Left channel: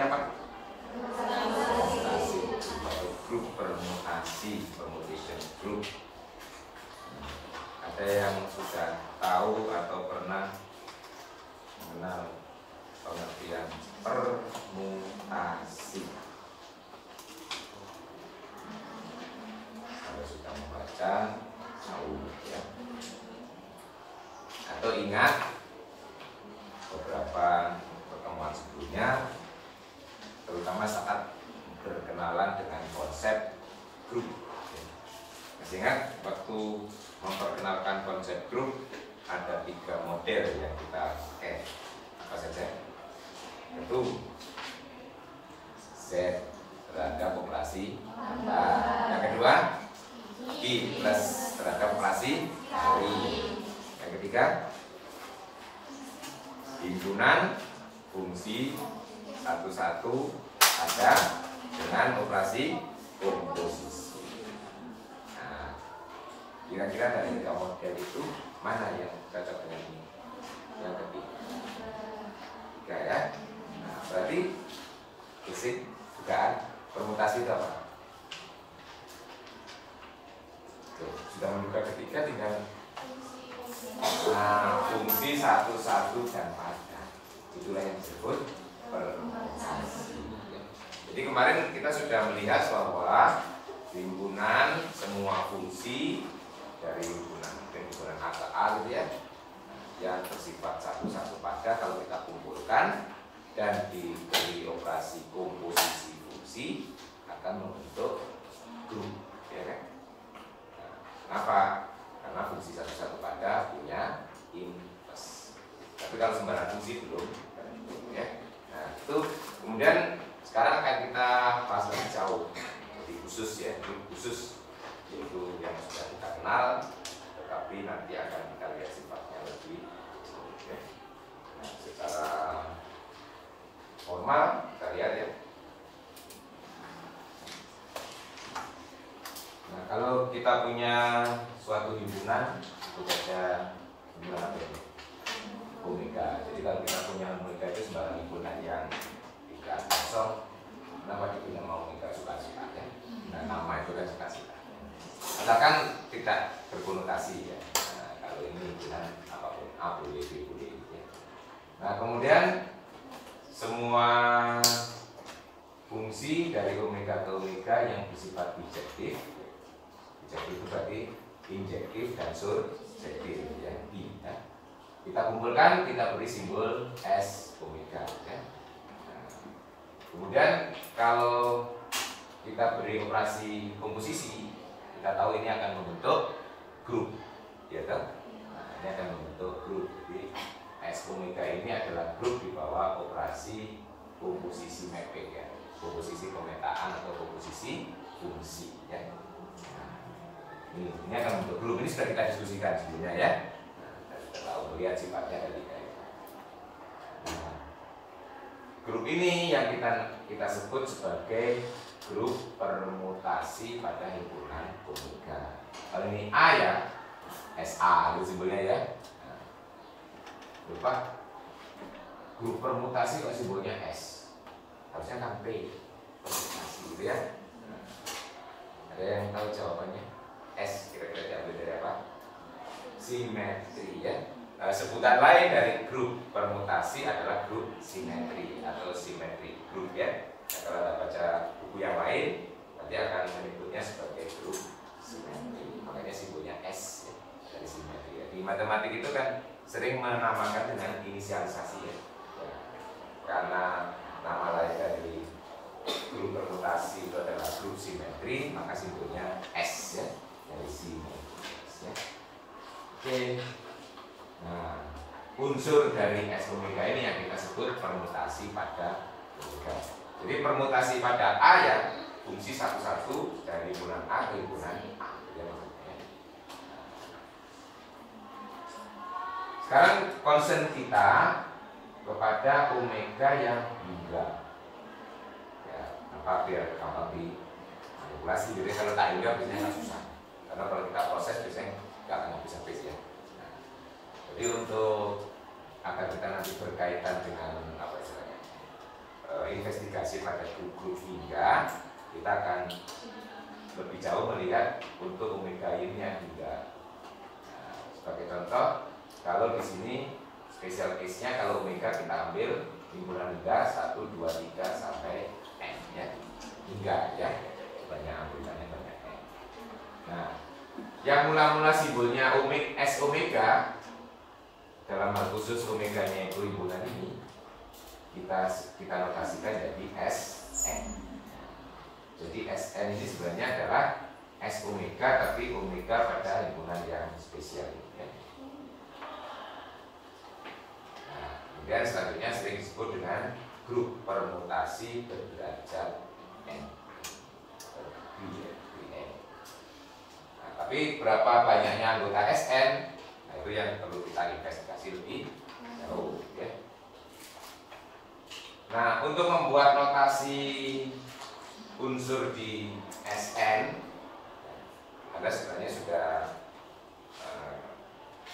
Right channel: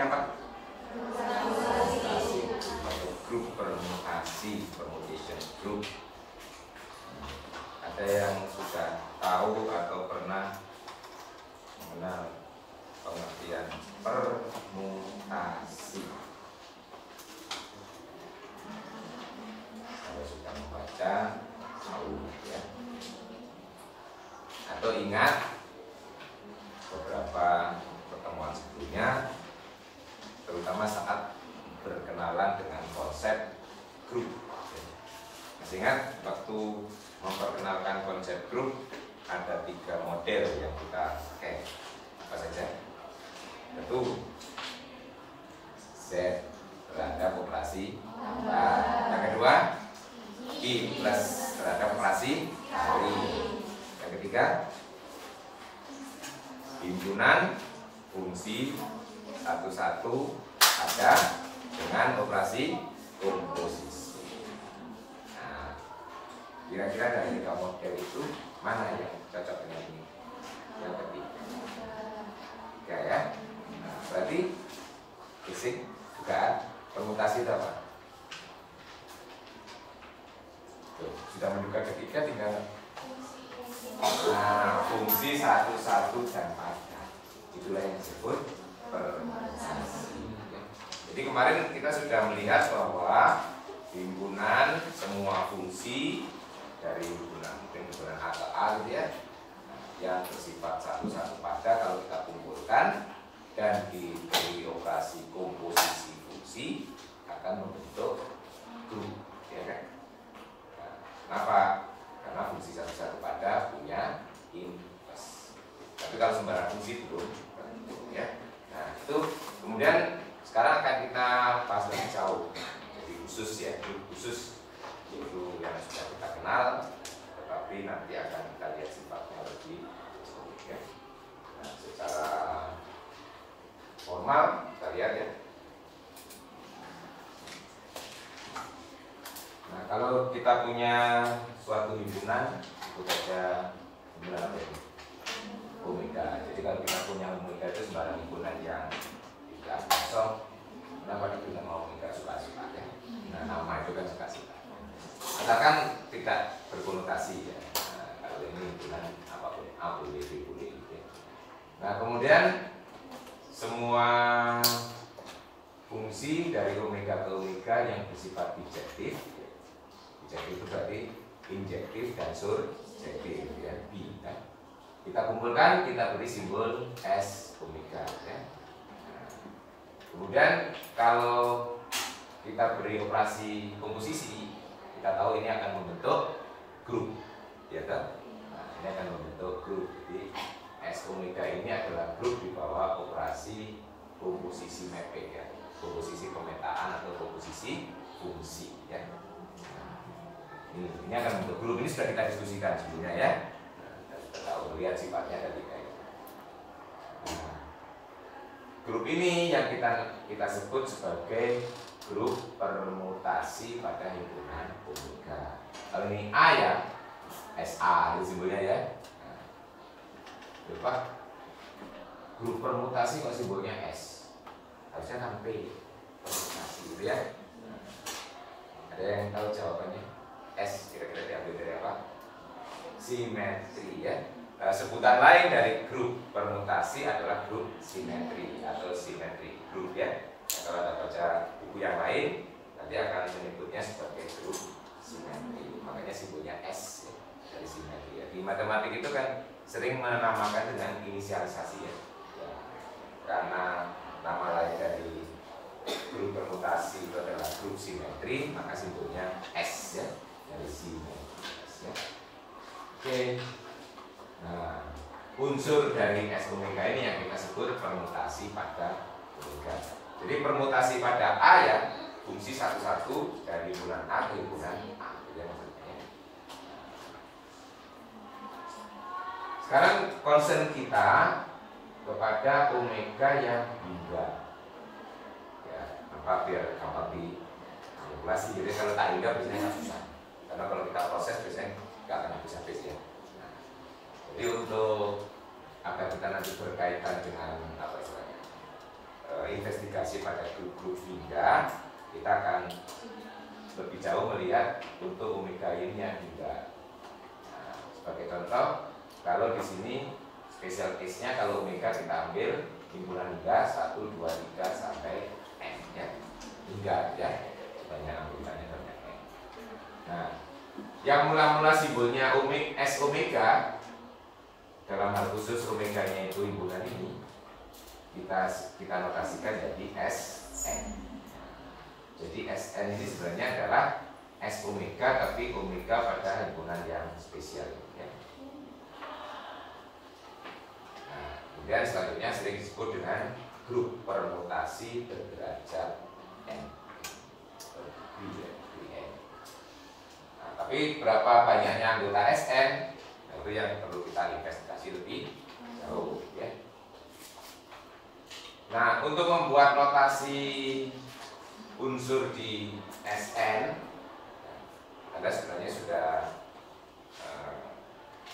namanya apa? Permutasi atau grup permutasi, permutation group. Ada yang sudah tahu atau pernah mengenal pengertian permutasi? Kalau sudah membaca, tahu ya. Atau ingat beberapa pertemuan sebelumnya, terutama saat berkenalan dengan konsep grup. Masih ingat waktu memperkenalkan konsep grup ada 3 model yang kita pakai, apa saja? Satu, Z terhadap operasi tambah. Yang kedua, I plus terhadap operasi kali. Yang ketiga, himpunan fungsi satu-satu ada dengan operasi komposisi. Nah, kira-kira dari 3 model itu mana yang cocok dengan ini? Yang ketiga ya. Nah, berarti basic dugaan permutasi itu apa? Tuh, sudah menduga ketiga, tinggal fungsi satu-satu dan pada. Itulah yang disebut permutasi. Jadi kemarin kita sudah melihat bahwa himpunan semua fungsi dari himpunan A ke A gitu ya, yang bersifat satu-satu pada kalau kita kumpulkan dan diberi operasi komposisi fungsi akan membentuk grup, ya kan? Nah, kenapa? Karena fungsi satu-satu pada punya inverse. Tapi kalau sembarang fungsi belum, ya. Nah itu kemudian sekarang akan kita bahas lebih jauh. Jadi khusus ya, grup khusus yaitu yang sudah kita kenal, tetapi nanti akan kita lihat sifatnya lebih ya. Nah, secara formal kita lihat ya. Nah, kalau kita punya suatu himpunan itu ada himpunan apa ini? Omega. Jadi kalau kita punya omega itu sembarang himpunan yang tidak kosong. Kenapa kita nama omega suka-suka ya? Nah, nama itu kan suka-suka. Asalkan tidak berkonotasi ya. Nah, kalau ini himpunan apapun, A boleh, B boleh ya. Nah, kemudian semua fungsi dari omega ke omega yang bersifat bijektif. Bijektif itu berarti injektif dan surjektif ya, B ya. Kita kumpulkan, kita beri simbol S omega ya. Nah, kemudian kalau kita beri operasi komposisi, kita tahu ini akan membentuk grup ya kan? Nah, ini akan membentuk grup. Jadi S omega ini adalah grup di bawah operasi komposisi mapping ya, komposisi pemetaan atau komposisi fungsi ya. Ini akan membentuk grup. Ini sudah kita diskusikan sebelumnya ya. Nah, kita tahu melihat sifatnya ada 3 ya. Nah, grup ini yang kita sebut sebagai grup permutasi pada himpunan omega. Kalau ini A ya, SA itu simbolnya ya. Nah, lupa grup permutasi kok simbolnya S, harusnya kan P permutasi gitu ya. Nah, ada yang tahu jawabannya? S kira-kira diambil dari apa? Simetri ya. Sebutan lain dari grup permutasi adalah grup simetri atau simetri grup ya. Nah, kalau Anda baca buku yang lain nanti akan menyebutnya sebagai grup simetri. Makanya simbolnya S ya, dari simetri ya. Di matematik itu kan sering menamakan dengan inisialisasi ya. Ya, karena nama lain dari grup permutasi itu adalah grup simetri, maka simbolnya S ya, dari simetri ya. Oke. Nah, unsur dari S omega ini yang kita sebut permutasi pada omega. Jadi permutasi pada A ya, fungsi satu-satu dari himpunan A ke himpunan A. Sekarang concern kita kepada omega yang hingga. Ya, apa biar gampang dimanipulasi. Jadi kalau tak hingga biasanya nggak susah. Karena kalau kita proses biasanya nggak akan bisa habis ya. Nah, jadi untuk agar kita nanti berkaitan dengan apa istilahnya investigasi pada grup-grup hingga, kita akan lebih jauh melihat untuk omega yin-nya hingga. Nah, sebagai contoh, kalau di sini special case-nya kalau omega kita ambil himpunan hingga 1, 2, 3 sampai N ya. Hingga ya. Banyak anggotanya banyak N. Nah, yang mula-mula simbolnya S omega dalam hal khusus omeganya itu himpunan ini kita notasikan jadi SN. Jadi SN ini sebenarnya adalah S omega, tapi omega pada himpunan yang spesial ya. Nah, kemudian selanjutnya sering disebut dengan grup permutasi berderajat N. Nah, tapi berapa banyaknya anggota SN? Nah, itu yang perlu kita investigasi lebih jauh ya. Nah, untuk membuat notasi unsur di SN, Anda sebenarnya sudah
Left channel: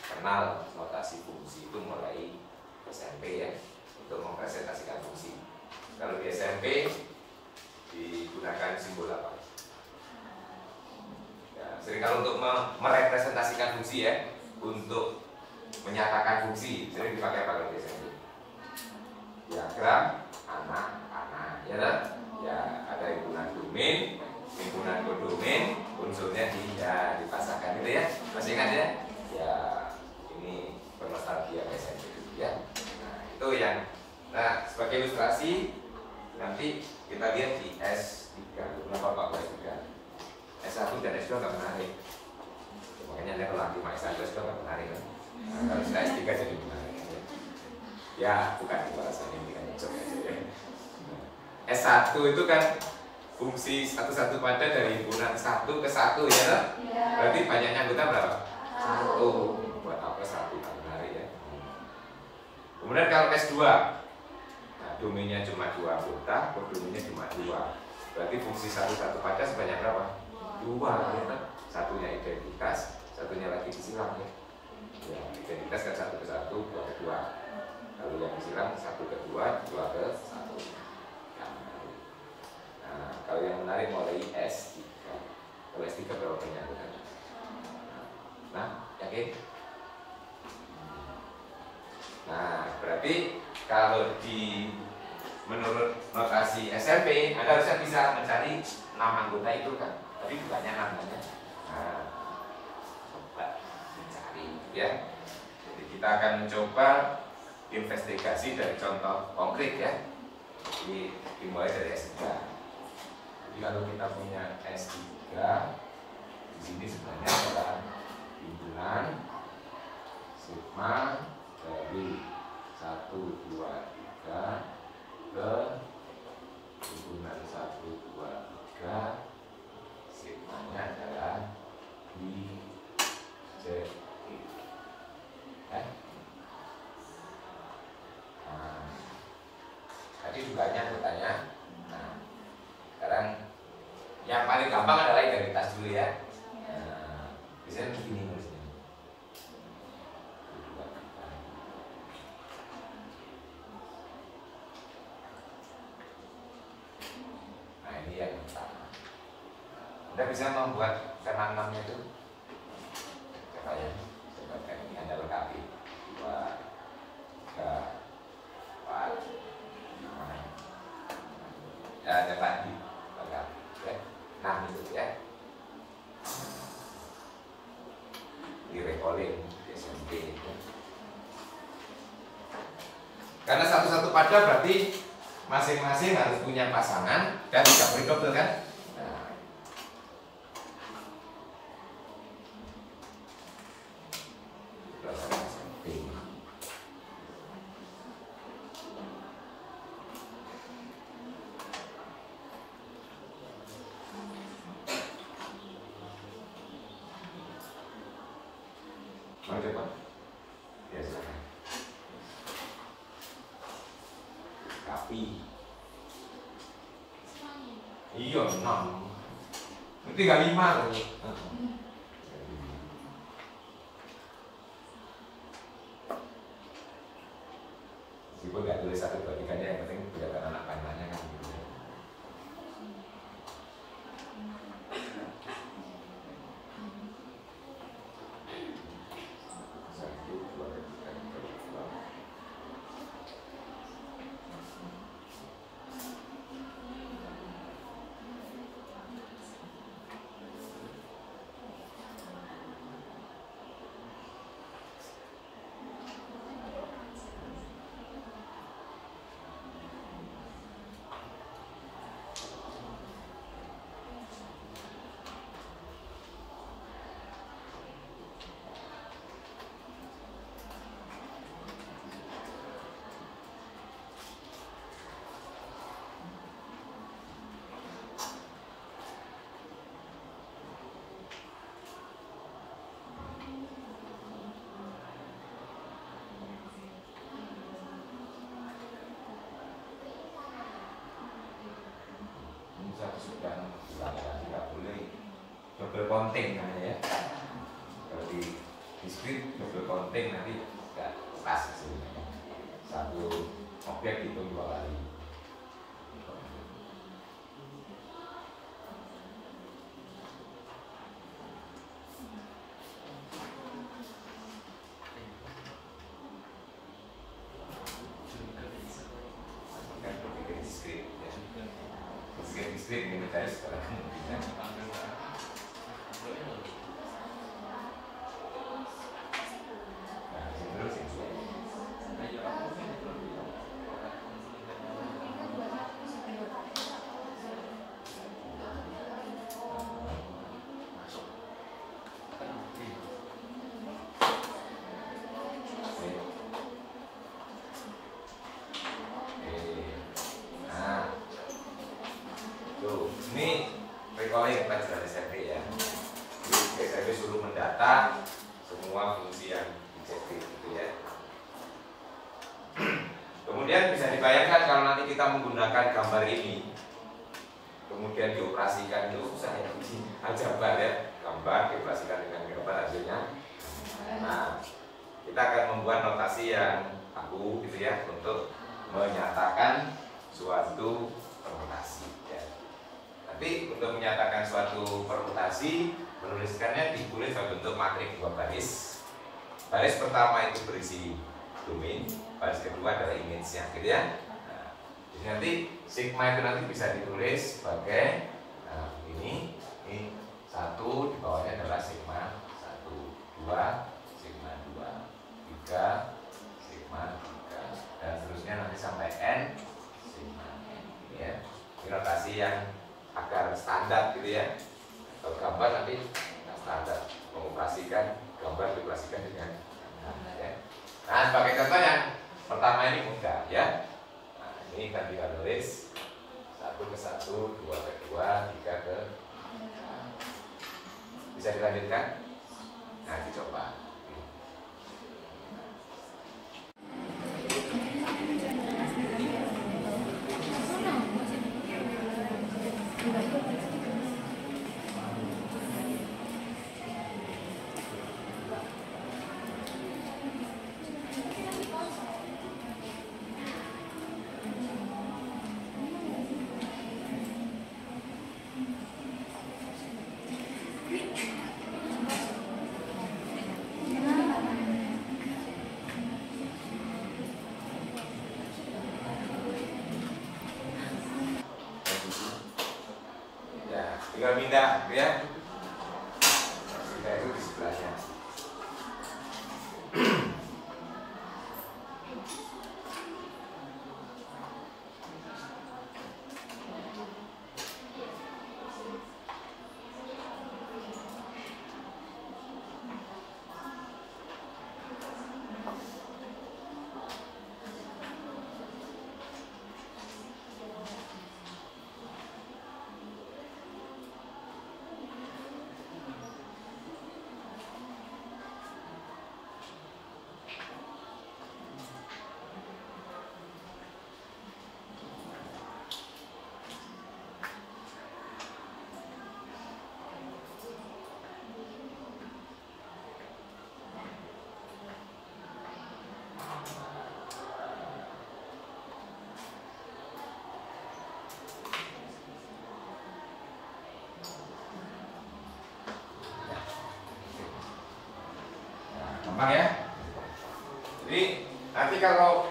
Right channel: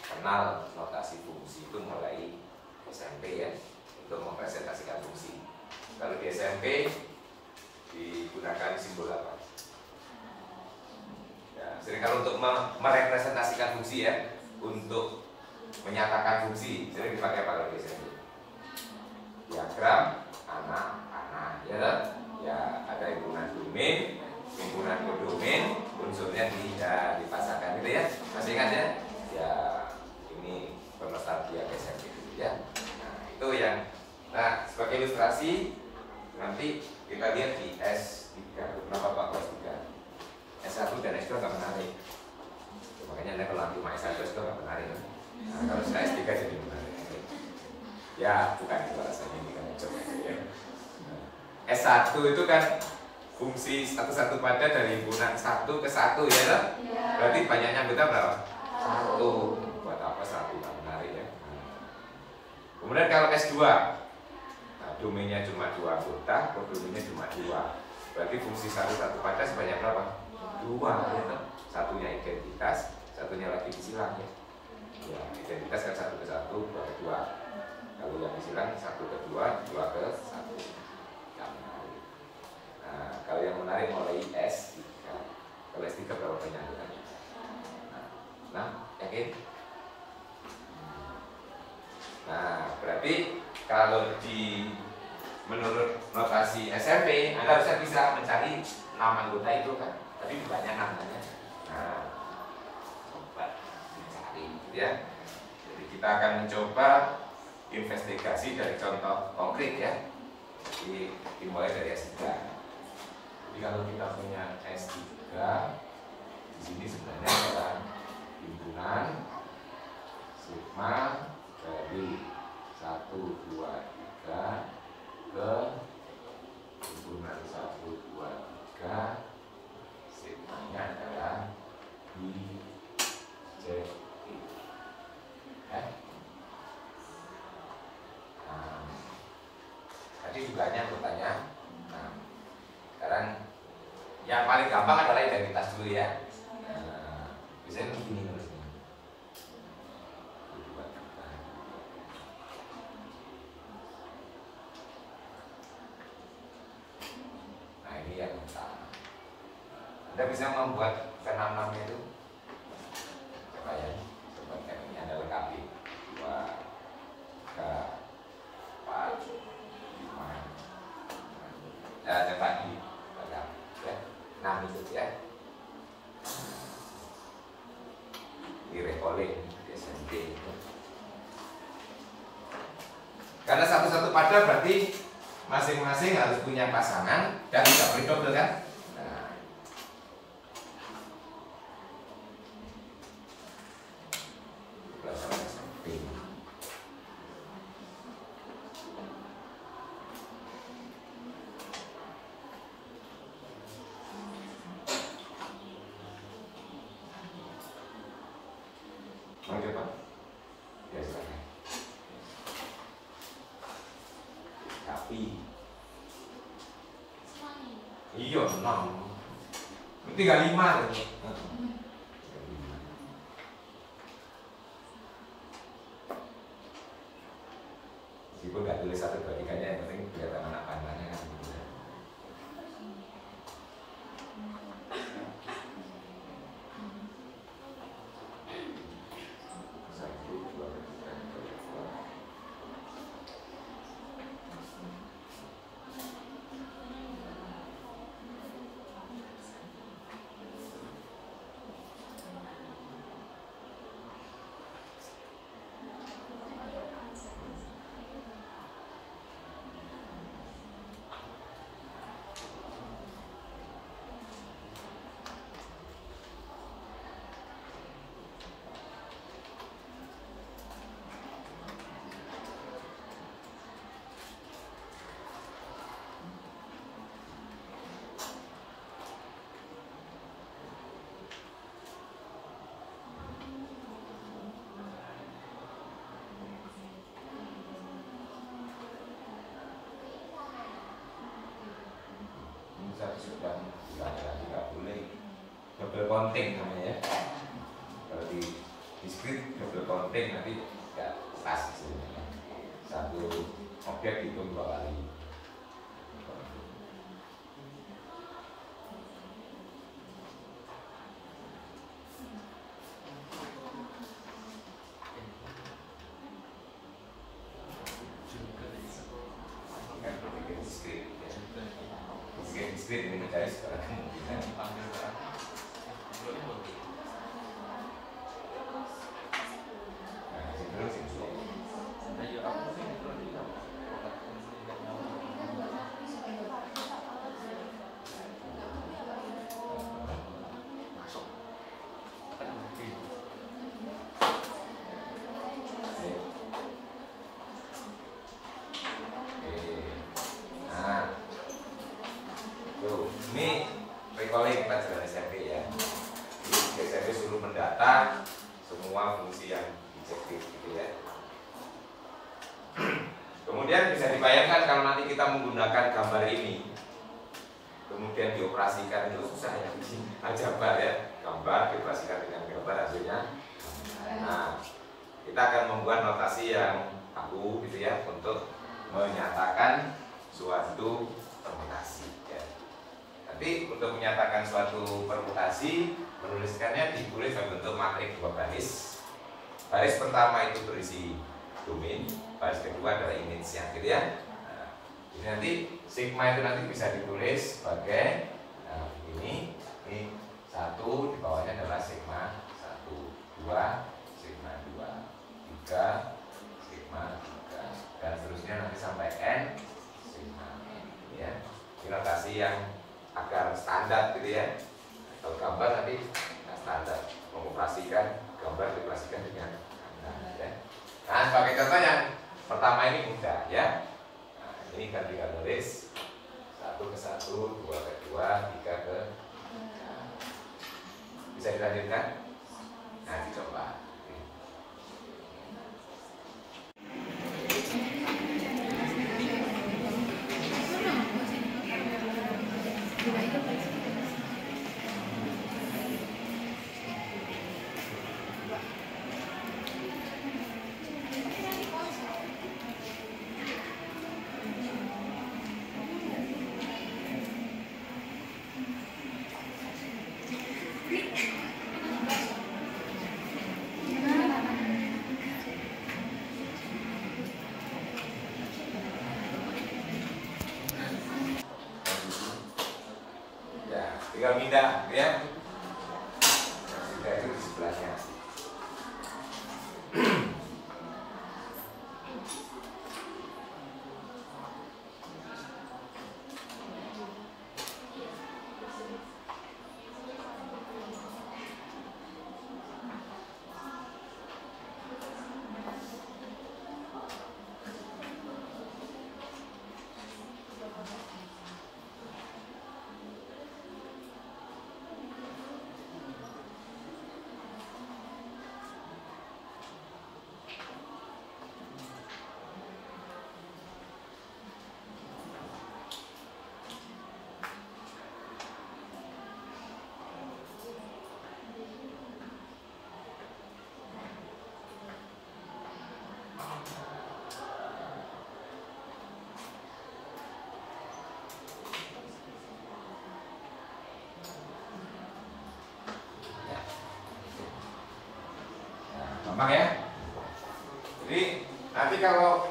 kenal notasi fungsi itu mulai SMP ya, untuk mempresentasikan fungsi. Kalau di SMP digunakan simbol apa? Ya, sering kalau untuk merepresentasikan fungsi ya, untuk menyatakan fungsi sering dipakai apa kalau di SMP? Diagram anak-anak ya kan? Ya ada himpunan domain, himpunan kodomain, unsurnya dipasangkan gitu ya. Masih ingat ya? Ya ini bernostalgia SMP itu ya. Nah itu yang, nah sebagai ilustrasi nanti kita lihat di S3. Kenapa Pak S3? S1 dan S2 nggak menarik. Makanya kalau nanti S1 S2 nggak menarik kan? Nah, kalau sudah S3 jadi menarik. Ya bukan itu rasanya, ini kan coba aja ya. S1 itu kan fungsi satu-satu pada dari himpunan 1 ke 1 ya kan? Berarti banyaknya anggota berapa? 1. Buat apa 1 kan menarik ya. Kemudian kalau S2, nah, domainnya cuma 2 anggota, kodomainnya cuma 2. Berarti fungsi satu-satu pada sebanyak berapa? 2 ya kan? Satunya identitas, satunya lagi disilang ya. Ya identitas kan 1 ke 1, 2 ke 2. Kalau yang disilang 1 ke 2, 2 ke 1. Nah, kalau yang menarik mulai S3. Kalau S3 berapa banyak anggotanya? Nah, yakin? Nah, berarti kalau menurut notasi SMP, Anda harusnya bisa mencari 6 anggota itu kan? Tapi banyak namanya. Nah, coba dicari ya. Jadi kita akan mencoba investigasi dari contoh konkret ya. Jadi dimulai dari S3. Jadi kalau kita punya S3, di sini sebenarnya adalah himpunan sigma dari 1, 2, 3 ke himpunan 1, 2, 3, sigmanya adalah I, J, I. Nah, tadi juga anggotanya. Nah, sekarang yang paling gampang adalah identitas dulu ya. Nah, biasanya begini nulisnya. Nah ini yang utama. Anda bisa membuat ke-6-nya itu. Coba ya, coba kan ini Anda lengkapi. 2, 3, 4, 5. Ya, coba di lengkap. Ya, 6 itu ya. Di recalling di SMP. Karena satu-satu pada berarti masing-masing harus punya pasangan dan tidak boleh double kan? Nah. Mau coba? Ya silakan. Tapi iya 6. Tinggal 5 tuh. Meskipun nggak tulis 1, 2, 3-nya, yang penting kelihatan anak panjang. satu sedang tidak boleh double counting namanya ya. Kalau di diskrit double counting nanti nggak pas sebenarnya. Satu objek hitung 2 kali. Diskrit ini guys sekarang kemungkinan. Ini recalling pelajaran SMP ya. Jadi SMP suruh mendata semua fungsi yang dijektif gitu ya. Kemudian bisa dibayangkan kalau nanti kita menggunakan gambar ini, kemudian dioperasikan itu susah ya. Aljabar ya, gambar dioperasikan dengan gambar hasilnya. Nah, kita akan membuat notasi yang baku gitu ya untuk menyatakan suatu permutasi. Tapi untuk menyatakan suatu permutasi, menuliskannya ditulis dalam bentuk matrik 2 baris. Baris pertama itu berisi domain, baris kedua adalah image-nya, gitu ya. Nah, jadi nanti sigma itu nanti bisa ditulis sebagai ini 1, di bawahnya adalah sigma 1, 2, sigma 2, 3, sigma 3, dan seterusnya nanti sampai n sigma n, ya. Ini notasi yang agar standar gitu ya. Kalau gambar nanti standar, mengoperasikan gambar dioperasikan dengan gambar ya. Nah, sebagai contoh yang pertama ini mudah ya. Nah, ini kan kita tulis 1 ke 1, 2 ke 2, 3 ke. Bisa dilanjutkan? Nah, dicoba. Tinggal pindah ya. Pindah itu di sebelahnya. Gampang ya. Jadi nanti kalau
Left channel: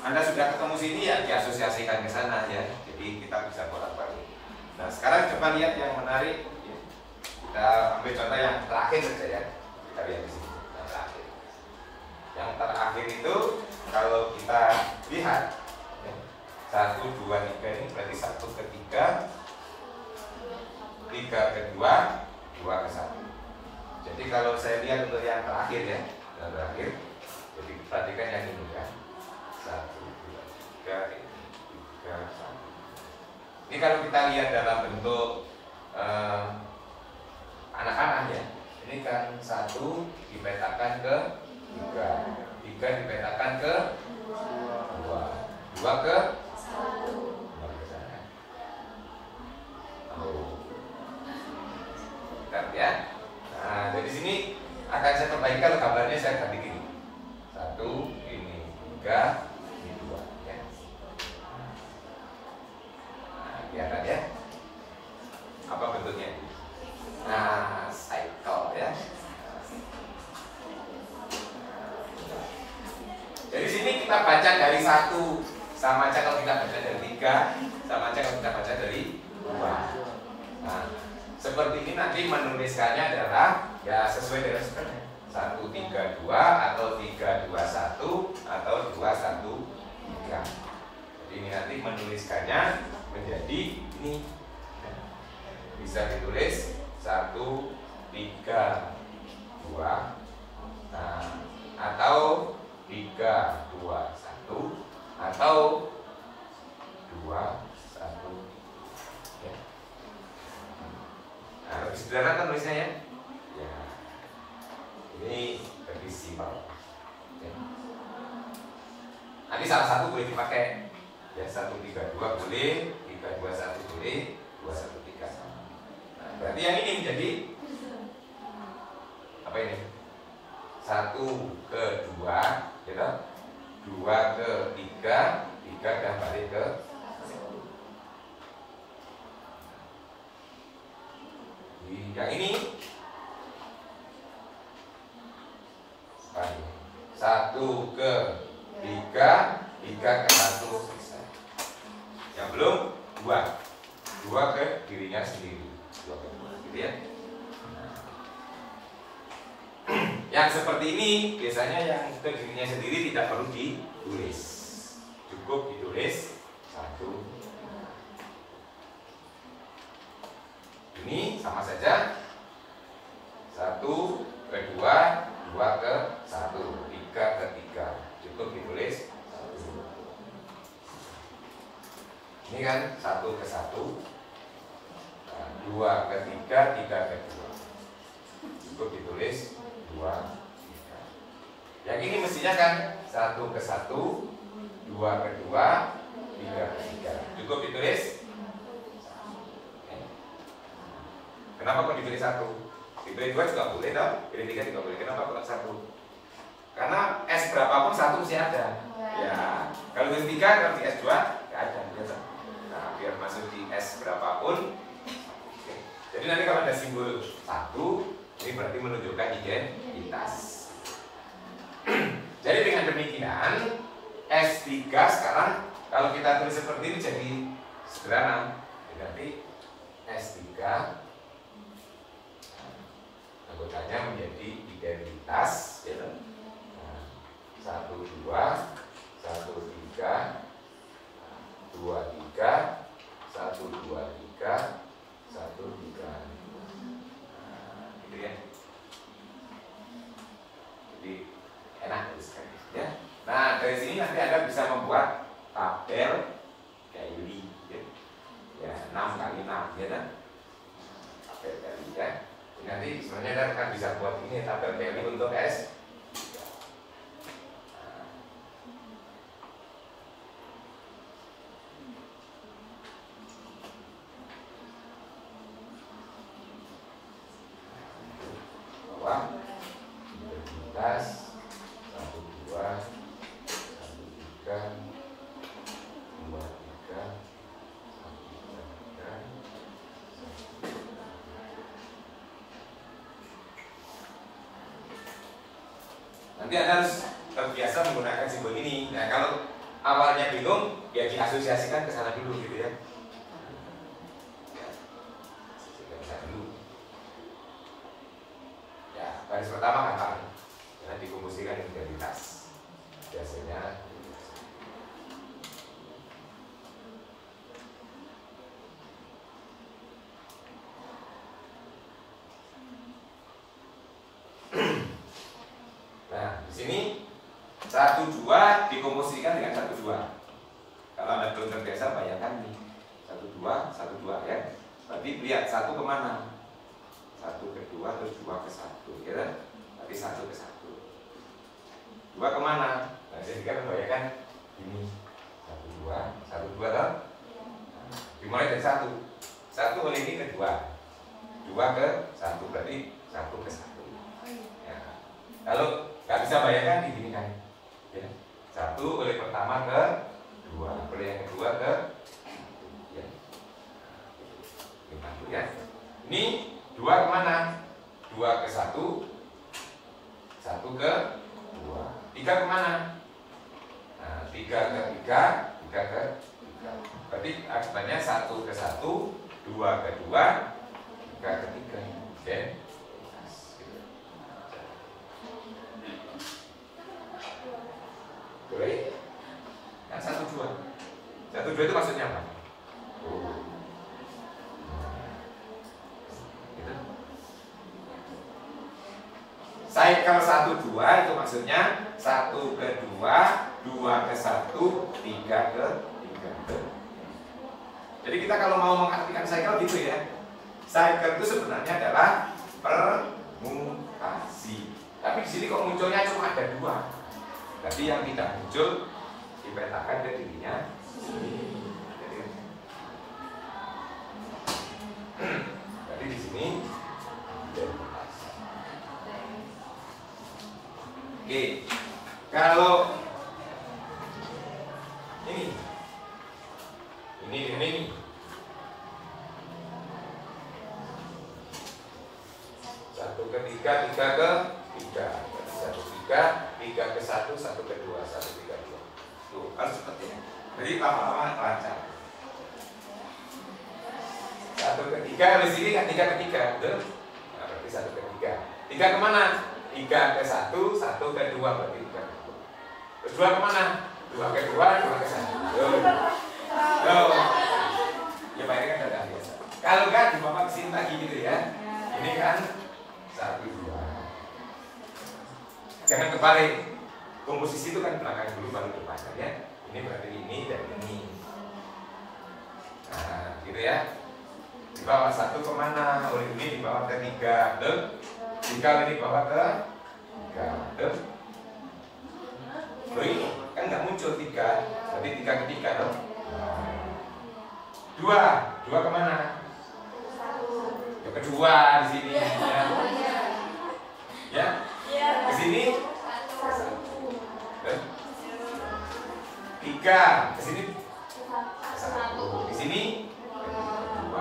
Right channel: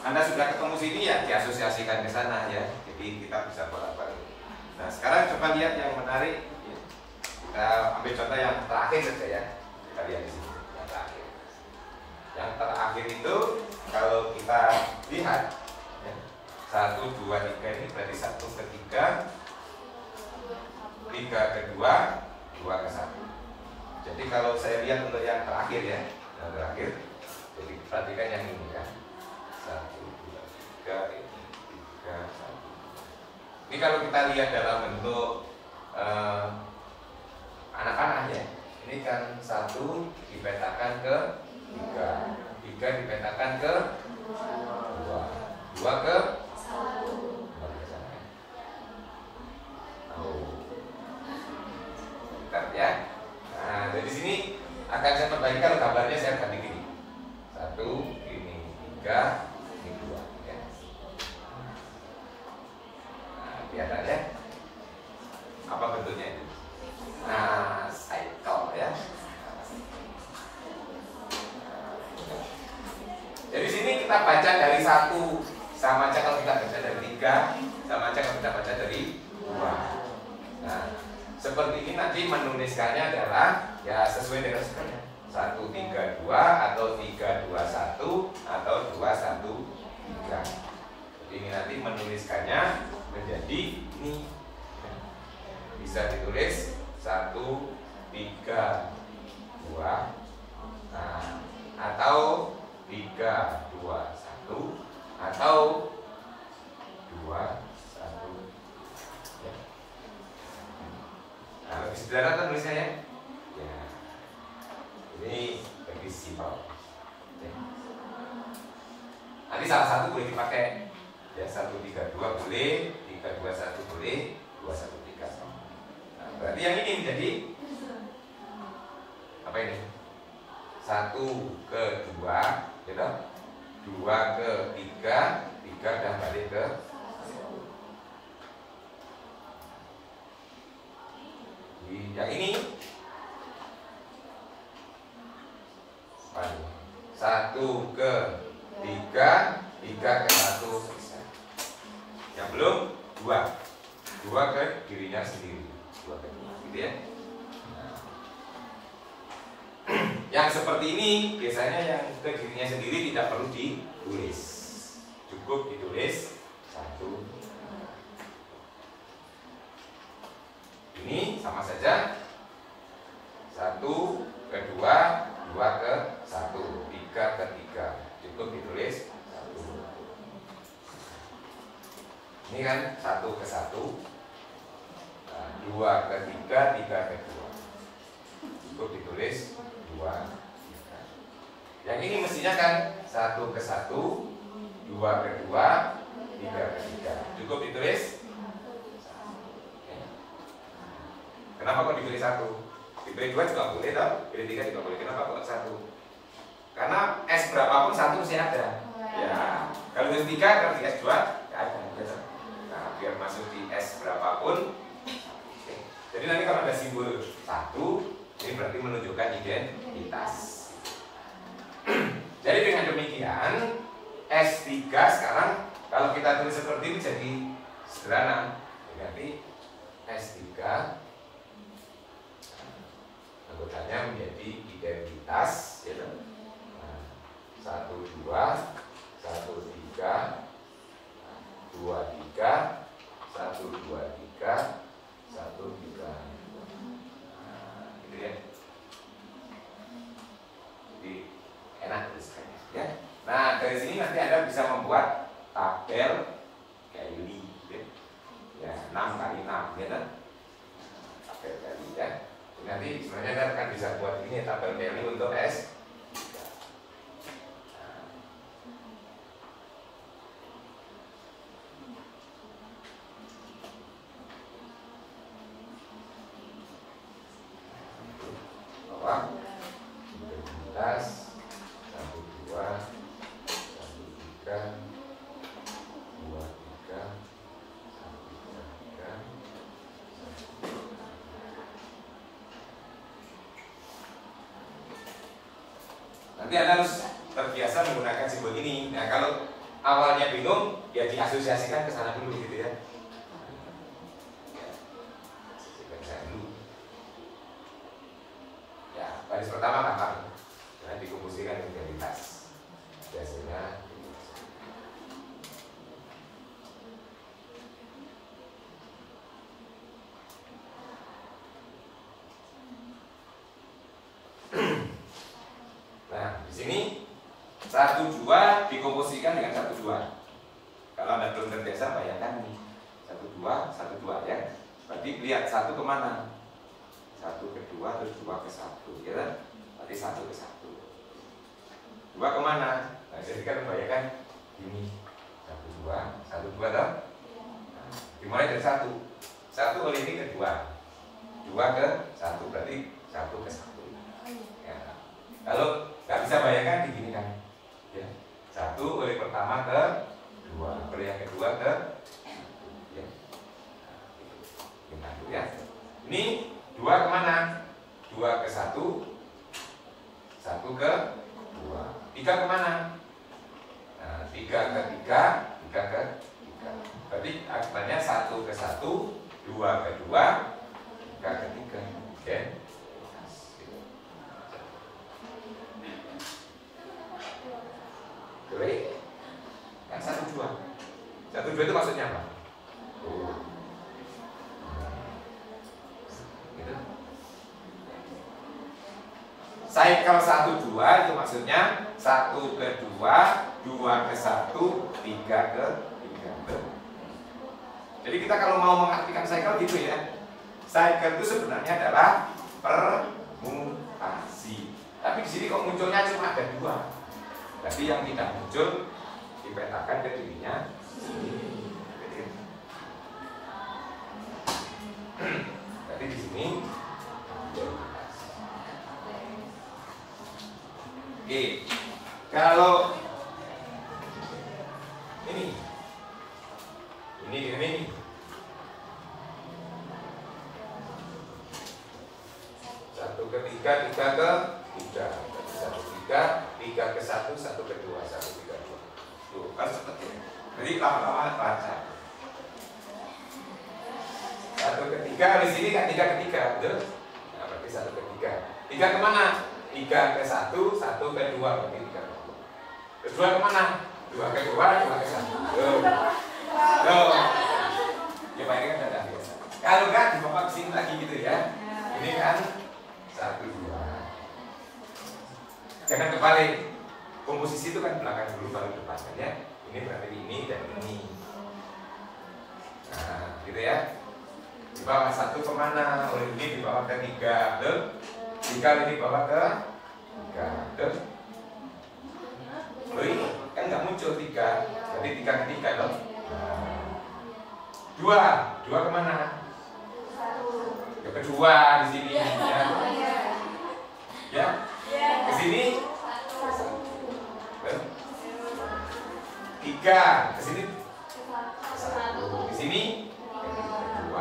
Anda sudah ketemu sini ya diasosiasikan ke sana ya. Jadi kita bisa bolak-balik. Nah, sekarang coba lihat yang menarik. Kita ambil contoh yang terakhir saja ya. Kita lihat di sini yang terakhir. Yang terakhir itu kalau kita lihat ya, 1, 2, 3 ini berarti 1 ke 3, 3 ke 2, 2 ke 1. Jadi kalau saya lihat untuk yang terakhir ya, yang terakhir, jadi perhatikan yang ini kan, 1, 2, 3, 1. Ini kalau kita lihat dalam bentuk anak-anak ya, ini kan 1 dipetakan ke 3, 3 dipetakan ke 2, 2 ke 1. Contoh ini kalau gambarnya saya ganti gini. 1, ini 3, ini 2 ya. Nah, kelihatan ya. Apa bentuknya? Nah, cycle ya. Jadi sini kita baca dari 1 sama aja kalau kita baca dari 3, sama aja kalau kita baca dari 2. Nah, seperti ini nanti menuliskannya adalah ya sesuai dengan sebenarnya 1, 3, 2 atau 3, 2, 1 atau 2, 1, 3. Jadi ini nanti menuliskannya menjadi ini bisa ditulis 1, 3, 2 nah, atau 3, 2, 1 atau 2, 1 ya. Nah, lebih sederhana kan tulisnya ya. Ya. Ini lebih simpel ya. Nanti salah satu boleh dipakai ya 1, 3, 2 boleh, 3, 2, 1 boleh, 2, 1, 3 sama. Nah, berarti yang ini menjadi apa ini? 1 ke 2 gitu, 2 ke 3, 3 dan balik ke 1. Yang ini 1 ke 3, 3 ke 1. Yang belum 2, 2 ke dirinya sendiri, 2 ke 2 gitu ya. Yang seperti ini biasanya yang ke dirinya sendiri tidak perlu ditulis, cukup ditulis 1. Ini sama saja 1 ke 2, 2 ke 1, 3 ke 3, cukup ditulis 1. Ini kan 1 ke 1, 2 ke 3, 3 ke 2, cukup ditulis 2, 3. Yang ini mestinya kan 1 ke 1, 2 ke 2, 3 ke 3, cukup ditulis 1. Kenapa kok ditulis 1? Ditulis 2 juga boleh toh, pilih 3 juga boleh. Kenapa kok 1? Karena S berapapun 1 mesti ada. Ya, kalau ditulis 3, kalau di S 2 nggak ada. Nah, biar masuk di S berapapun. Jadi nanti kalau ada simbol 1, ini berarti menunjukkan identitas. Jadi dengan demikian S3 sekarang kalau kita tulis seperti ini jadi sederhana. Berarti S3 anggotanya menjadi identitas ya. 1, 2, 1, 3, 2, 3, 1, 2, 3, 1, 3. Gitu ya. Jadi enak sekali ya. Nah, dari sini nanti Anda bisa membuat tabel daily ya. Ya, 6 kali 6 ya kan? Tabel daily ya. Nanti sebenarnya Anda akan bisa buat ini tabel daily untuk S. Identitas 1, 2, 1, 3, 2, 3, 1, 3. Nanti Anda harus terbiasa menggunakan simbol ini. Nah, kalau awalnya bingung, ya diasosiasikan ke sana dulu gitu ya. Baris pertama gampang, nah, dikomunikasikan identitas. Biasanya nah, di sini 1, 2 dikomunikasikan dengan 1, 2. Kalau Anda belum terbiasa, bayangkan nih 1, 2, 1, 2 ya. Berarti lihat 1 kemana? 1 ke 2 terus 2 ke 1 ya kan? Berarti 1 ke 1. 2 kemana? Nah, jadi kan membayangkan ini 1, 2, 1, 2 toh? Nah, dimulai dari 1. 1 oleh ini ke 2, 2 ke 1 berarti 1 ke 1 ya. Kalau nggak bisa bayangkan begini kan, ya. 1 oleh pertama ke 2, oleh yang kedua ke ya. Ya. Ini 2 kemana? 2 ke 1, 1 ke 2. 3 kemana? Nah, 3 ke 3, 3 ke 3. Berarti akibatnya 1 ke 1, 2 ke 2, 3 ke 3. Oke. Boleh? Kan 1, 2. 1, 2 itu maksudnya apa? Gitu. Cycle 1, 2 itu maksudnya 1 ke 2, 2 ke 1, 3 ke 3. Jadi kita kalau mau mengartikan cycle gitu ya. Cycle itu sebenarnya adalah permutasi. Tapi di sini kok munculnya cuma ada 2. Tapi yang tidak muncul dipetakan ke dirinya sendiri. Jadi di sini oke, kalau ini 1 ke 3, 3 ke 3, 1 3, 3 ke 1, 1 ke 2, 1 3 2. Tuh, harus seperti ini. Jadi lama-lama lancar. 1 ke 3, habis ini kan 3 ke 3, betul? Nah, berarti 1 ke 3. 3 kemana? 3 ke 1, 1 ke 2, berarti 3 ke 2. Kedua kemana? 2 ke 2, 2 ke 1. Tuh. Ya, Pak, ini kan ada biasa. Kalau kan di Bapak kesini lagi gitu ya. Ini kan 1, 2. Jangan kebalik. Komposisi itu kan belakang dulu baru depan ya. Ini berarti ini dan ini. Nah, gitu ya. Di bawah 1 kemana? Oleh ini dibawa ke 3. Tuh. 3 ini dibawa ke 3. Tuh. Oh, ini kan nggak muncul 3. Berarti 3 ke 3 loh. 2 kemana? Ya, kedua di sini ya. Ya. Di sini 3, ke sini 1, di sini 2.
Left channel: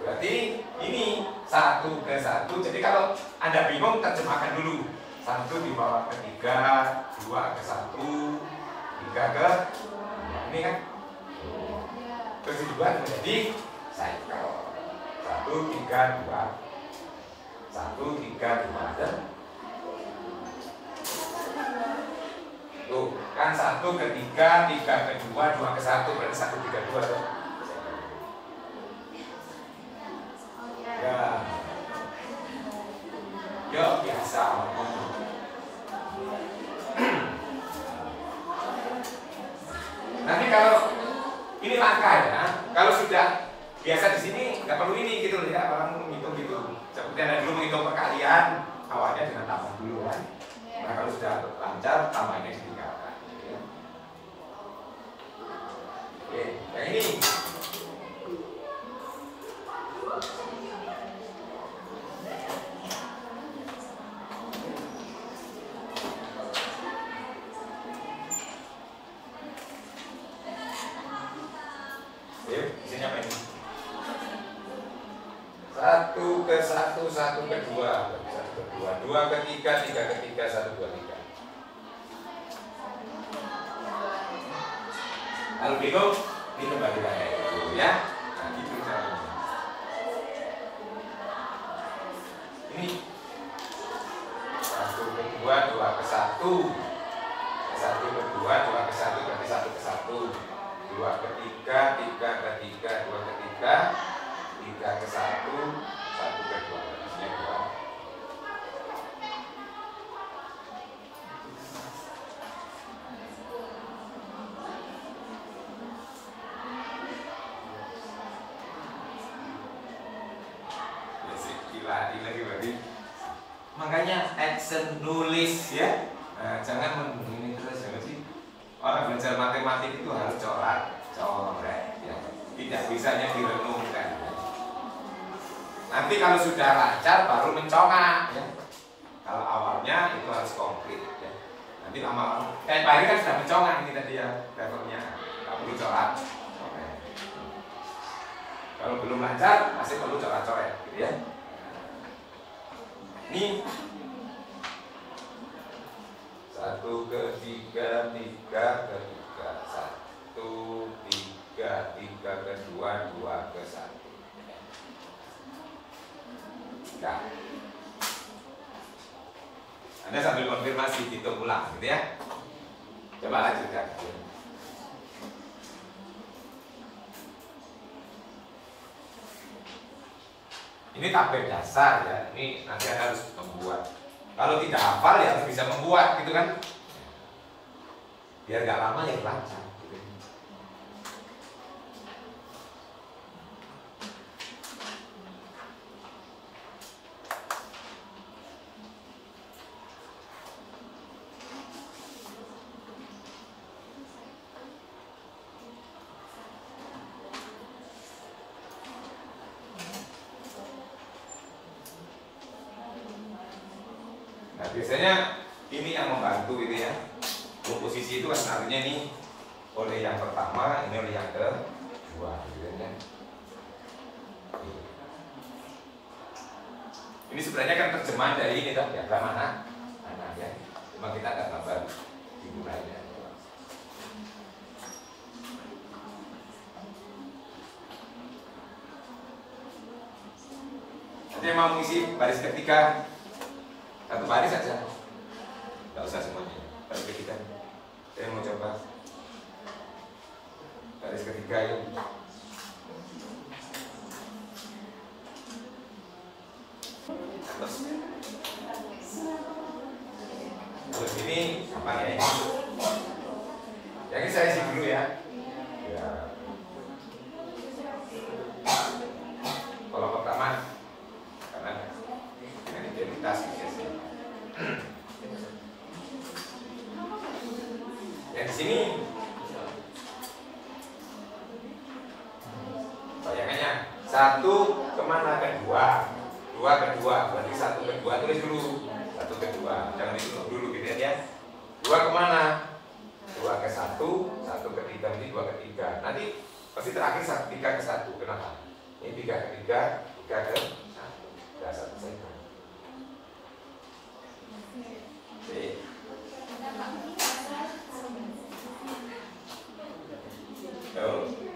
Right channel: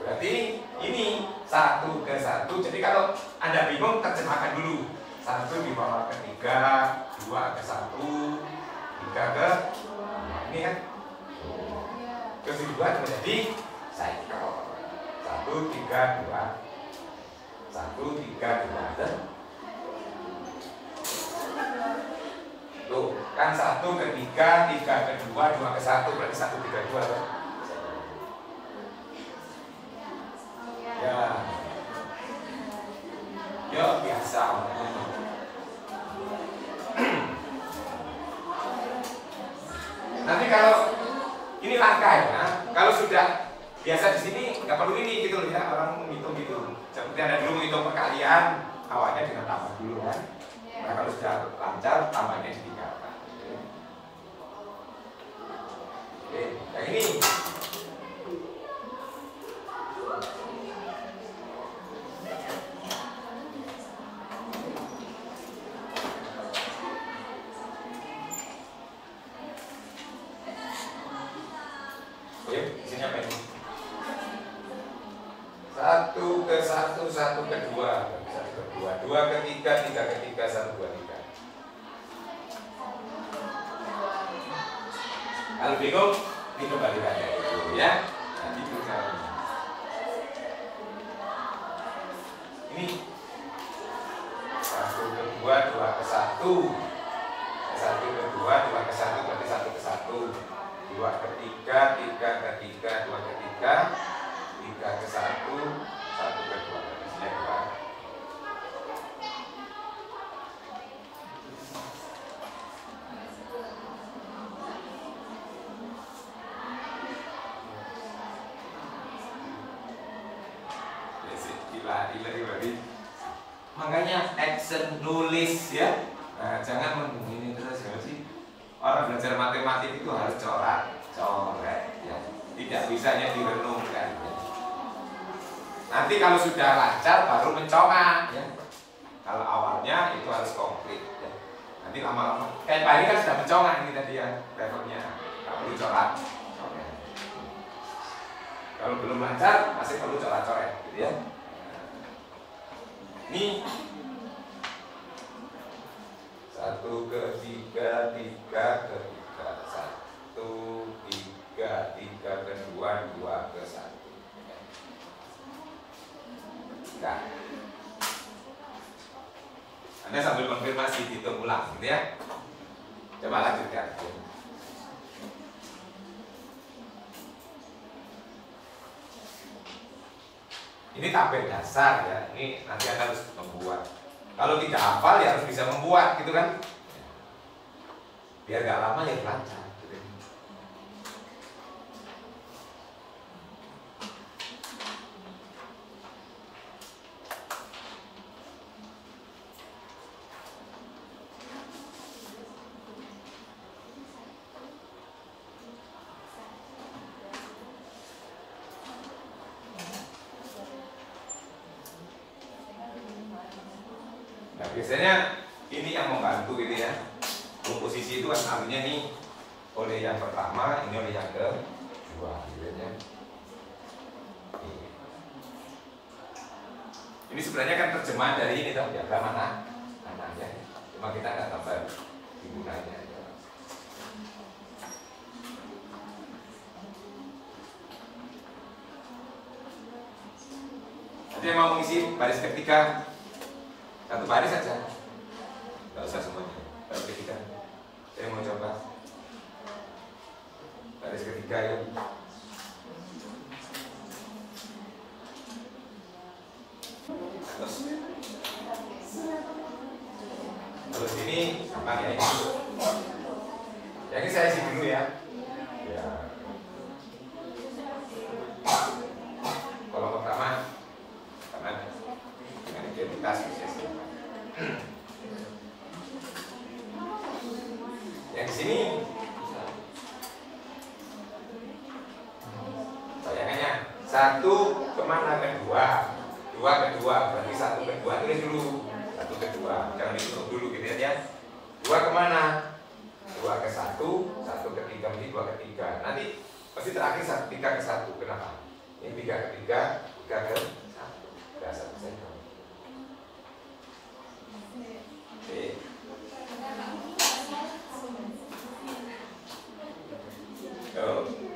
Berarti ini 1 ke 1. Jadi kalau Anda bingung, terjemahkan dulu. 1 dibawa ke 3, 2 ke 1, 3 ke 2. Ini kan. Terus dibuat menjadi cycle. 1 3 2. 1 3 2. Tuh, kan 1 ke 3, 3 ke 2, 2 ke 1, berarti 1 3 2 kan? Ya. Ya, biasa. Nanti kalau ini langkah ya, kalau sudah biasa di sini nggak perlu ini gitu ya, orang menghitung gitu. Seperti Anda dulu menghitung perkalian, awalnya dengan tambah dulu kan. Nah, kalau sudah lancar, tambahnya ditinggalkan. Oke, nah ini. Oke, sini apa ini? 1 ke 1, 1 ke 2, 1 ke 2, 2 ke 3, 3 ke 3, 1 2 3. Kalau bingung, dikembalikan kayak gitu ya. Nah, gitu caranya. Ini 1 ke 2, 2 ke 1, 1 ke 2, 2 ke 1 berarti 1 ke 1, 2 ke 3, 3 ke 3, 2 ke 3, 3 ke 1, 1 ke 2, berarti 2. Lagi. Makanya action nulis ya. Nah, jangan begini terus ya sih. Orang belajar matematik itu harus coret ya. Tidak bisanya direnungkan. Nanti kalau sudah lancar baru mencolok ya. Kalau awalnya itu harus komplit ya. Nanti lama-lama kayak Pak Heri kan sudah mencolok ini tadi ya levelnya. Nggak perlu colok. Oke. Kalau belum lancar masih perlu coret-coret gitu ya. Ini 1 ke 3, 3 ke 3, 1, 3, 3 ke 2, 2 ke 1. Nah, Anda sambil konfirmasi hitung ulang gitu ya. Coba lanjutkan. Ini tabel dasar ya. Ini nanti Anda harus membuat. Kalau tidak hafal ya harus bisa membuat gitu kan. Biar gak lama ya lancar gitu. Nah, biasanya ini yang membantu gitu ya. Komposisi itu kan artinya ini oleh yang pertama, ini oleh yang kedua gitu ya. Ini sebenarnya kan terjemahan dari ini toh, diagram mana ya. Cuma kita nggak tambah digunainya. Nanti yang mau mengisi baris ketiga satu baris saja, nggak usah semuanya. Baris ketiga, saya mau coba baris ketiga ya. Terus ini apa ya? Yang ini saya isi dulu ya. Ya. Kalau pertama, karena dengan identitas biasanya. Yang di sini bayangannya 1 kemana ke 2, 2 ke 2, berarti 1 ke 2 tulis dulu 1 ke 2, jangan dihitung dulu gitu ya. 2 kemana? 2 ke 1, 1 ke 3, ini 2 ke 3. Nanti pasti terakhir 3 ke 1. Kenapa? Ini 3 ke 3, 3 ke 1. Udah 1 saja. Oke.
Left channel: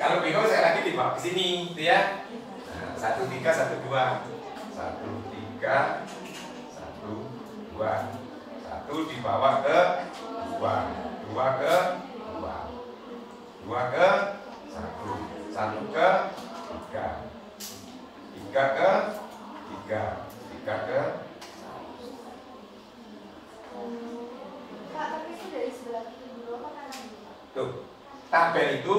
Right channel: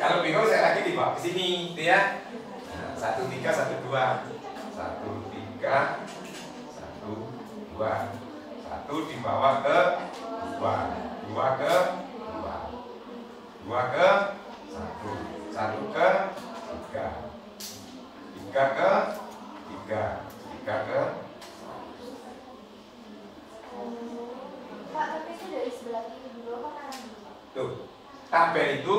Kalau bingung saya lagi dibawa ke sini, gitu ya. Nah, 1 3 1 2, 1 3 1 2, 1 dibawa ke 2, 2 ke 2, 2 ke 1, 1 ke 3, 3 ke 3, 3 ke. Pak, tapi itu dari sebelah kiri dulu apa kanan dulu? Tuh, tabel itu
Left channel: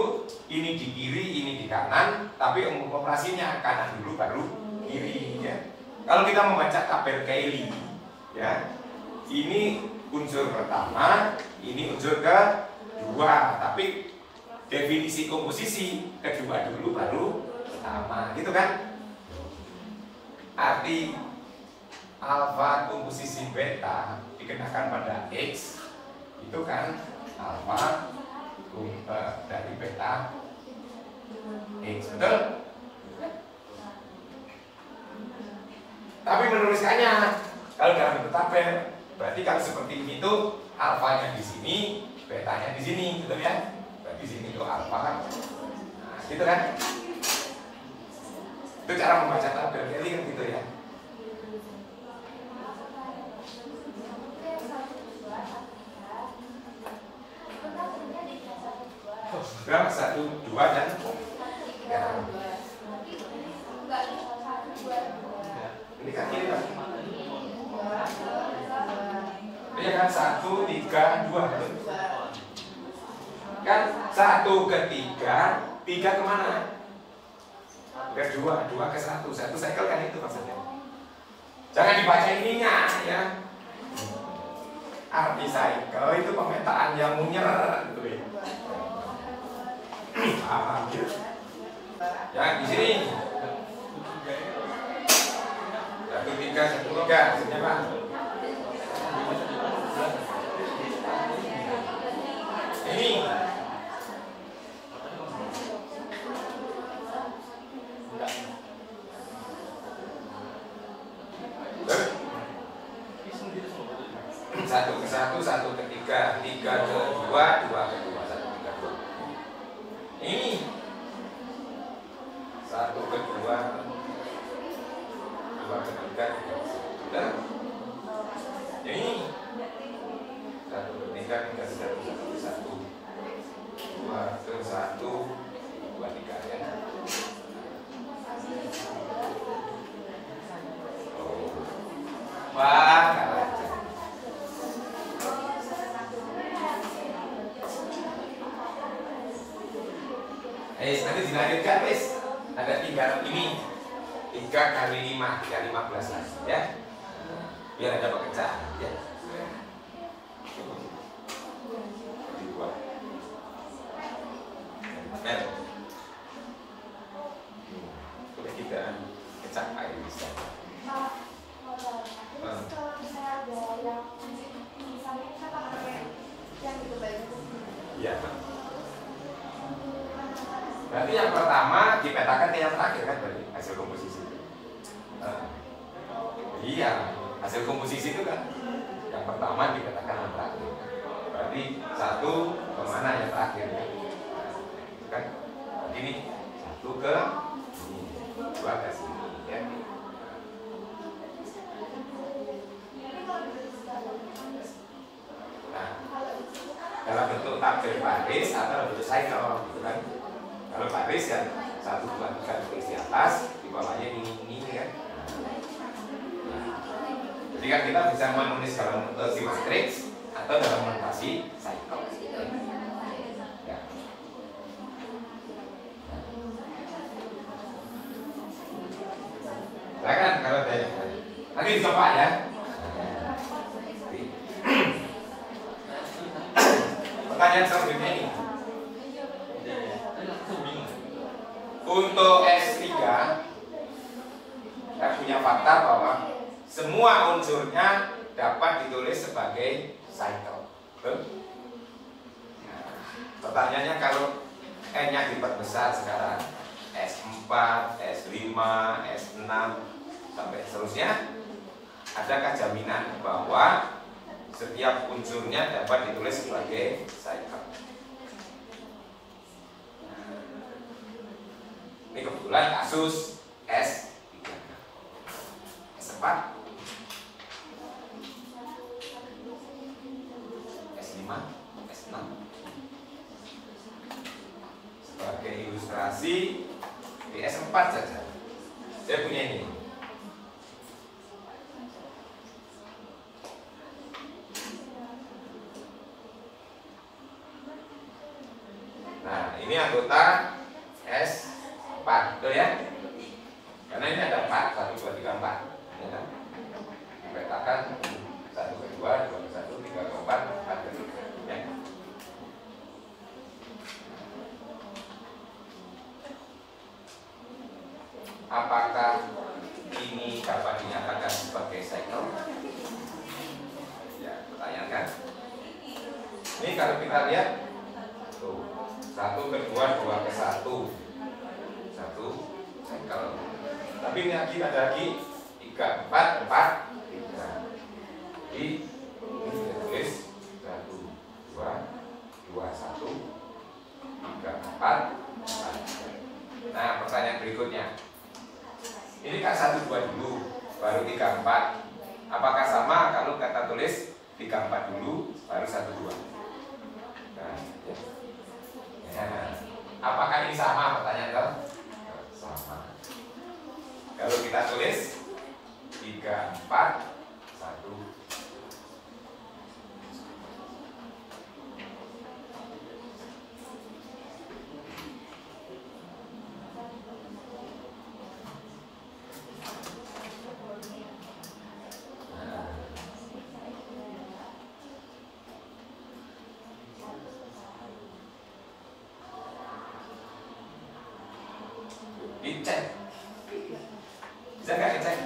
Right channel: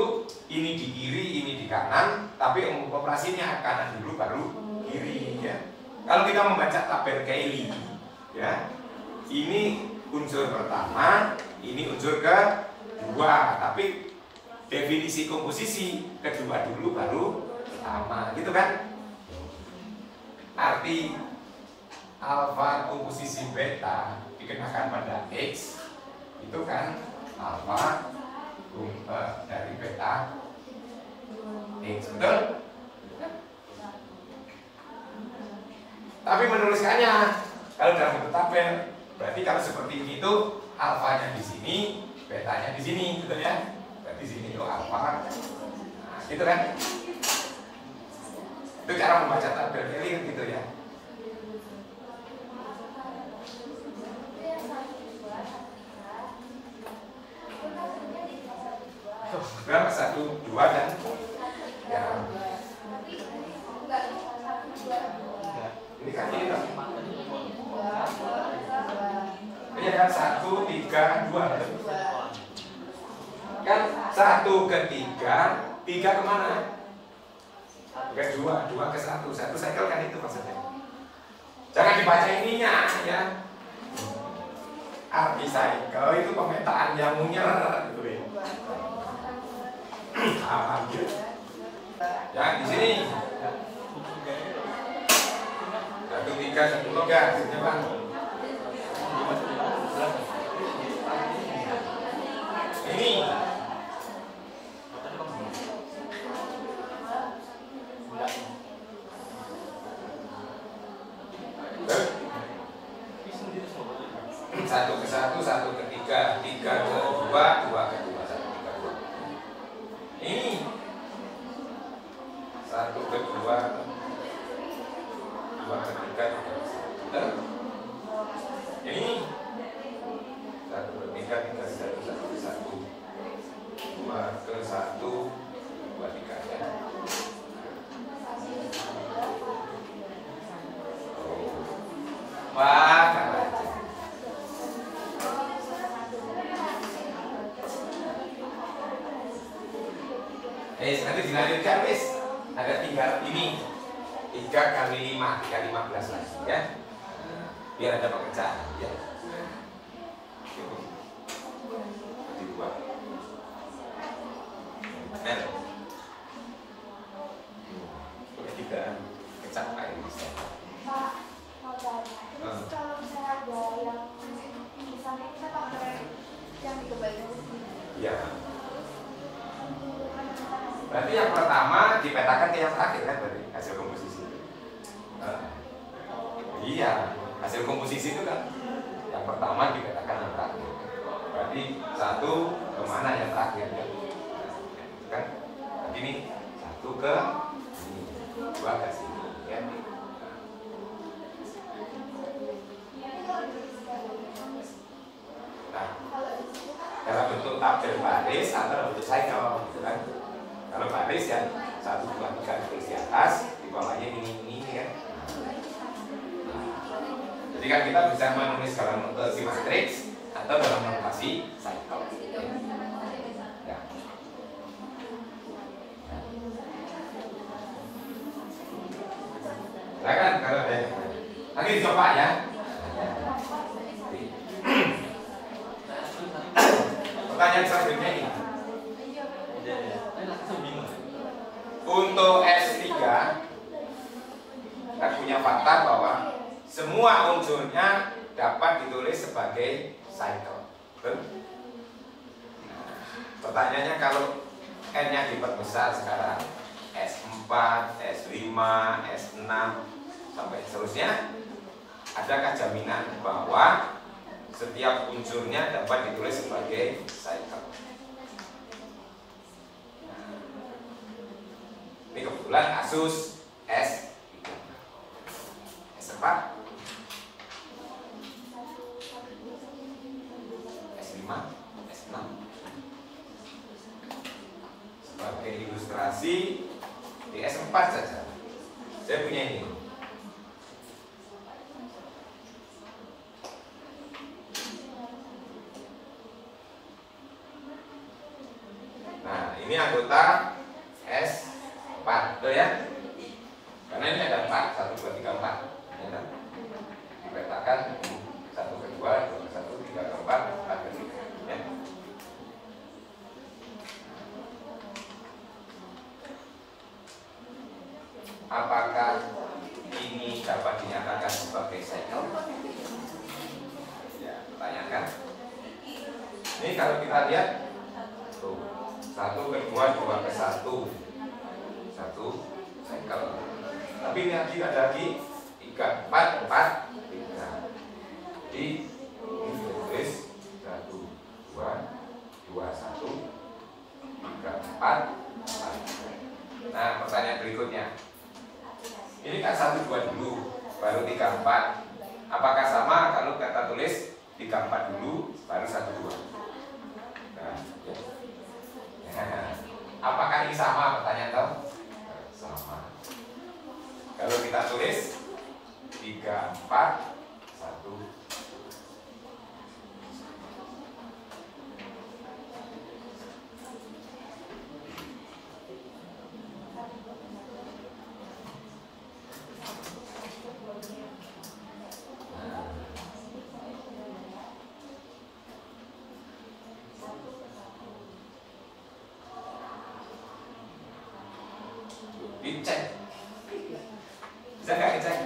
ini di kiri, ini di kanan, tapi operasinya kanan dulu baru kiri ya. Kalau kita membaca tabel Cayley ya, ini unsur pertama, ini unsur kedua, tapi definisi komposisi kedua dulu baru pertama, gitu kan? Arti alfa komposisi beta dikenakan pada X itu kan alfa dari beta X, betul? Tapi menuliskannya kalau dalam bentuk tabel, berarti kalau seperti ini itu alfanya di sini, betanya di sini, betul ya? Berarti sini itu alfa, nah, gitu kan? Itu cara membaca tabel Cayley kan gitu ya? Berapa? 1, 2 dan ya. Ini kan ini kan? Iya kan 1, 3, 2 kan 1 ke 3, 3 kemana? Ke 2, 2 ke 1, 1 cycle kan itu maksudnya. Jangan dibaca ininya ya. Arti cycle itu pemetaan yang munyer gitu ya. Paham gitu. Ya di sini hasilnya Pak. Ini satu ke satu, satu ke tiga, tiga ke dua, dua ke dua, satu tiga dua. Ini satu ke dua, dua ke tiga, benar? Ini satu ke tiga, tiga ke satu, satu ke satu, dua ke satu, dua tiga ya. Wah, nanti dilanjutkan wis. Ada tinggal ini 3 kali 5 ya 15 lagi ya. Biar ada pecahan ya. Di dua. Kan. Oke, 3 pecah air bisa. Pak, mau tanya. Terus kalau misalnya ada yang misalnya kita pakai yang dikembalikan ke sini. Iya. Berarti yang pertama dipetakan ke yang terakhir kan dari hasil komposisi. Iya, hasil komposisi itu kan yang pertama dipetakan yang terakhir. Berarti satu kemana yang terakhir ya? Kan ini satu ke ini, dua ke sini ya. Nah, dalam bentuk tabel baris atau dalam bentuk cycle gitu kan. Kalau baris kan 1, 2, 3 tulis di atas, di bawahnya ini ya. Nah, jadi kan kita bisa menulis dalam notasi matriks atau dalam notasi cycle. Ya. Silakan kalau ada nanti dicoba ya. Pertanyaan selanjutnya ini. Untuk S3 kita punya fakta bahwa semua unsurnya dapat ditulis sebagai cycle. Nah, pertanyaannya kalau N-nya diperbesar sekarang S4, S5, S6 sampai seterusnya, adakah jaminan bahwa setiap unsurnya dapat ditulis sebagai cycle? Ini kebetulan kasus S3, S4, S5, S6. Sebagai ilustrasi di S4 saja. Saya punya ini. Nah, ini anggota S4, betul ya? Karena ini ada 4, 1, 2, 3, 4 ya kan? Dipetakan 1 ke 2, 2 ke 1, 3 ke 4, 4 ke 3 ya. Apakah ini dapat dinyatakan sebagai cycle? Ya, pertanyaan kan? Ini kalau kita lihat tuh, 1 ke 2, 2 ke 1 cycle. Tapi ini lagi ada lagi 3, 4, 4, 3. Jadi ini tulis 1, 2, 2, 1, 3, 4, 4. Nah, pertanyaan berikutnya. Ini kan 1, 2 dulu, baru 3, 4. Apakah sama kalau kita tulis 3, 4 dulu, baru 1, 2? Nah, ya. Nah, apakah ini sama pertanyaan kamu? Sama. Kalau kita tulis 3, 4, 1. Dicek, bisa nggak dicek?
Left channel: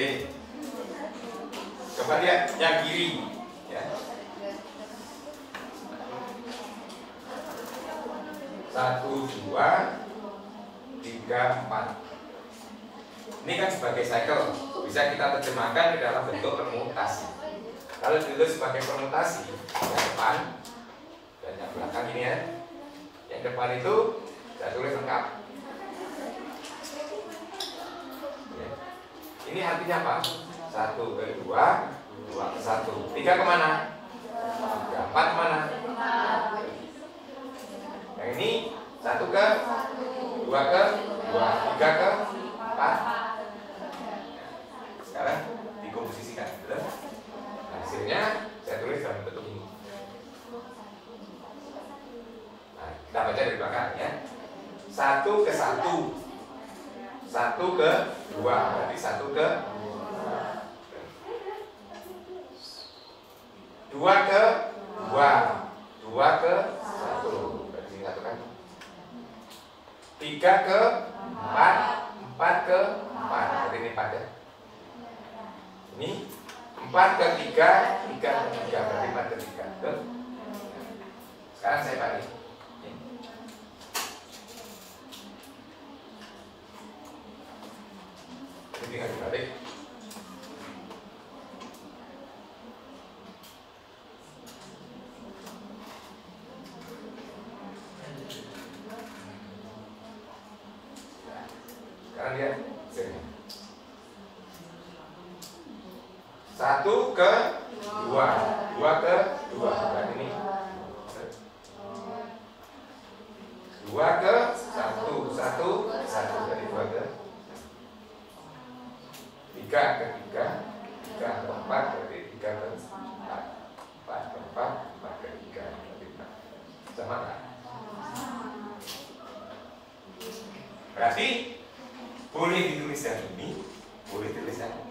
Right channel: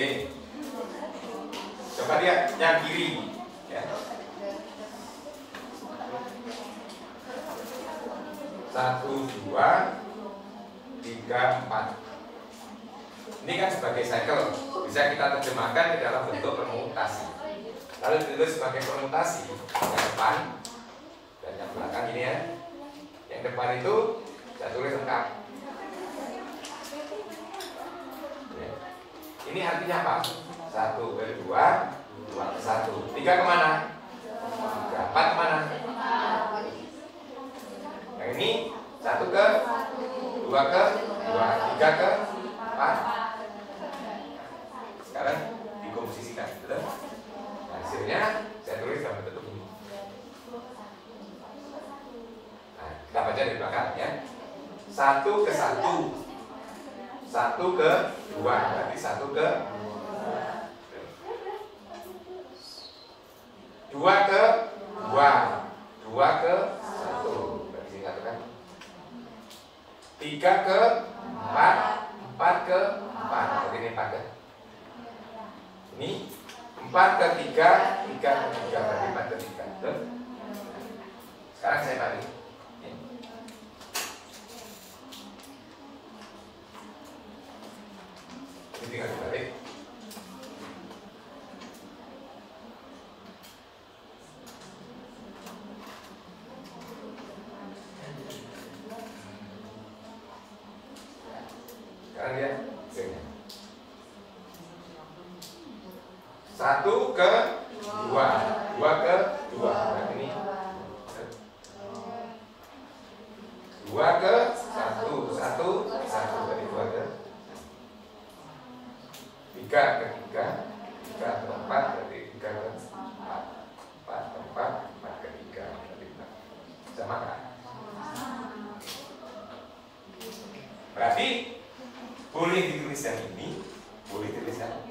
Oke. Coba lihat yang kiri, ya. 1, 2, 3, 4. Ini kan sebagai cycle, bisa kita terjemahkan ke dalam bentuk permutasi. Lalu ditulis sebagai permutasi yang depan dan yang belakang ini ya. Yang depan itu saya tulis lengkap. Ini artinya apa? 1 ke 2, 2 ke 1. 3 kemana? 3, 4 kemana? Yang ini 1 ke 2 ke 2, 3 ke 4. Sekarang dikomposisikan, betul? Hasilnya saya tulis dalam bentuk ini. Nah, kita baca dari belakang ya. 1 ke 1, 1 ke 2, berarti 1 ke 2 ke 2, 2 ke 1, berarti 1 kan. 3 ke 4, 4 ke 4, berarti ini 4 ya. Ini 4 ke 3, 3 ke 3, berarti 4 ke 3. Betul? Sekarang saya balik. Ini tinggal dibalik. Sekarang lihat hasilnya. 1 ke 2, 2 ke 2, berarti ini 2 ke 1, 1 ke 1, berarti 2 ke 3 ke 3, 3 ke 4, berarti 3 ke 4, 4 ke 4, 4 ke 3, berarti 4. Sama kan? Berarti boleh ditulis yang ini, boleh ditulis yang ini.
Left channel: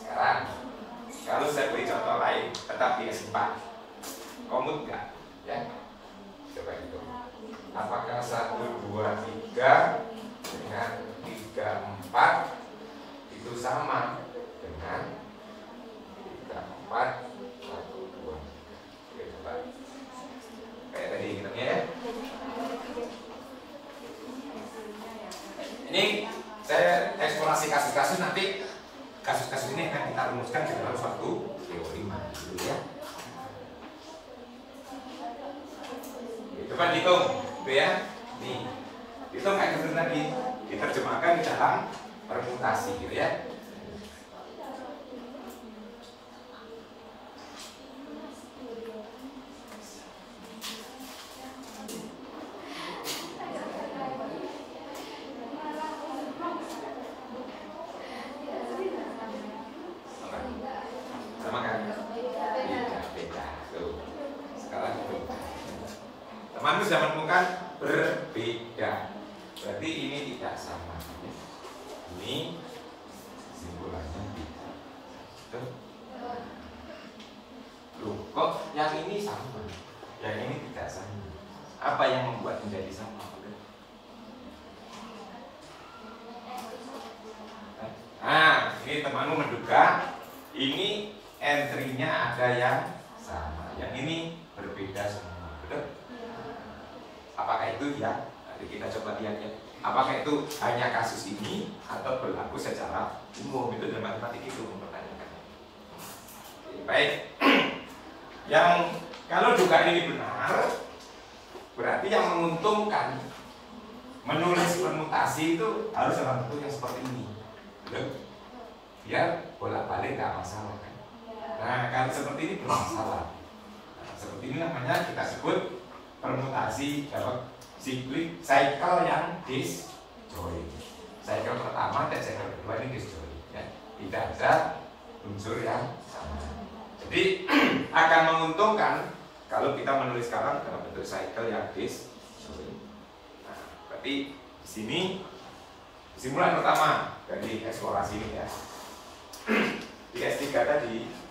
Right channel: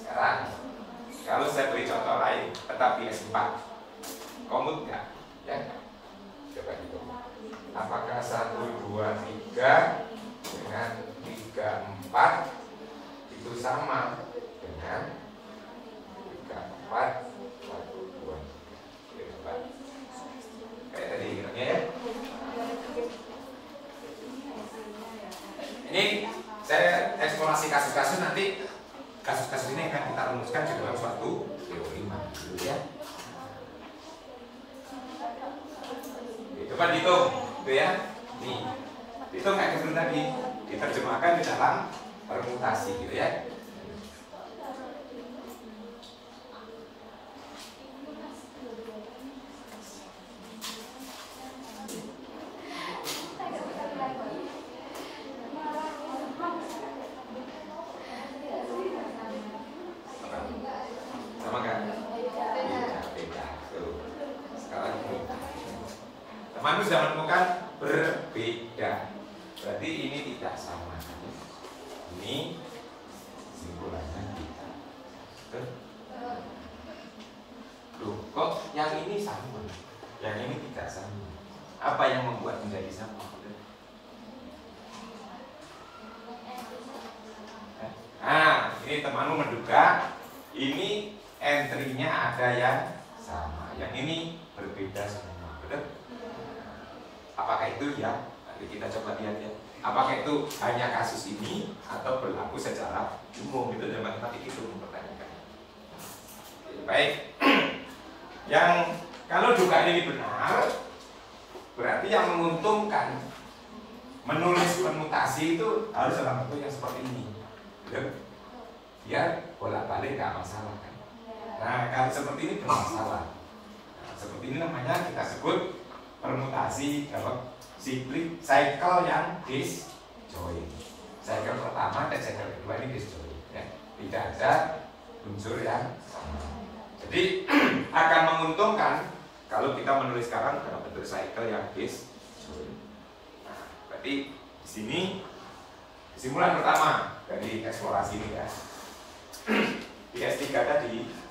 Sekarang, kalau saya beri contoh lain, tetap di S4, komut nggak? Ya, coba hitung. Apakah 1, 2, 3 dengan 3, 4 itu sama dengan 3, 4, 1, 2, 3. Kayak tadi hitungnya ya. Ini saya eksplorasi kasus-kasus, nanti kasus-kasus ini akan kita rumuskan di dalam suatu teori dulu ya. Coba dihitung, gitu ya. Nih, hitung kayak gitu tadi, diterjemahkan di dalam permutasi, gitu ya. Sama kan? Beda. Tuh. Sekarang teman sudah menemukan berbeda. Berarti ini tidak sama. Ini simpulannya beda. Loh, kok yang ini sama? Yang ini tidak sama. Apa yang membuat menjadi sama? Nah, ini temanmu menduga ini entry-nya ada yang sama, yang ini berbeda semua, betul? Apakah itu ya? Nanti kita coba lihat ya. Apakah itu hanya kasus ini atau berlaku secara umum? Itu dalam matematik itu mempertanyakan. Baik. Yang kalau dugaan ini benar, berarti yang menguntungkan menulis permutasi itu harus dalam bentuk yang seperti ini. Betul? Biar bolak-balik nggak masalah kan? Nah, kalau seperti ini bermasalah. Nah, seperti ini namanya kita sebut permutasi dalam cycle yang disjoint. Cycle pertama dan cycle kedua ini disjoint. Ya. Tidak ada unsur yang sama. Jadi akan menguntungkan kalau kita menulis sekarang dalam bentuk cycle yang disjoint. Nah, berarti di sini kesimpulan pertama dari eksplorasi ini ya. Di S3 tadi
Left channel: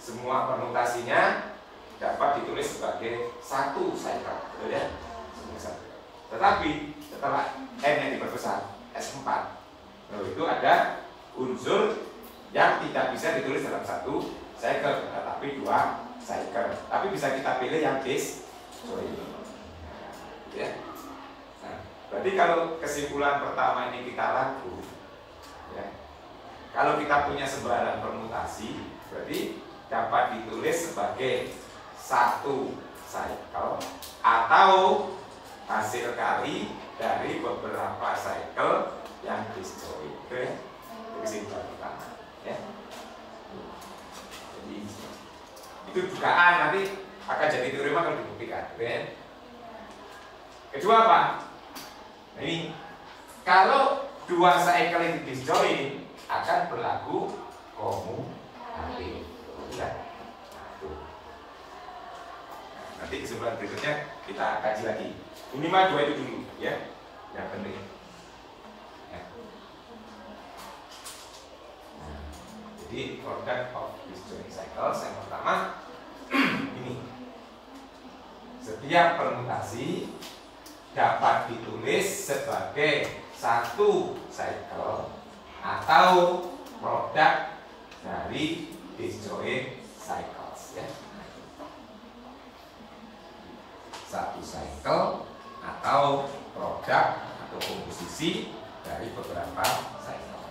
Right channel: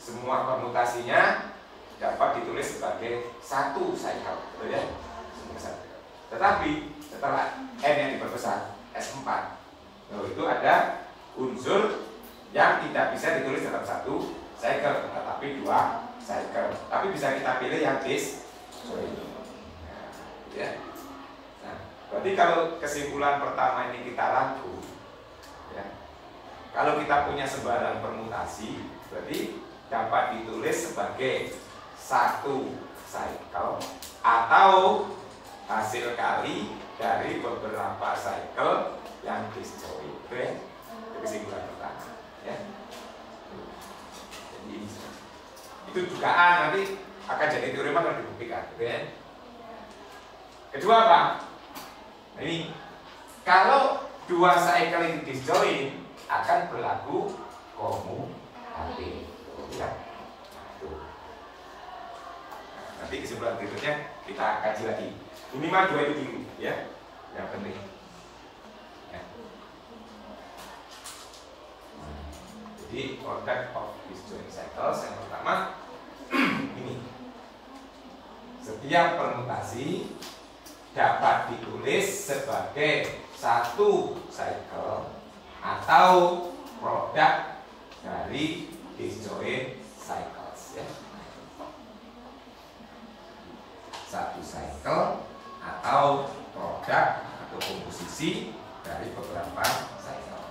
semua permutasinya dapat ditulis sebagai satu cycle, betul ya? Tetapi setelah n yang diperbesar, S4. Nah, itu ada unsur yang tidak bisa ditulis dalam satu cycle, tetapi dua cycle. Tapi bisa kita pilih yang disjoint. Ya. Nah, berarti kalau kesimpulan pertama ini kita rangkum, ya. Kalau kita punya sembarang permutasi, berarti dapat ditulis sebagai satu cycle atau hasil kali dari beberapa cycle yang disjoint. Oke, kesimpulan pertama, ya. Jadi itu dugaan, nanti akan jadi teorema kalau dibuktikan, ya. Kedua apa? Ini kalau dua cycle itu disjoint akan berlaku komutatif. Ya. Nanti kesimpulan berikutnya kita kaji lagi. Minimal dua itu dulu, ya, yang penting. Ya. Jadi product of disjoint cycles yang pertama ini. Setiap permutasi dapat ditulis sebagai satu cycle atau produk dari disjoint cycles, ya. Satu cycle atau produk atau komposisi dari beberapa cycle.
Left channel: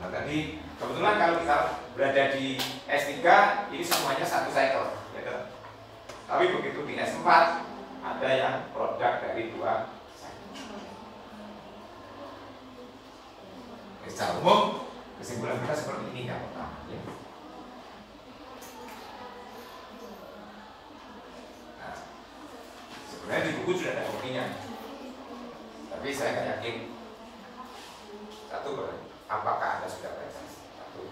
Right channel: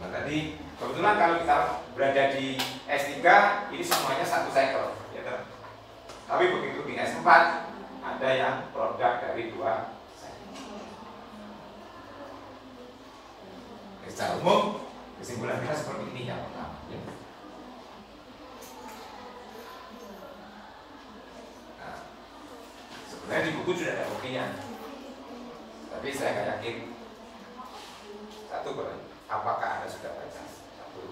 Nah, tadi kebetulan kalau kita berada di S3 ini semuanya satu cycle, ya kan? Tapi begitu di S4 ada yang produk dari dua cycle. Secara umum kesimpulan kita seperti ini yang pertama, ya. Nah, sebenarnya di buku sudah ada kopinya, tapi saya nggak yakin. Satu, apakah Anda sudah baca? Satu.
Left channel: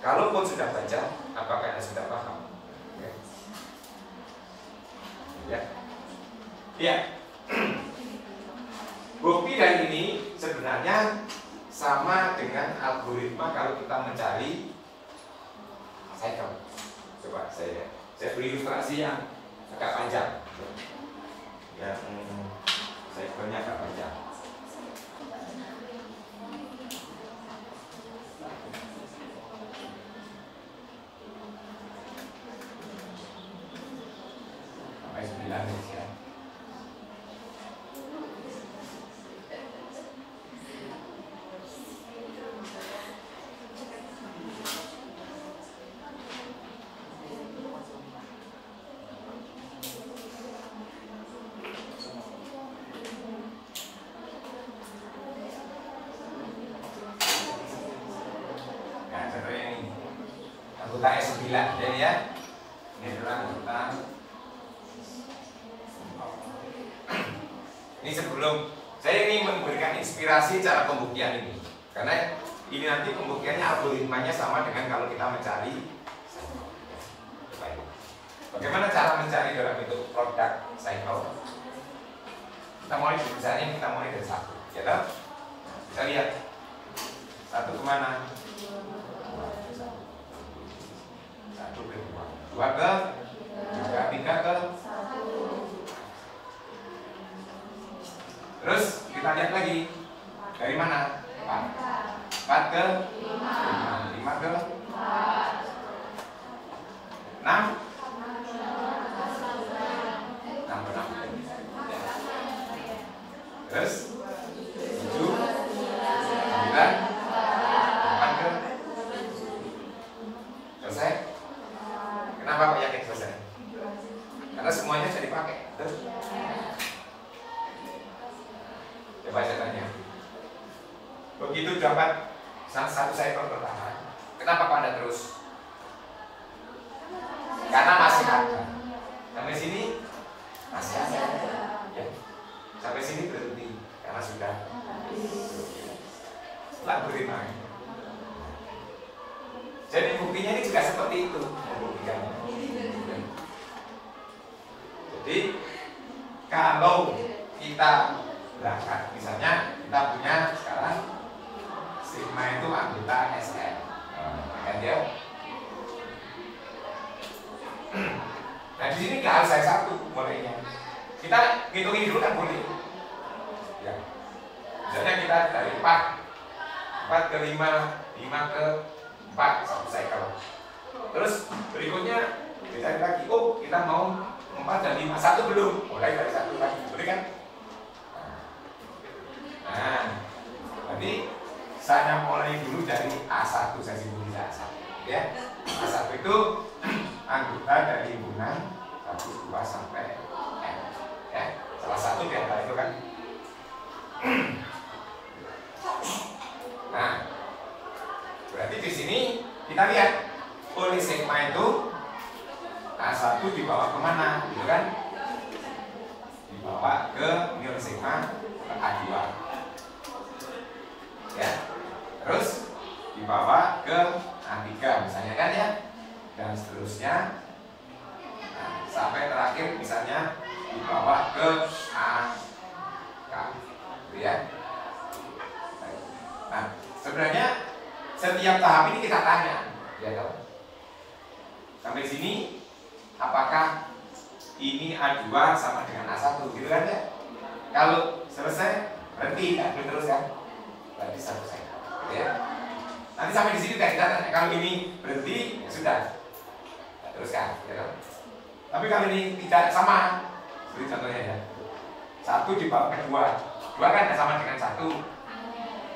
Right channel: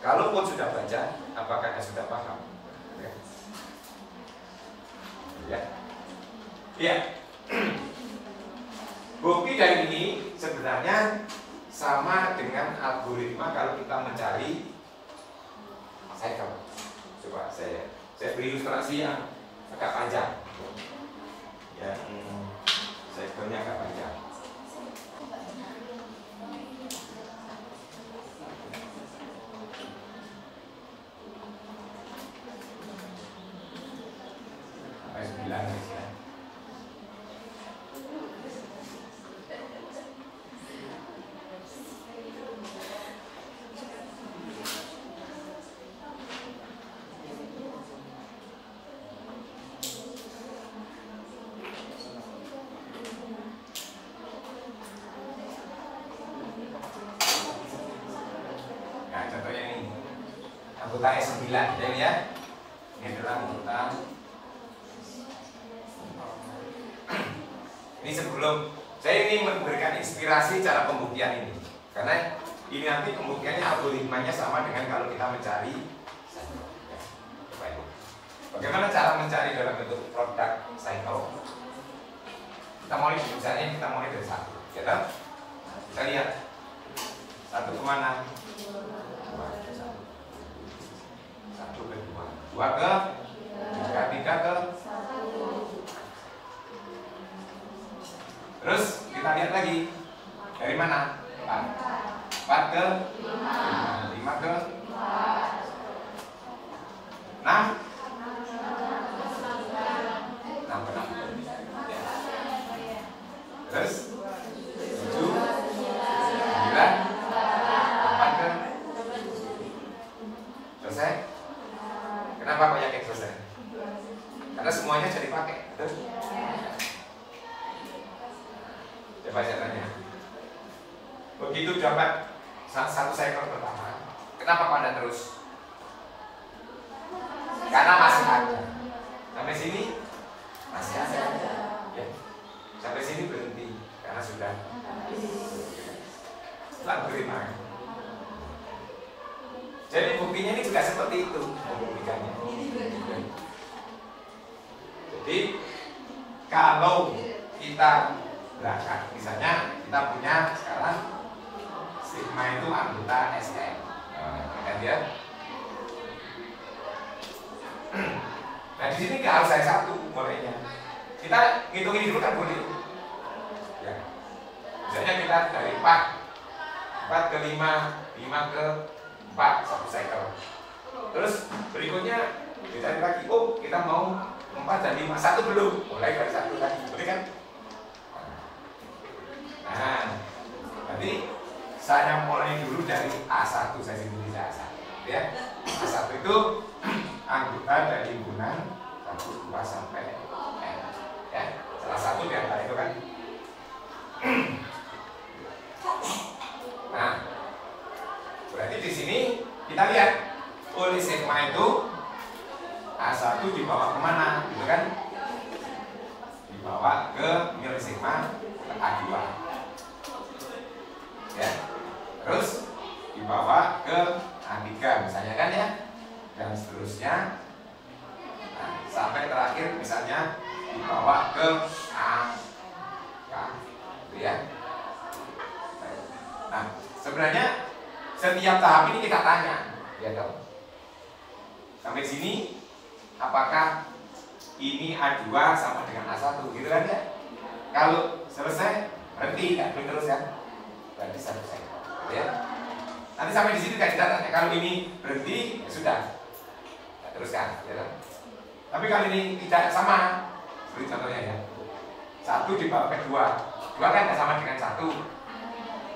Kalaupun sudah baca, apakah Anda sudah paham? Ya. Ya. Ya. Bukti dari ini sebenarnya sama dengan algoritma kalau kita mencari cycle. Coba saya beri ilustrasi yang agak panjang. Ya, cycle-nya agak panjang. Sampai 9 ya. Anggota S9 ya. Ini adalah anggota. Ini sebelum saya ingin memberikan inspirasi cara pembuktian ini, karena ini nanti pembuktiannya algoritmanya sama dengan kalau kita mencari. Bagaimana cara mencari dalam bentuk produk cycle? Kita mulai misalnya kita mulai dari satu, ya kan? Kita lihat satu kemana? Satu ke dua, dua ke tiga ke. Terus kita lihat lagi dari mana? 4 ke 5 ke 6 terus 7 9 8 ke selesai. Kenapa kok yakin selesai? Karena semuanya bisa dipakai. Coba saya tanya. Begitu dapat satu cycle pertama, kenapa kok Anda terus? Karena masih ada. Sampai sini masih ada. Ya. Sampai sini berhenti karena sudah algoritma. Jadi buktinya ini juga seperti itu membuktikannya. Jadi kalau kita berangkat, misalnya kita punya sekarang sigma itu anggota SM, kan ya? Nah di sini nggak harus saya satu mulainya, Kita ngitungin dulu kan boleh. Ya. Misalnya kita dari 4 ke 5, 5 ke 4, 1 cycle. Terus berikutnya dicari lagi, oh kita mau 4 dan 5, 1 belum, mulai dari 1 lagi, boleh kan? Nah, berarti saya mulai dulu dari A1, saya sendiri A1, ya. A1 itu anggota dari himpunan 1, 2 sampai N, ya. Salah satu di antara itu kan. Nah, berarti di sini kita lihat oleh sigma itu A1 dibawa kemana, gitu kan? Dibawa ke nilai sigma ke A2, ya. Terus dibawa ke A3 misalnya kan ya, dan seterusnya. Nah, sampai terakhir misalnya dibawa ke AK, gitu ya. Nah, sebenarnya setiap tahap ini kita tanya, ya dong. Sampai sini, apakah ini A2 sama dengan A1, gitu kan ya? Kalau selesai, berhenti, tak boleh terus kan? Berarti selesai, gitu ya. Nanti sampai di sini kita tanya, kalau ini berhenti, ya sudah, ya, teruskan, ya dong. Tapi kalau ini tidak sama, seperti contohnya ya, 1 dibawa ke 2 kan tidak sama dengan 1.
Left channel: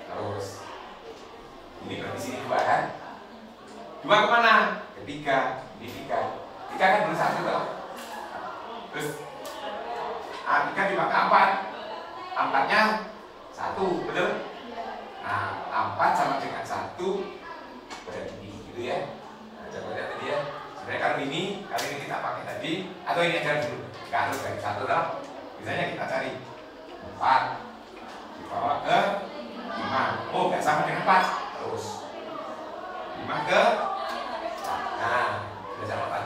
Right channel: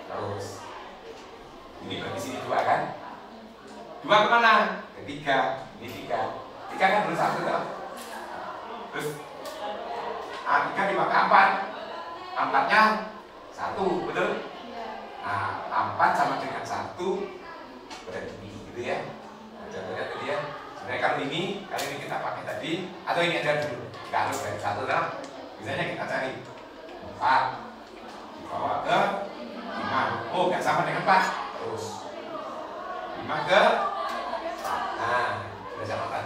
Terus ini berarti sini 2 kan? 2 kemana? Ke 3, ini 3 kan belum 1 toh. Terus A3 dibawa ke 4, 4-nya 1, betul? Nah, 4 sama dengan 1 berarti gitu ya. Nah, contohnya tadi ya. Sebenarnya kalau ini kita pakai tadi, atau ini aja dulu, nggak harus dari 1 lah. Misalnya kita cari 4 dibawa ke 5, oh nggak sama dengan 4, terus 5 ke, nah sudah sama 4,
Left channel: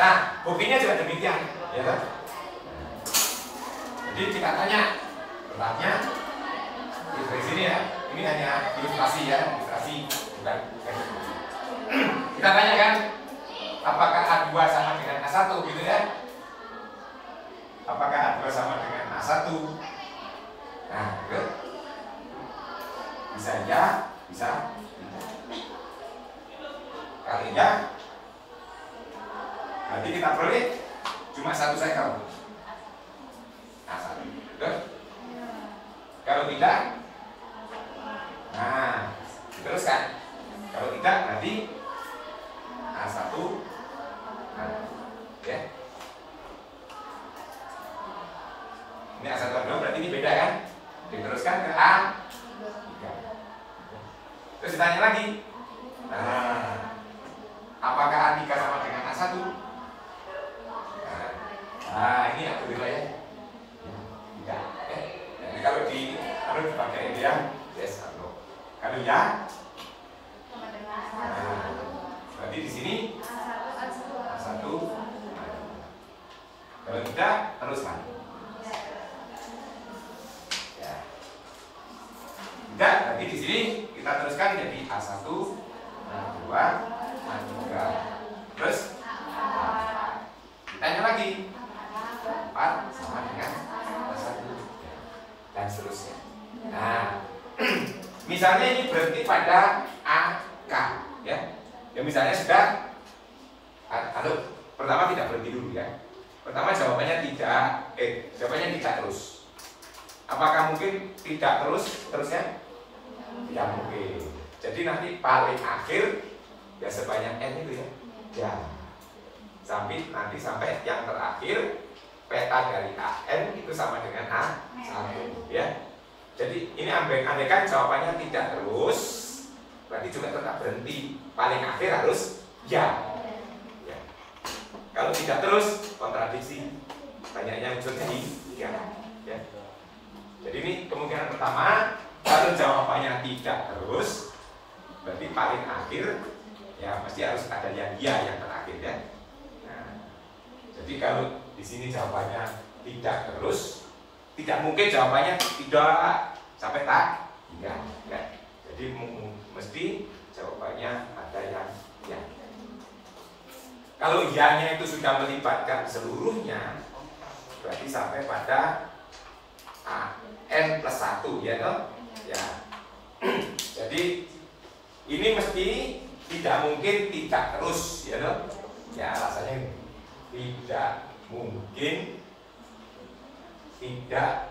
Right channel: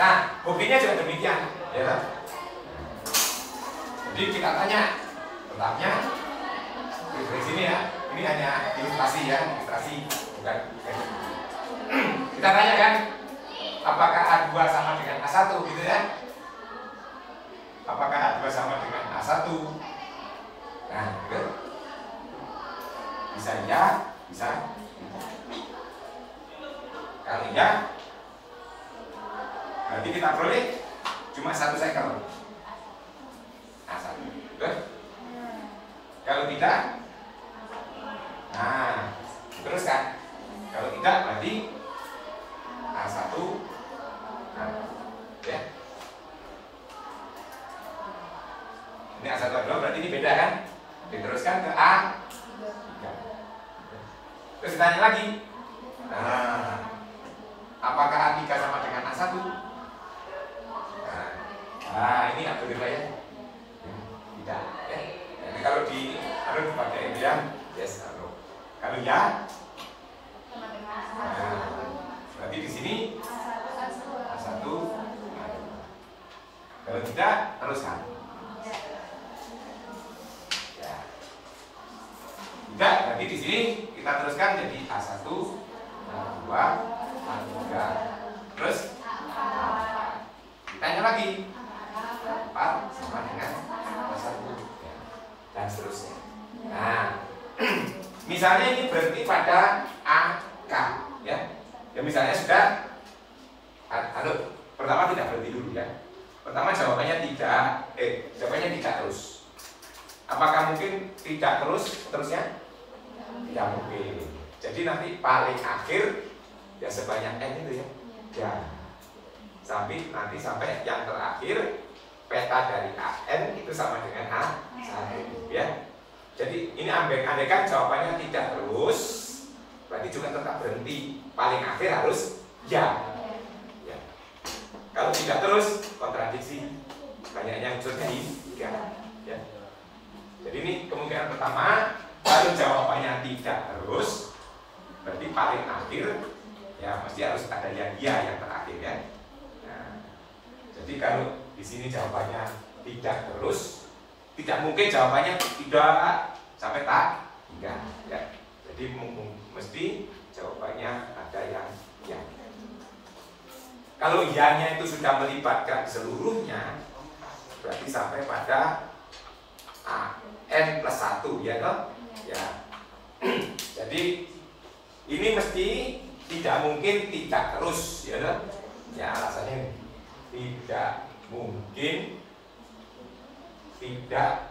nah buktinya juga demikian, ya kan? Jadi kita tanya, pertanyaannya dari sini ya, ini hanya ilustrasi ya, bukan. Kita tanya kan, apakah A2 sama dengan A1 gitu ya? Apakah A2 sama dengan A1? Nah, gitu. Bisa ya, bisa. Kalau ya, berarti kita peroleh cuma 1 cycle. A1, good. Kalau tidak, nah, teruskan. Kalau tidak, berarti A1, ya. Ini A1 A2 berarti ini beda kan? Diteruskan ke A3. Terus ditanya lagi, nah, apakah A3 sama dengan A1? Nah, ini aku beda ya. Tidak, ya. Jadi kalau dipakai ini ya, yes atau kalau ya, nah, berarti di sini A1, kalau tidak teruskan. Ya. Tidak, berarti di sini kita teruskan jadi A1, A2, A3. Terus ditanya lagi, 4 sama dengan A1, ya. Dan seterusnya. Nah, misalnya ini berhenti pada AK, ya. Ya misalnya sudah, pertama tidak berhenti dulu ya. Pertama jawabannya jawabannya tidak terus. Apakah mungkin tidak terusnya? Tidak mungkin. Jadi nanti paling akhir ya sebanyak N itu ya. Ya. Sampai yang terakhir peta dari AN itu sama dengan A1 ya. Jadi ini andaikan jawabannya tidak terus, berarti juga tetap berhenti. Paling akhir harus ya. Ya. Kalau tidak terus kontradiksi, banyaknya unsurnya ya. Ya. Jadi ini kemungkinan pertama, kalau jawabannya tidak terus, berarti paling akhir ya mesti harus ada yang ya yang terakhir ya. Nah, jadi kalau di sini jawabannya tidak terus, tidak mungkin jawabannya tidak sampai tak tidak ya. Jadi mesti jawabannya ada yang ya. Kalau Y-nya itu sudah melibatkan seluruhnya, berarti sampai pada N plus 1, ya toh? Ya. Jadi ini mesti tidak mungkin tidak terus, ya toh? Ya, alasannya tidak mungkin tidak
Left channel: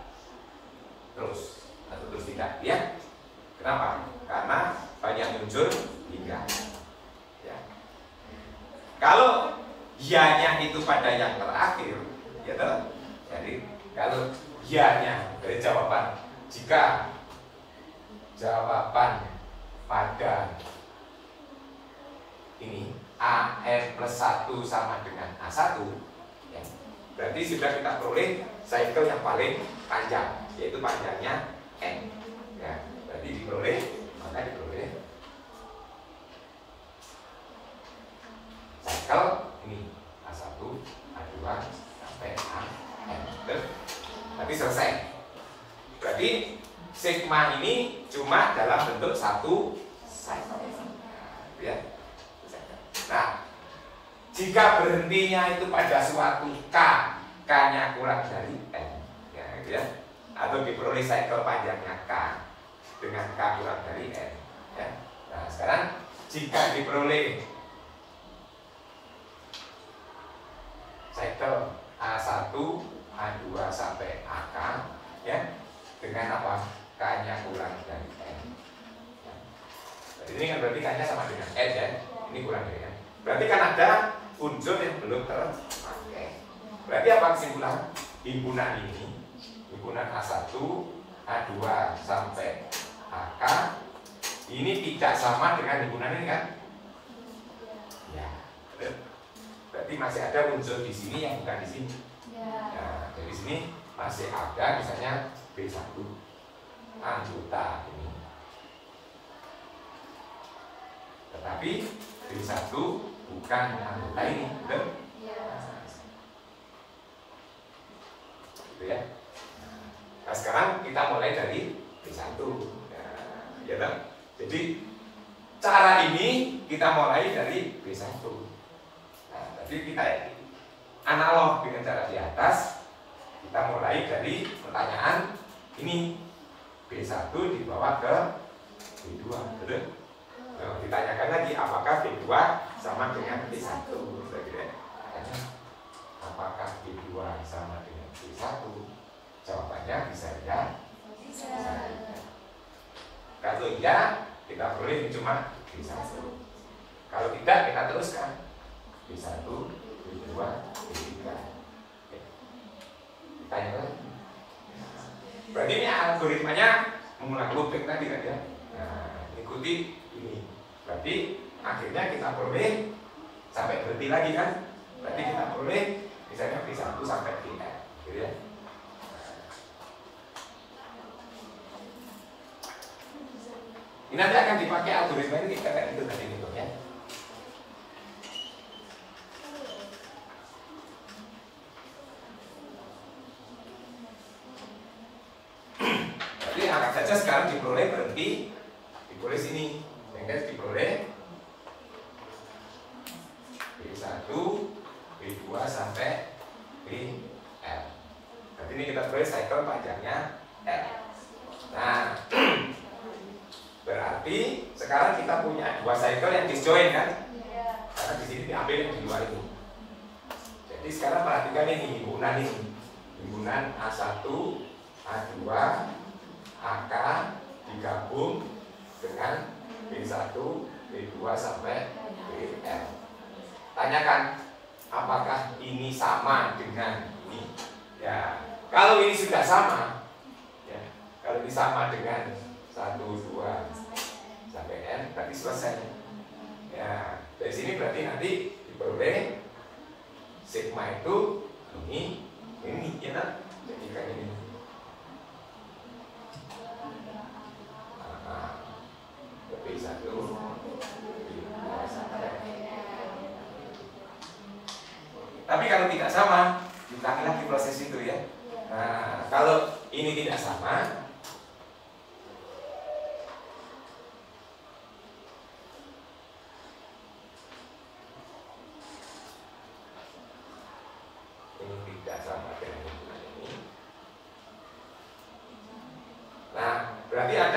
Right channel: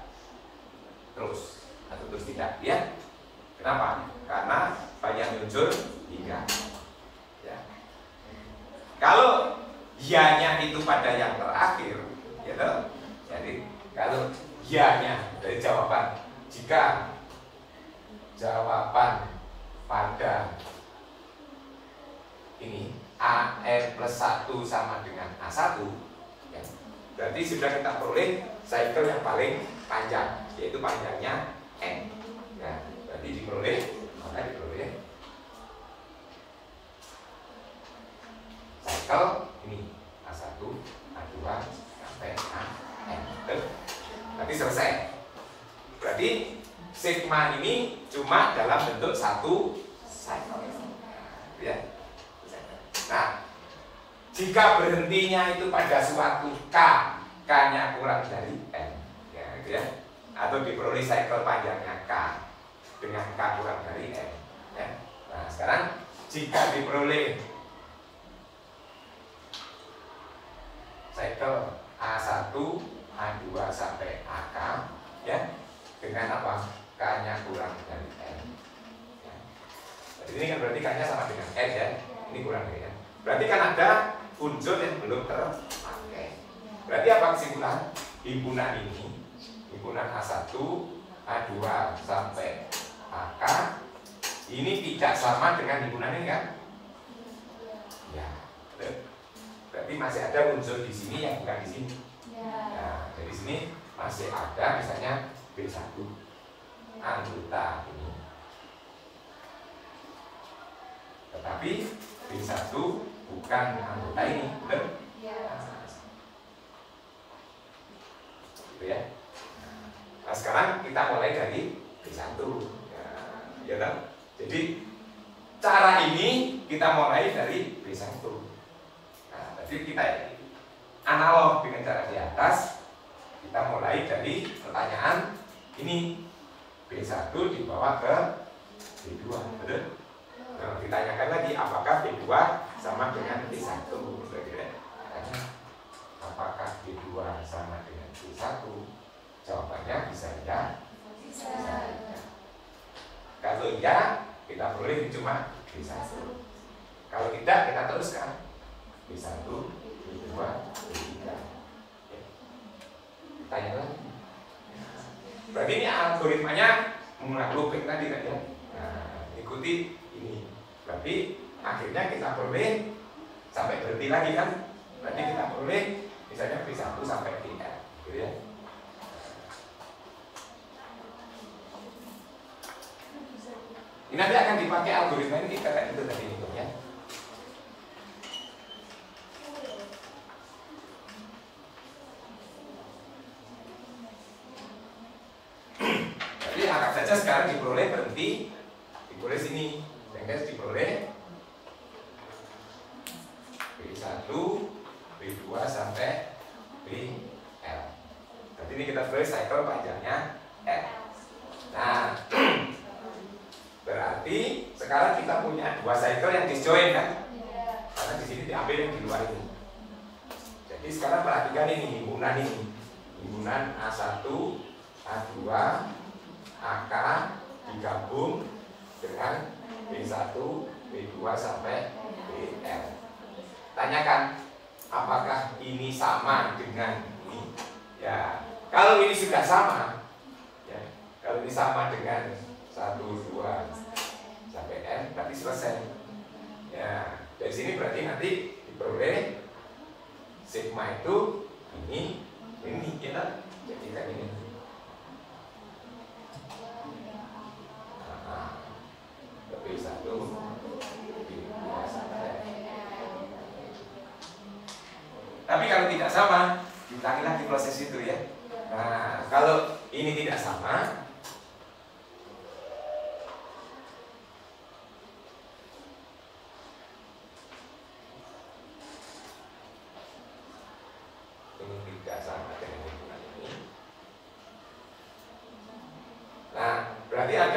terus atau terus tidak, ya. Kenapa? Karena banyak unsur hingga. Ya. Kalau Y-nya itu pada yang terakhir, ya toh? Jadi kalau Y-nya dari jawaban, jika jawaban pada ini AN plus 1 sama dengan A1, ya, berarti sudah kita peroleh cycle yang paling panjang, yaitu panjangnya N. Ya, berarti maka diperoleh cycle ini A1, A2 sampai AN. Berarti selesai. Berarti sigma ini cuma dalam bentuk satu cycle. Ya. Nah, jika berhentinya itu pada suatu K, K-nya kurang dari N, ya, gitu ya, atau diperoleh cycle panjangnya K dengan K kurang dari N, ya. Nah, sekarang jika diperoleh cycle A1, A2 sampai AK, ya, dengan apa? K-nya kurang dari N. Ya. Jadi ini kan berarti K-nya sama dengan N, ya. Ini kurang dari N. Berarti kan ada unsur yang belum terpakai. Berarti apa kesimpulan? Himpunan ini, himpunan A1, A2 sampai AK, ini tidak sama dengan himpunan ini kan? Ya. Berarti masih ada unsur di sini yang bukan di sini. Nah, dari sini masih ada misalnya B1 anggota ini. Tetapi B1 bukan anggota ini, betul? Gitu ya. Nah, sekarang kita mulai dari B1. Ya, kan? Jadi cara ini kita mulai dari B1. Nah, jadi kita analog dengan cara di atas, kita mulai dari pertanyaan ini, B1 dibawa ke B2, betul? Nah, ditanyakan lagi apakah B2 sama dengan B1, apakah B2 sama dengan B1? Jawabannya bisa ya. Bisa. Kalau iya, kita peroleh cuma B1. Kalau tidak, kita teruskan B1, B2, B3. Tanya lagi. Berarti ini algoritmanya menggunakan looping tadi kan ya. Nah, ikuti ini. Berarti akhirnya kita peroleh sampai berhenti lagi kan. Berarti kita peroleh misalnya B1 sampai BN, gitu ya. Ini nanti akan dipakai algoritma ini kayak itu tadi bentuknya. Jadi anggap saja sekarang diperoleh berhenti, diperoleh sini, sehingga diperoleh B1, B2 sampai BL. Berarti ini kita peroleh cycle panjangnya L. Nah, berarti sekarang kita punya dua cycle yang disjoin kan? Karena di sini diambil yang di luar ini. Jadi sekarang perhatikan ini, himpunan A1, A2, AK digabung dengan B1, B2 sampai BL. Tanyakan apakah ini sama dengan ini? Ya, kalau ini sudah sama, ya, kalau ini sama dengan 1, 2 sampai N, berarti selesai. Ya, dari sini berarti nanti diperoleh sigma itu ini, ya kan? Jadikan ini. B1, B2 sampai. Tapi kalau tidak sama, diulangi lagi proses itu ya. Nah, kalau ini tidak sama,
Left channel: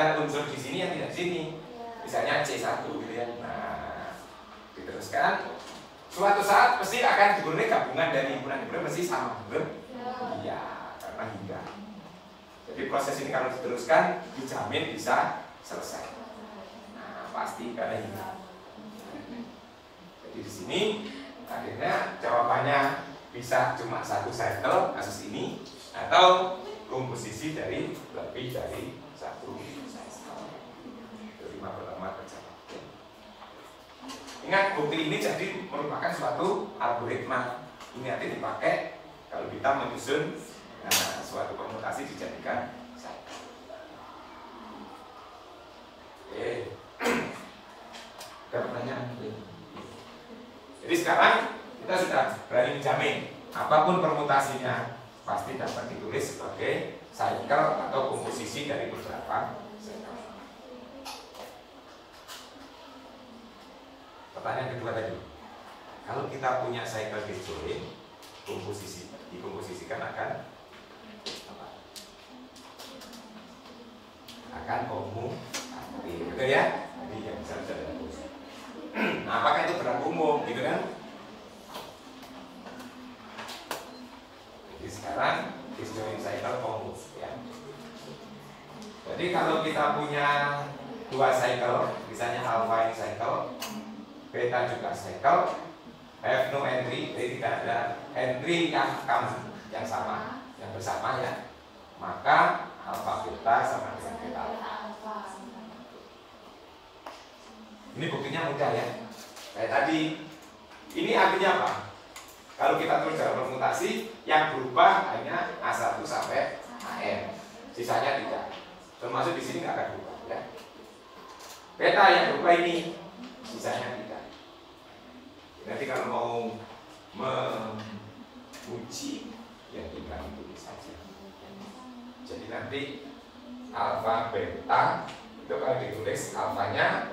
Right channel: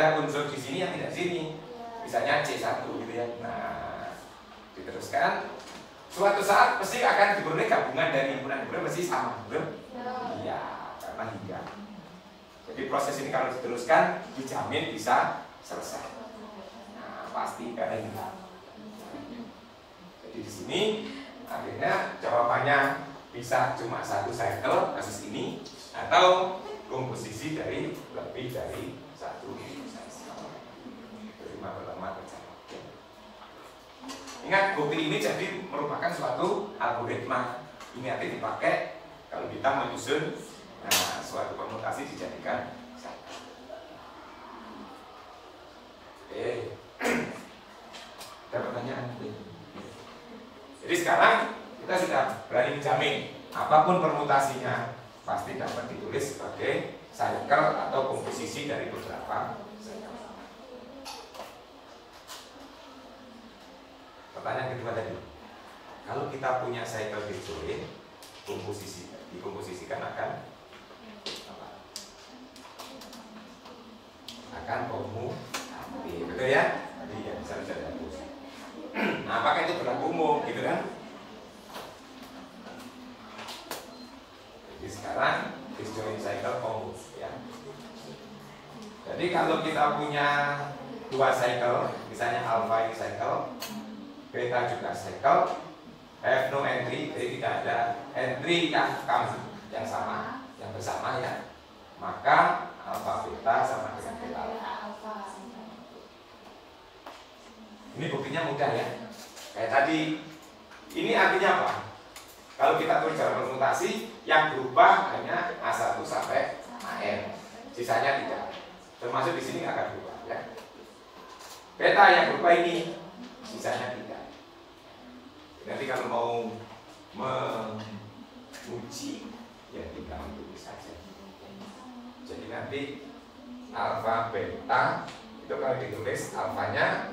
ada unsur di sini yang tidak di sini. Misalnya C1 gitu ya. Nah, diteruskan. Suatu saat pasti akan diperoleh gabungan dari himpunan-himpunan pasti sama, belum? Iya, karena hingga. Jadi proses ini kalau diteruskan dijamin bisa selesai. Nah, pasti karena hingga. Jadi di sini akhirnya jawabannya bisa cuma satu cycle kasus ini atau komposisi dari lebih dari satu cycle. Terima pertama terjawab. Ingat, bukti ini jadi merupakan suatu algoritma. Ini nanti dipakai kalau kita menyusun suatu permutasi dijadikan cycle. Oke. Ada pertanyaan? Jadi sekarang kita sudah berani menjamin apapun permutasinya pasti dapat ditulis sebagai cycle atau komposisi dari beberapa cycle. Pertanyaan kedua tadi, kalau kita punya cycle disjoint, dikomposisikan akan apa? Akan komutatif, betul ya? Jadi yang bisa dihapus. Nah, apakah itu berlaku umum, gitu kan? Jadi sekarang disjoint cycle komus, ya. Jadi kalau kita punya dua cycle, misalnya alpha ini cycle, beta juga cycle, have no entry, jadi tidak ada entry yang sama, yang bersama ya, maka alpha beta sama dengan beta alpha. Ini buktinya mudah ya, kayak tadi. Ini artinya apa? Kalau kita tulis dalam permutasi, yang berubah hanya A1 sampai AM, sisanya tidak. Termasuk di sini nggak akan berubah ya. Beta yang berubah ini, sisanya tidak. Nanti kalau mau menguji ya tinggal tulis saja. Jadi nanti alfa beta itu kalau ditulis alfanya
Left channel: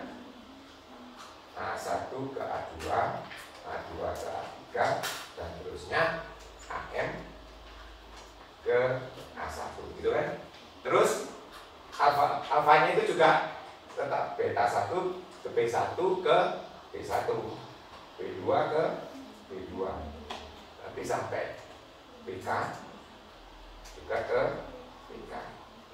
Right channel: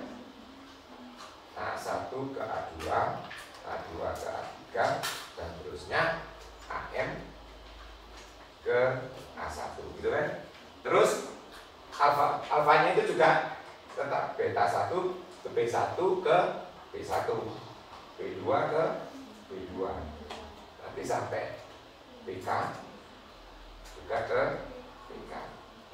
A1 ke A2, A2 ke A3 dan terusnya AM ke A1 gitu kan. Terus alfanya itu juga tetap beta 1 ke B1 ke B1, B2 ke B2, nanti sampai BK juga ke BK.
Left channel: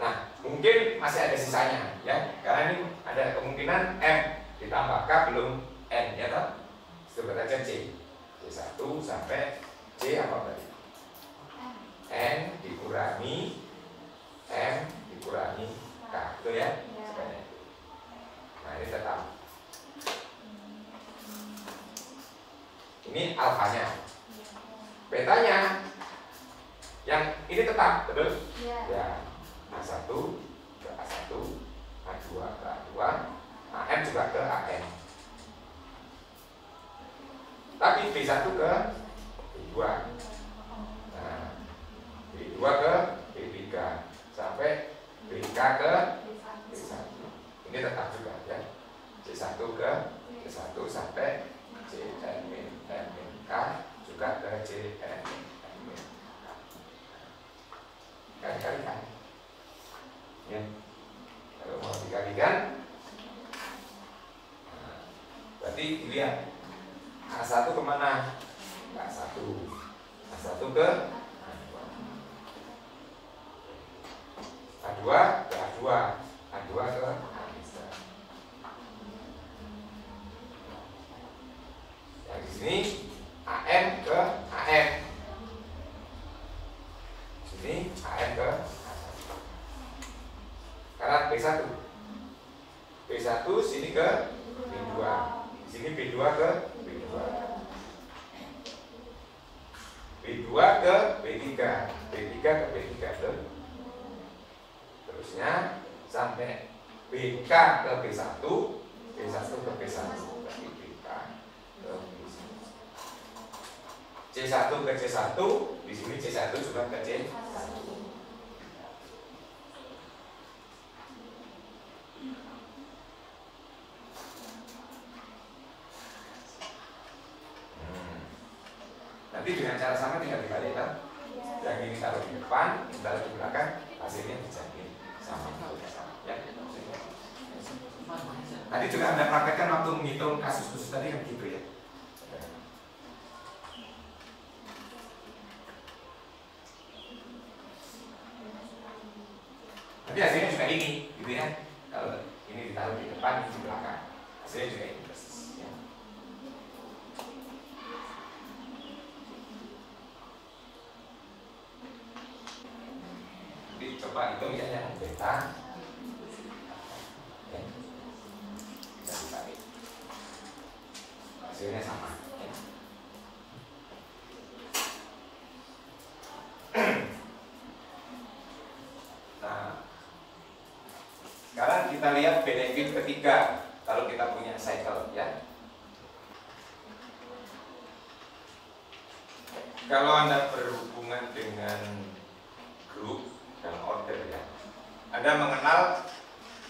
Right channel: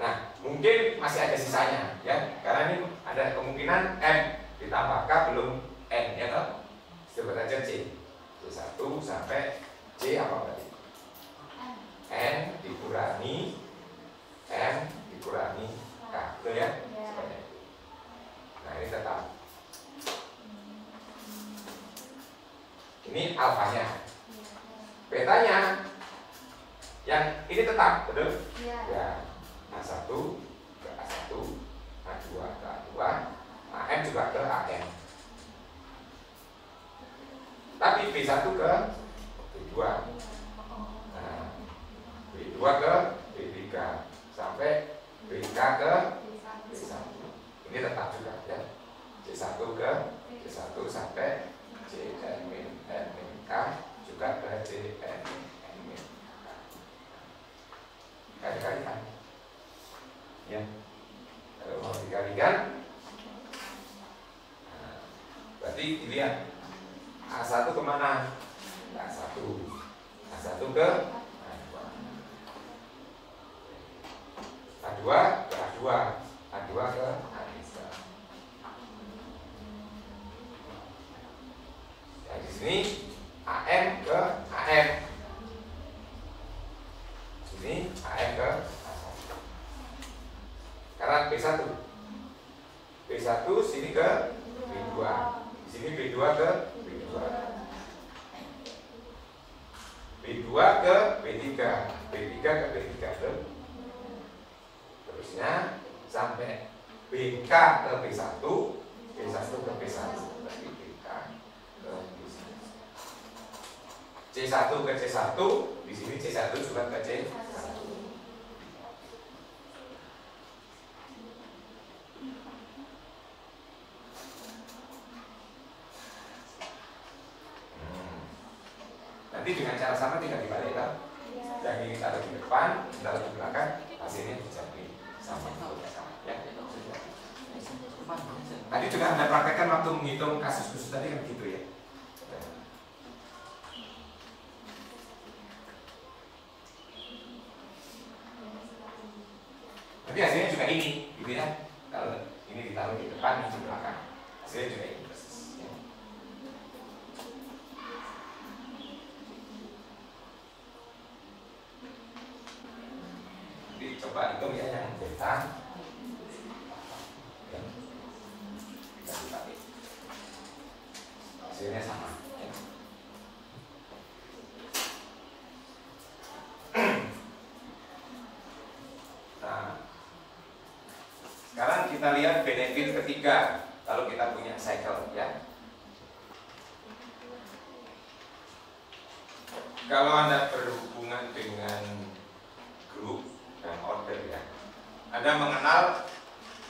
Nah, mungkin masih ada sisanya ya, karena ini ada kemungkinan M ditambah K belum N ya toh. Sebut aja C, C1 sampai C apa berarti? N dikurangi M dikurangi K, betul ya? Sebanyak itu. Nah, ini tetap. Ini alfanya, betanya yang ini tetap, betul? Ya, A1 ke A1, A2 ke A2, AM juga ke AM. Tapi B1 ke B2, nah, B2 ke B3 sampai BK ke B1. Ini tetap juga ya. C1 ke C1 sampai C-N-K juga ke C-N-K. Kali-kali kan ya, kalau mau dikalikan berarti dilihat A1 kemana? A1 ke A2 ke A2, A2 ke A3. Yang di sini AM ke AM. Sini AM ke A1. Karena B1. B1 sini ke B2. Sini B2 ke B2. B2 ke B3. B3 ke B3 terusnya sampai BK ke B1, B1 ke B1, berarti BK ke B1. C1 ke C1, di sini C1 juga ke C1. Nanti dengan cara sama tinggal dibalik kan? Yang ini taruh di depan, taruh di belakang, hasilnya dijamin sama. Ya. Tadi juga Anda praktekkan waktu menghitung kasus khusus tadi kan gitu ya. Tapi hasilnya juga ini, gitu ya. Kalau ini ditaruh di depan, ini di belakang, hasilnya juga ini persis. Ya. Jadi coba hitung ya yang beta. Ya. Kita dibagi. Hasilnya sama. Ya. Nah. Sekarang kita lihat benefit ketiga kalau kita punya cycle ya. Kalau Anda berhubungan dengan grup dan order ya, Anda mengenal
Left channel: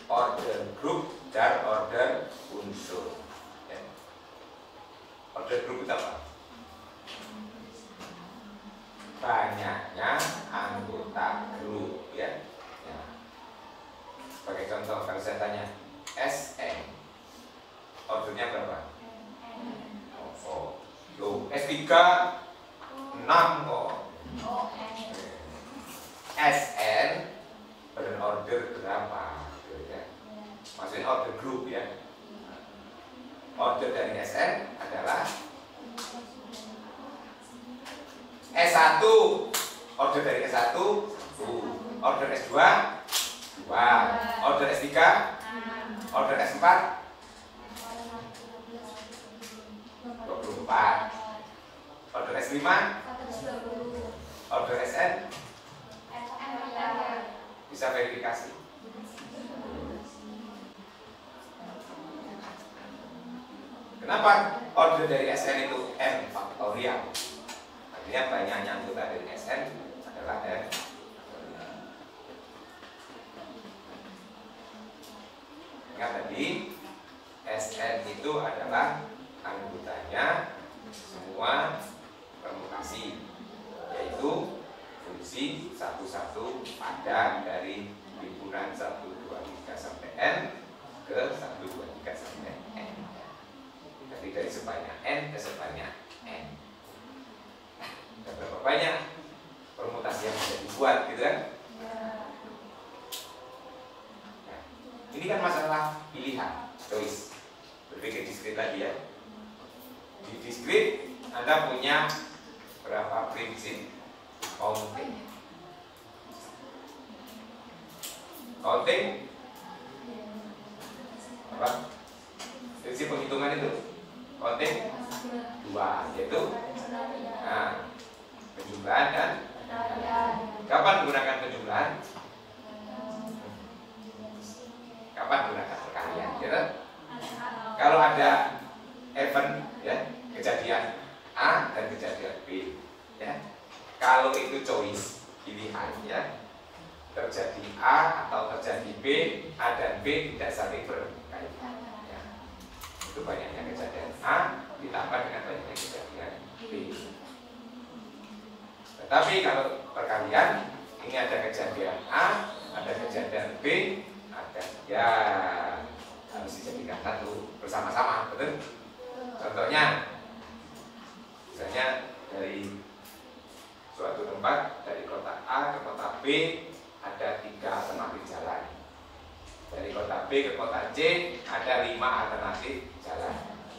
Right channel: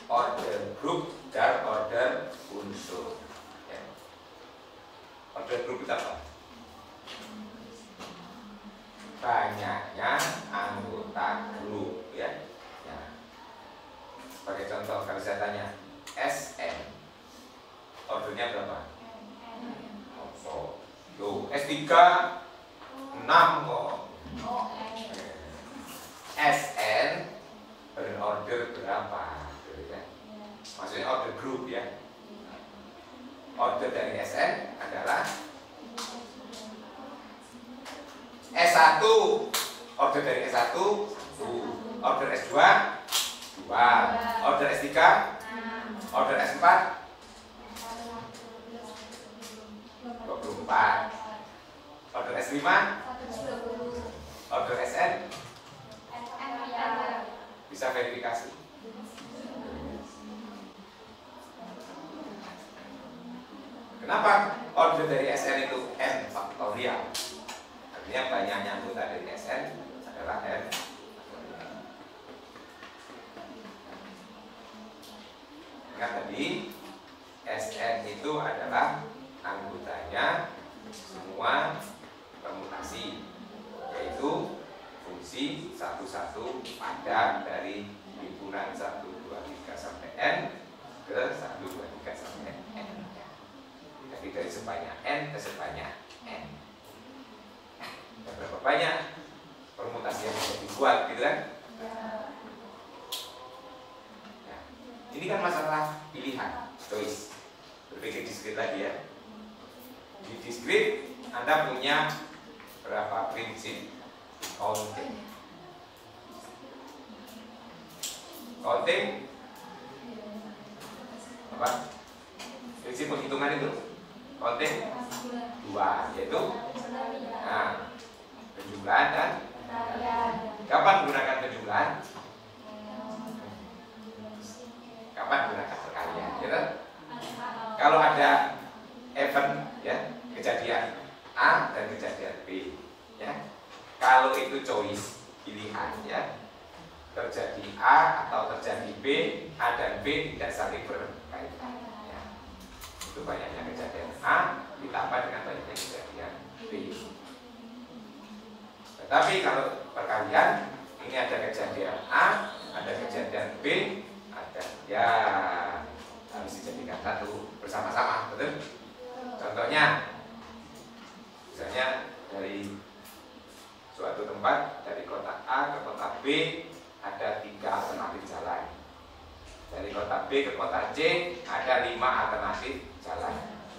order grup dan order unsur ya. Order grup itu apa? Banyaknya anggota grup ya. Sebagai contoh, kalau saya tanya SN, ordernya berapa? Oh, loh, S3 6 kok. SN berorder berapa? Maksudnya order grup ya. Order dari SN adalah S1, order dari S1, order S2, 2, order S3, order S4, 24, order S5, order SN. Bisa verifikasi. Kenapa order dari SN itu N faktorial? Artinya banyaknya anggota dari SN adalah N. Ingat tadi, SN itu adalah anggotanya semua permutasi, yaitu fungsi 1, 1 pada dari himpunan 1, 2, 3 sampai N ke 1, 2, 3 sampai N. Jadi dari sebanyak N ke sebanyak N. Dan berapa banyak permutasi yang bisa dibuat, gitu kan? Ini kan masalah pilihan, choice. Berpikir diskrit lagi ya. Di diskrit Anda punya berapa prinsip counting. Counting apa? Prinsip penghitungan itu counting 2, yaitu penjumlahan dan kapan gunakan penjumlahan? Kapan gunakan perkalian? Gitu? Kalau ada event ya, kejadian A dan kejadian B ya. Kalau itu choice, pilihan ya, terjadi A atau terjadi B, A dan B tidak saling berkaitan ya. Itu banyaknya kejadian A ditambah dengan banyaknya kejadian B. Tetapi kalau perkalian, ini ada kejadian A, ada kejadian B, ada ya harus dijadikan satu bersama-sama, betul? Contohnya, misalnya dari suatu tempat dari kota A ke kota B ada 3 alternatif jalan. Dari kota B ke kota C ada 5 alternatif jalan.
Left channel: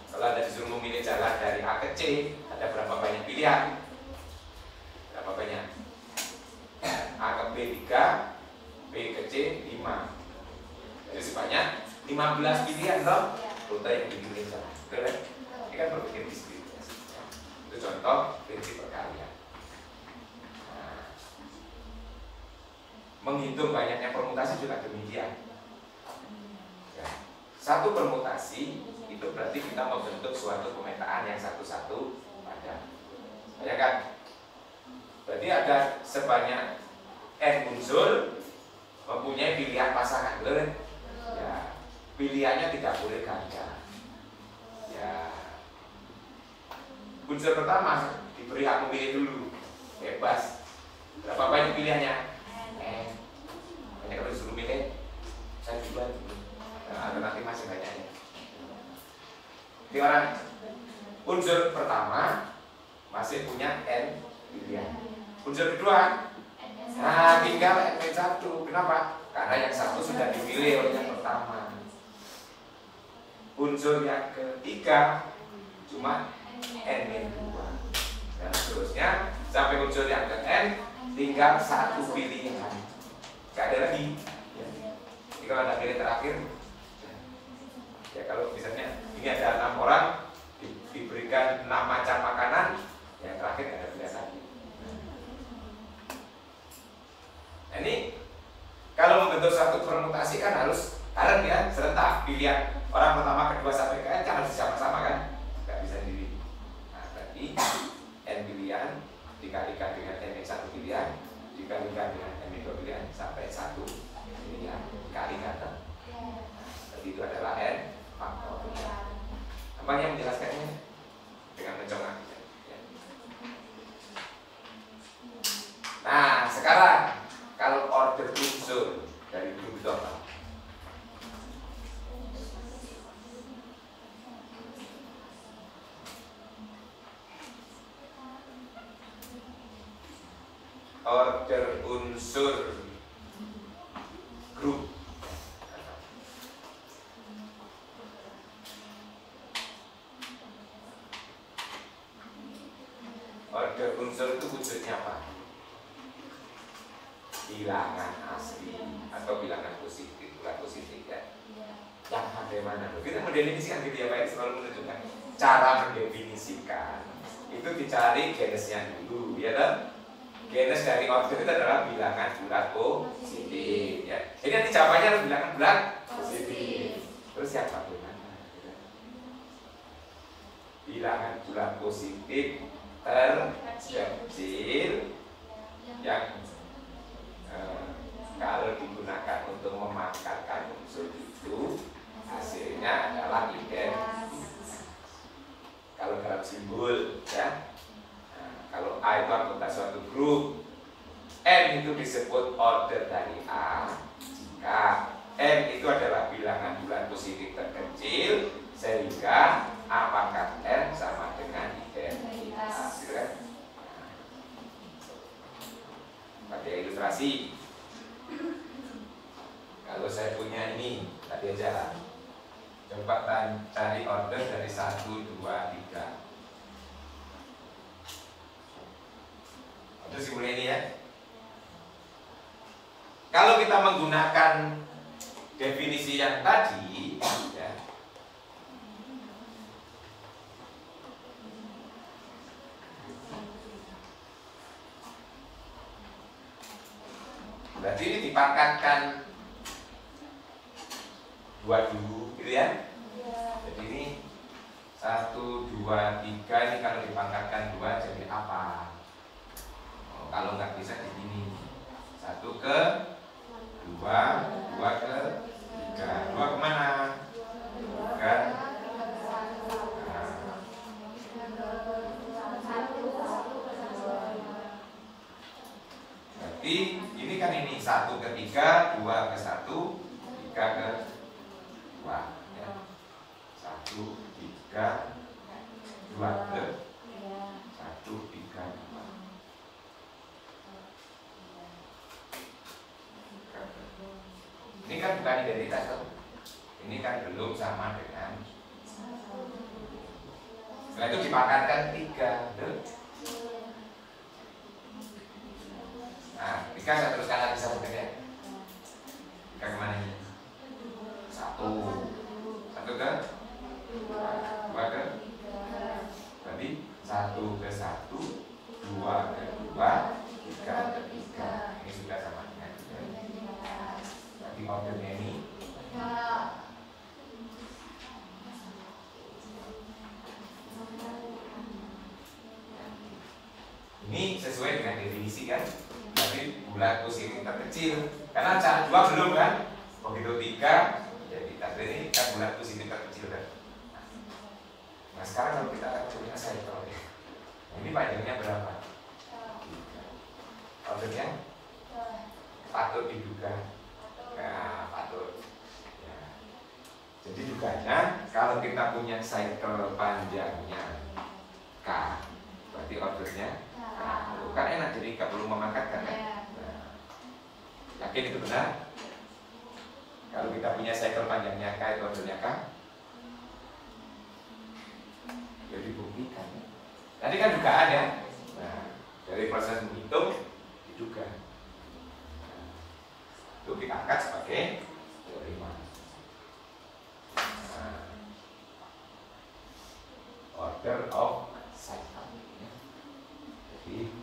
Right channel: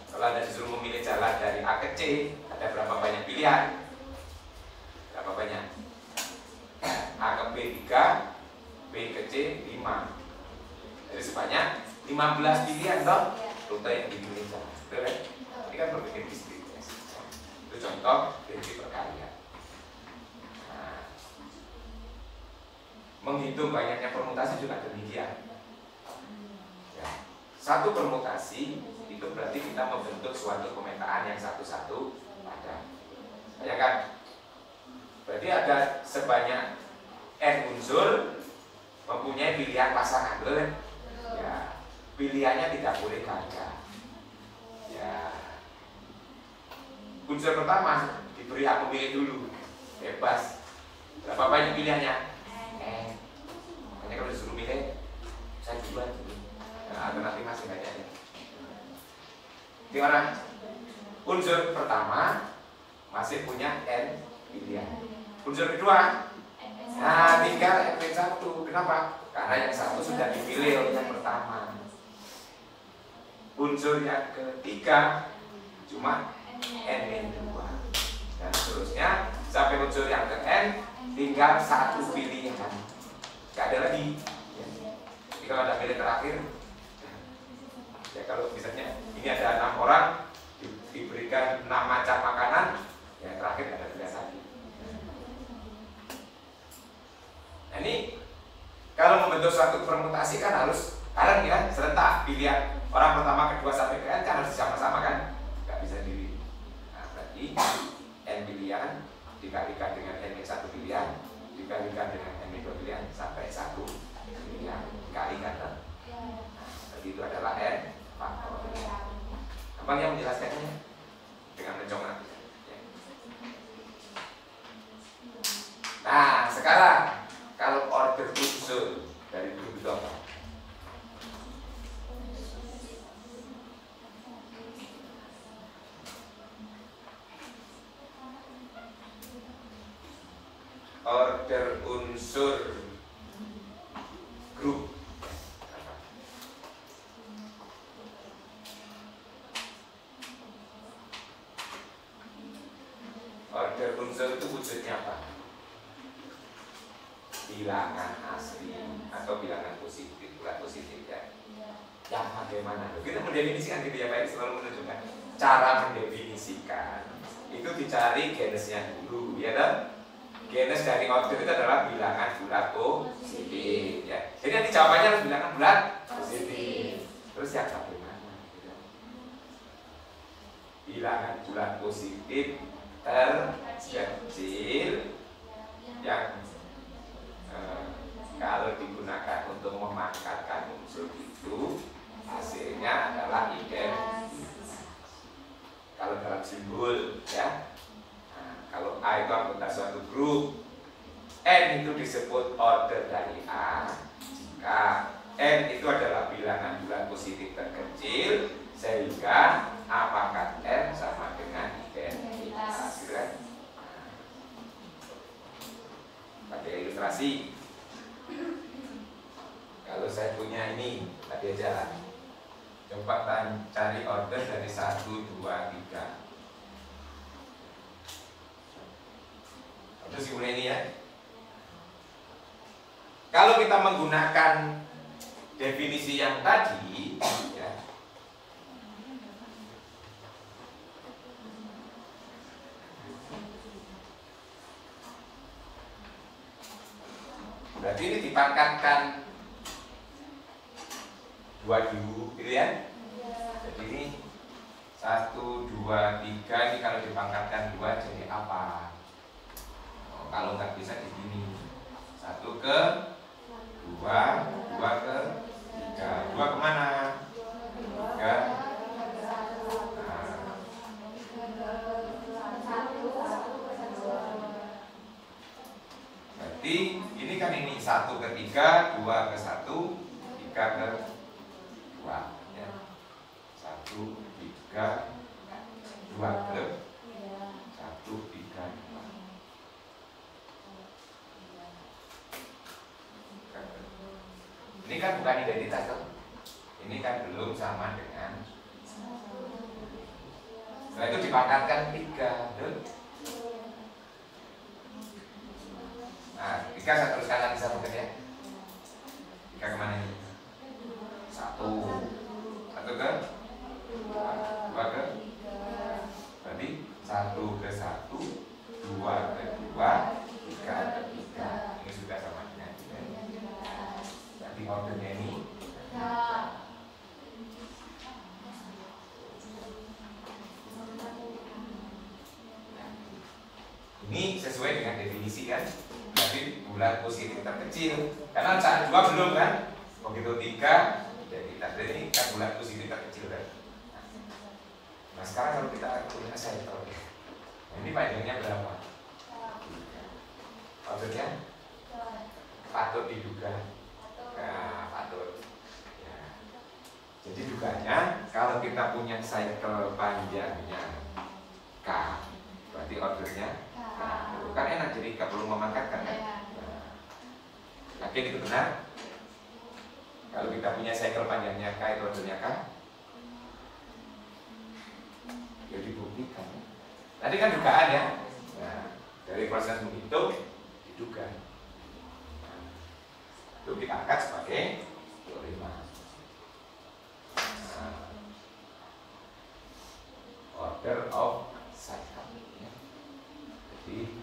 Kalau Anda disuruh memilih jalan dari A ke C, ada berapa banyak pilihan? Berapa banyak? A ke B 3, B ke C 5. Jadi sebanyak 15 pilihan toh rute yang dipilih jalan. Betul? Ini kan berpikir diskrit. Itu contoh prinsip perkalian. Nah, menghitung banyaknya permutasi juga demikian. Ya. Satu permutasi itu berarti kita membentuk suatu pemetaan yang satu-satu pada. Ya kan? Berarti ada sebanyak N unsur mempunyai pilihan pasangan, betul? Ya, pilihannya tidak boleh ganda. Ya, unsur pertama diberi hak memilih dulu, bebas. Berapa banyak pilihannya? Hanya kalau disuruh milih, saya duluan dulu. Nah, alternatif Ini orang unsur pertama masih punya n pilihan. Unsur kedua, nah tinggal n-1. Kenapa? Karena yang satu sudah dipilih oleh yang pertama. Unsur yang ketiga cuma n-2 dan seterusnya sampai unsur yang ke n tinggal satu pilihan, gak ada lagi ya. Jadi kalau ada pilih terakhir ya, kalau misalnya ini ada 6 orang diberikan 6 macam makanan, yang terakhir ada pilihan lagi. Nah, ini kalau membentuk suatu permutasi kan harus kalian ya serentak pilihan orang pertama, kedua sampai ke n kan harus sama-sama kan, nggak bisa sendiri. Nah, berarti n pilihan dikalikan dengan n-1 pilihan dikalikan dengan n-2 pilihan sampai 1 pilihan dikalikan. Nah, jadi itu adalah n faktor. Apa yang menjelaskannya dengan mencongat. Nah, sekarang kalau order unsur dari grup itu apa? Order unsur grup. Order unsur itu wujudnya apa? Bilangan asli atau bilangan positif, bukan positif ya. Yang bagaimana? Kita mendefinisikan gitu ya, Pak, selalu menunjukkan cara mendefinisikan. Itu dicari genesnya dulu, ya kan? Genes dari order itu adalah bilangan bulat positif ya. Jadi nanti jawabannya harus bilangan bulat positif. Terus yang bagaimana? Bilangan bulat positif terkecil yang kalau digunakan untuk memakarkan unsur itu hasilnya adalah identitas. Kalau dalam simbol ya, kalau A itu anggota suatu grup, N itu disebut order dari A jika N itu adalah bilangan bulat positif terkecil, sehingga A pangkat N sama dengan identitas, gitu kan? Pakai ilustrasi. Kalau saya punya ini tadi aja lah, coba cari order dari 1, 2, 3. Itu simulasi ini ya. Kalau kita menggunakan definisi yang tadi ya, berarti ini dipangkatkan 2 dulu, gitu ya. Jadi ini 1, 2, 3 ini kalau dipangkatkan 2 jadi apa? Kalau nggak bisa di sini 1 ke 2, 2 ke 3, 2 kemana? Ke berarti ini kan ini 1 ke 3, 2 ke 1, 3 ke 2 ya. 1, 3, 2 ke 1, 3, 2. Ini kan bukan identitas kan? Ini kan belum sama dengan. Setelah itu dipangkatkan 3. Nah, 3 saya teruskan lagi satu ya. 3 kemana ini? 1 ke 2 ke. Berarti 1 ke 1, 2 ke 2, 3 ke 3. Ini sudah sama dengan. Jadi ordernya ini sesuai dengan definisi kan. Berarti bulat positif terkecil. Karena saat 2 belum kan. Begitu 3 jadi tadi ini kan bulat positif terkecil kan. Nah sekarang kalau kita punya sentral ya. Nah, ini panjangnya berapa? Ordernya patut diduga. Nah, patut. Ya. Jadi duganya kalau kita punya cycle panjangnya K, berarti ordernya K. Kan enak, jadi nggak perlu memangkatkan kan? Yakin itu benar? Kalau kita punya cycle panjangnya K, itu ordernya K? Ya dibuktikan. Tadi kan dugaan ya. Nah, dari proses menghitung diduga. Itu kita angkat sebagai teorema. Order of cycle. Jadi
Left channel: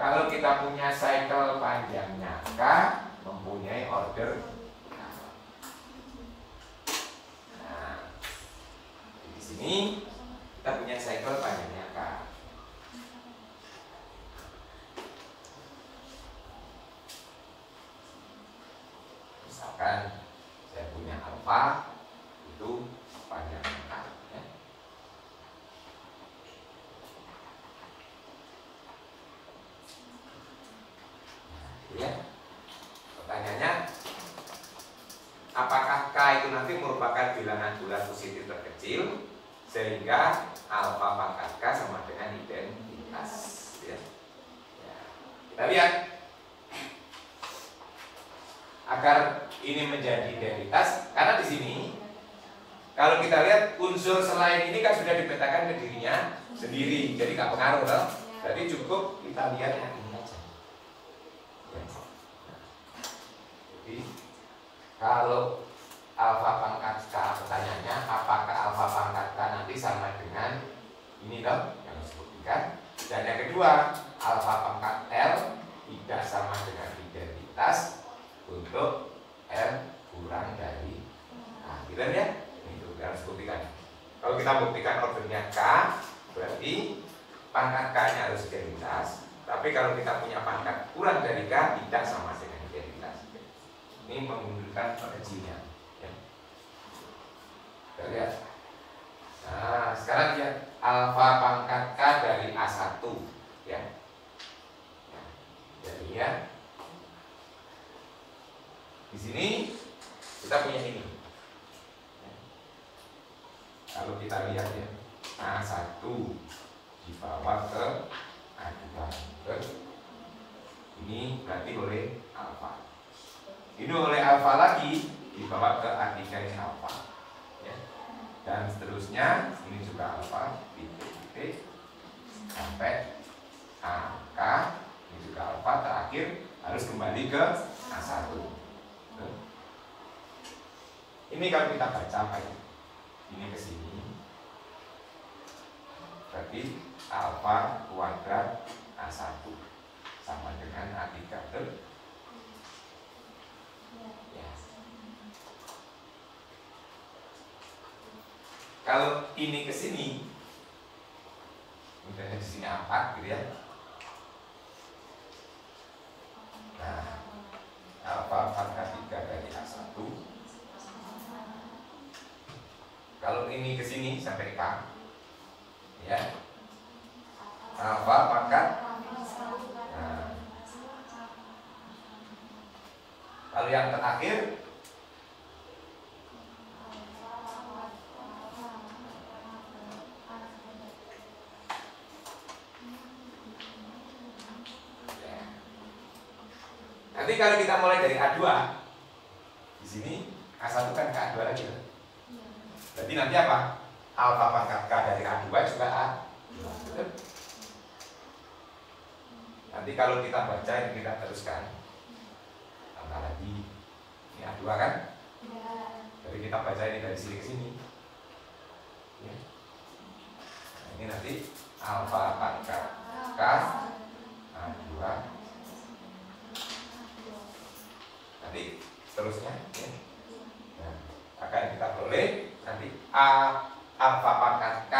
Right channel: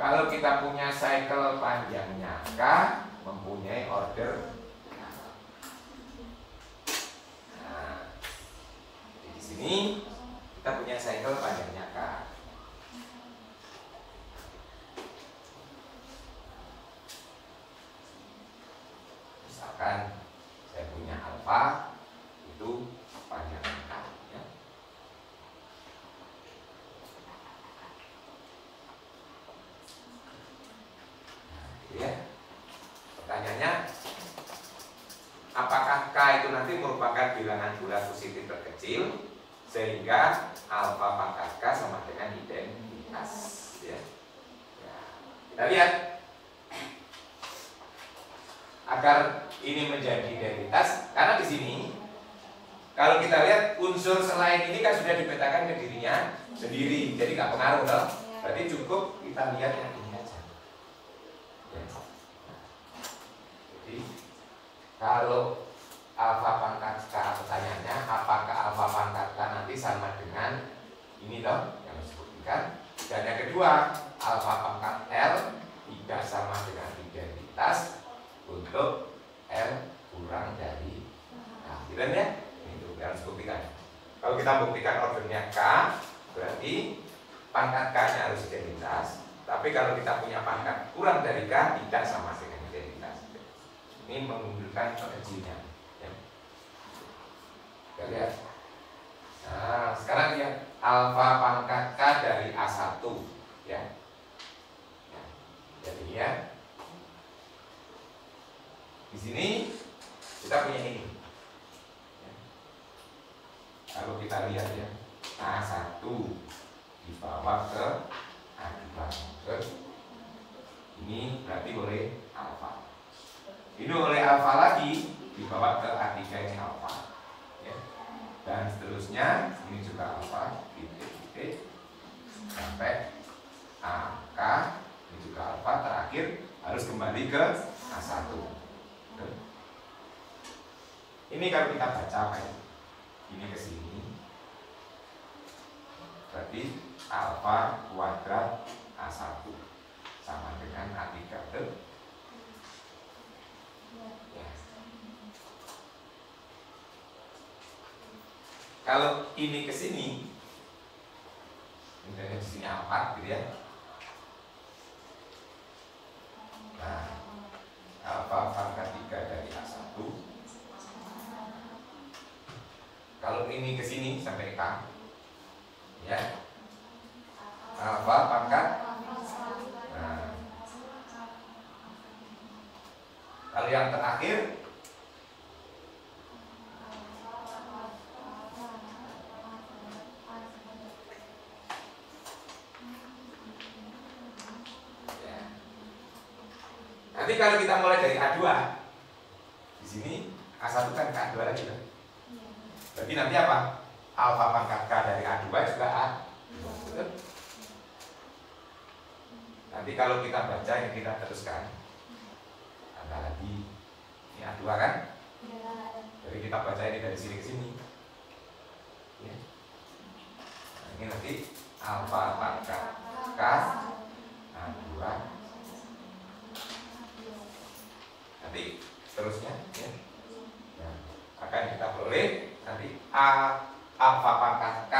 kalau kita punya cycle panjangnya K, mempunyai order K. Nah, di sini kita punya cycle panjangnya K. Misalkan saya punya alfa itu panjangnya K. Ya. Ya. Pertanyaannya, apakah K itu nanti merupakan bilangan bulat positif terkecil sehingga alfa pangkat K sama dengan identitas? Ya. Ya. Kita lihat, agar ini menjadi identitas, karena di sini kalau kita lihat unsur selain ini kan sudah dipetakan ke dirinya sendiri, jadi nggak pengaruh loh. Berarti cukup kita lihat yang ini aja. Ya. Jadi kalau alfa pangkat K, pertanyaannya apakah alfa pangkat K nanti sama dengan ini loh yang disebutkan. Dan yang kedua, alfa pangkat L tidak sama dengan identitas untuk L kurang dari akhiran ya. Itu harus buktikan. Kalau kita buktikan ordernya K, berarti pangkat K-nya harus identitas. Tapi kalau kita punya pangkat kurang dari K, tidak sama dengan identitas. Ini menunjukkan kecilnya. Ya. Kita lihat. Nah, sekarang lihat alfa pangkat K dari A1 ya. Jadi ya, di sini kita punya ini. Kalau kita lihat ya, A1 dibawa ke A2. Ini berarti oleh alfa. Ini oleh alfa lagi dibawa ke A3-nya alfa. Ya. Dan seterusnya, ini juga alfa, titik-titik sampai AK, ini juga alfa, terakhir harus kembali ke A1. Ini kalau kita baca kayak ini ke sini, berarti alfa kuadrat A1 sama dengan A3 ya. Kalau ini ke sini, misalnya di sini 4 gitu ya. Nah, alfa pangkat 3 dari A1. Kalau ini ke sini sampai K, ya, alfa pangkat. Nah, lalu yang terakhir ya. Nanti kalau kita mulai dari A2, di sini A1 kan ke A2 lagi lah. Berarti nanti apa? Alfa pangkat K dari A2 juga A. Nanti kalau kita baca yang kita teruskan, tambah lagi ini A2 kan? Jadi kita baca ini dari sini ke sini. Ya. Nah, ini nanti alfa pangkat K A2. Nanti terusnya ya. Nah, akan kita peroleh nanti alfa pangkat K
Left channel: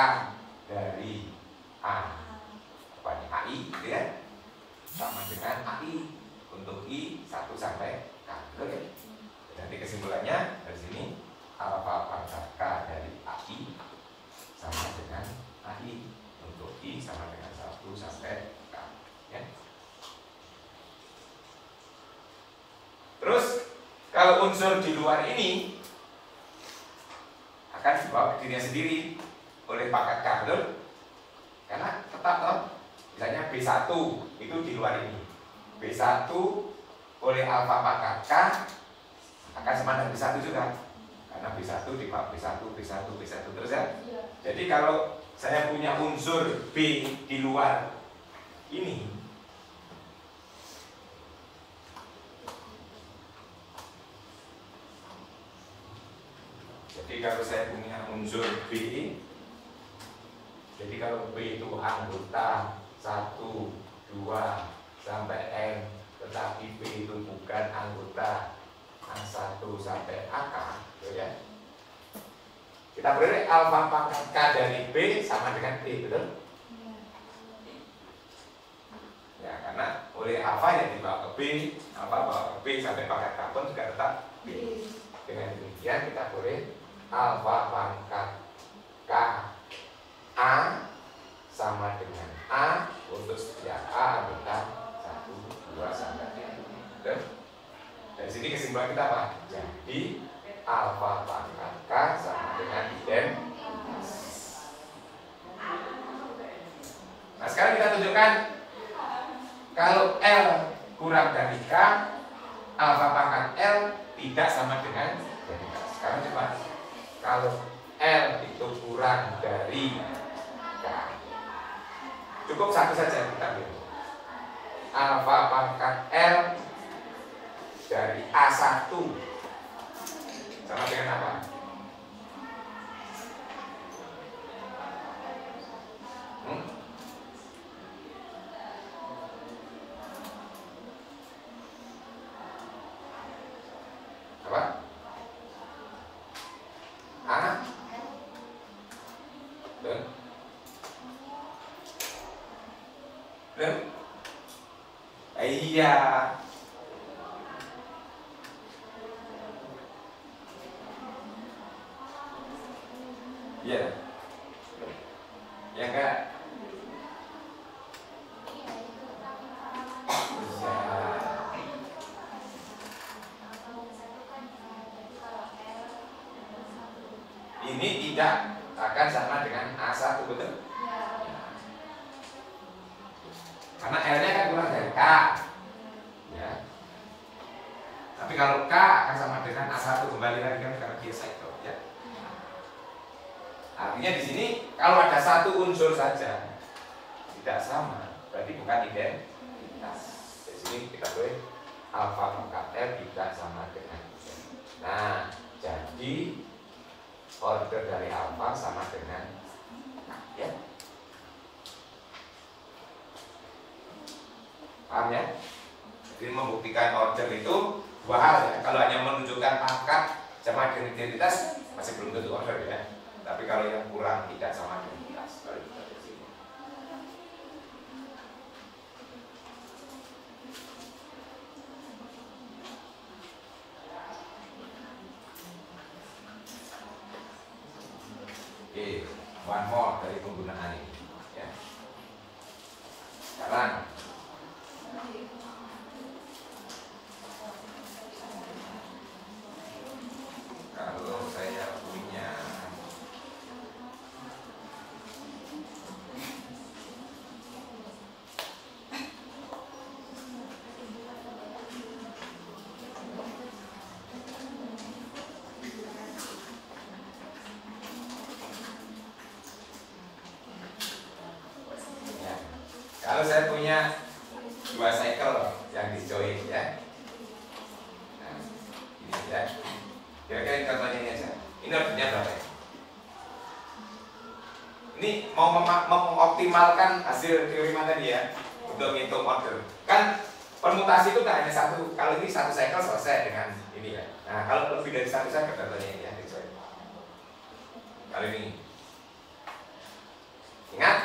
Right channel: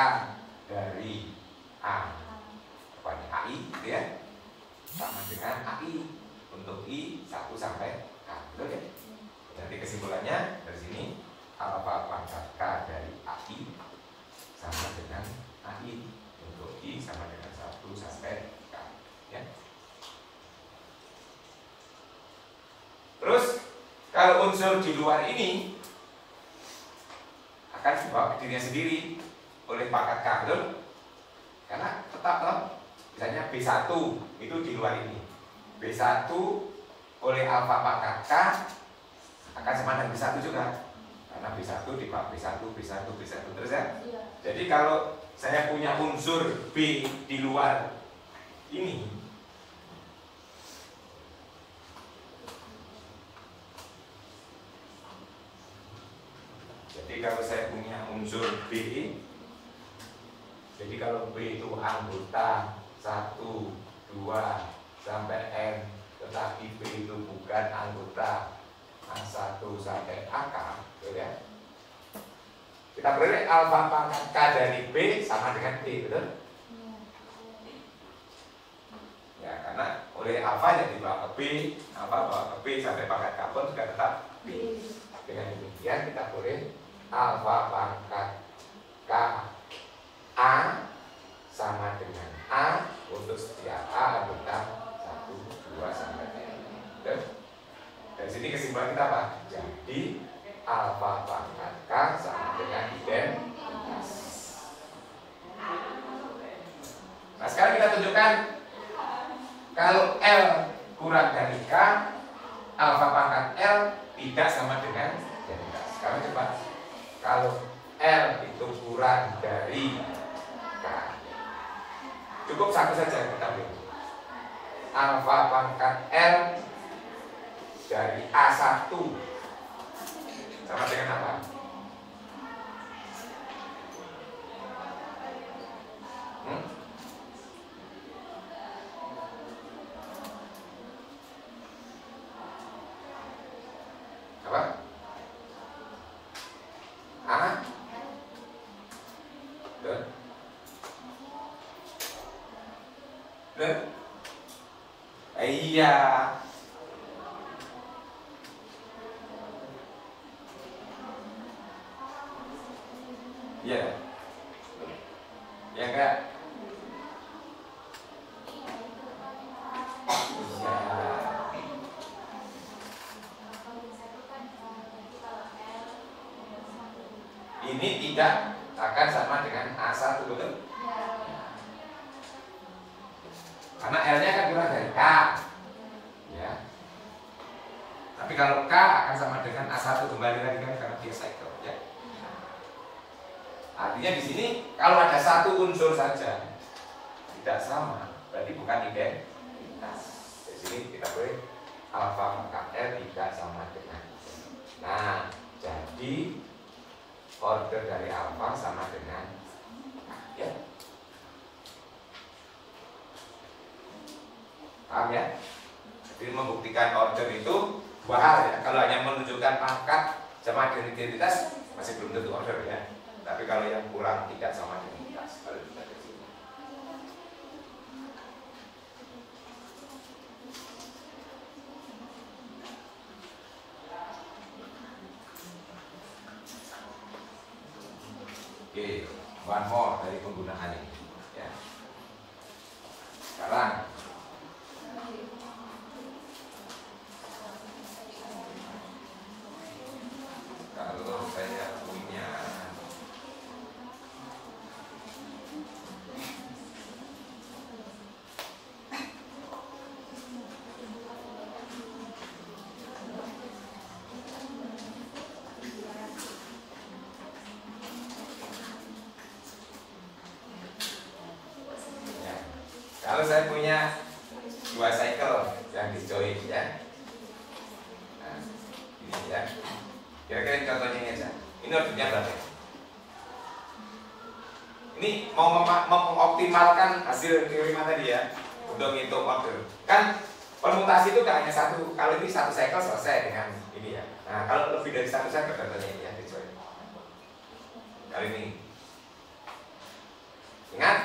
dari A pokoknya AI gitu ya, sama dengan AI untuk I 1 sampai K. Oke. Jadi kesimpulannya dari sini alfa pangkat K dari AI sama dengan AI untuk I sama dengan 1 sampai K ya. Terus kalau unsur di luar ini akan dibawa ke dirinya sendiri oleh pangkat K, betul? Karena tetap toh, misalnya B1 itu di luar ini, B1 oleh alfa pangkat K akan sama dengan B1 juga, karena B1 dibawa B1 terus ya. Jadi kalau saya punya unsur B di luar ini, jadi kalau saya punya unsur B, jadi kalau B itu anggota 1, 2 sampai N, tetapi B itu bukan anggota A1 sampai AK, gitu ya. Kita beri alfa pangkat K dari B sama dengan B, betul? Ya, karena oleh alfa yang dibawa ke B, alfa bawa ke B sampai pangkat K pun juga tetap B. Dengan demikian kita boleh alfa pangkat K A sama dengan A untuk setiap A anggota 1, 2 sampai N. Betul? Dari sini kesimpulan kita apa? Jadi alfa pangkat K sama dengan identitas. Nah sekarang kita tunjukkan kalau L kurang dari K, alfa pangkat L tidak sama dengan identitas. Sekarang coba kalau L itu kurang dari K, cukup satu saja kita ambil alfa pangkat L dari A1 sama dengan apa? Apa? A? Betul? Betul? Iya. Iya. Ya enggak? Iya. Ini tidak akan sama dengan A1, betul? Karena L-nya kan kurang dari K. Ya. Tapi kalau K akan sama dengan A1, kembali lagi kan karena dia cycle, ya. Artinya di sini kalau ada satu unsur saja tidak sama, berarti bukan identitas. Di sini kita boleh alfa pangkat L tidak sama dengan. Nah, jadi order dari alfa sama dengan K, ya. Paham ya? Jadi membuktikan order itu dua hal ya. Kalau hanya menunjukkan pangkat sama dengan identitas masih belum tentu order ya. Tapi kalau yang kurang tidak sama identitas baru kita ke sini. Oke, one more dari penggunaan ini ya. Sekarang kalau saya punya ya, kalau saya punya dua cycle yang di-join ya. Nah, ini ya. Kira-kira contohnya ini aja. Ini ordernya berapa ya? Ini mau mengoptimalkan hasil teorema tadi ya, untuk menghitung order. Kan permutasi itu tak hanya satu, kalau ini satu cycle selesai dengan ini ya. Nah kalau lebih dari satu cycle contohnya ini ya, kalau ini ingat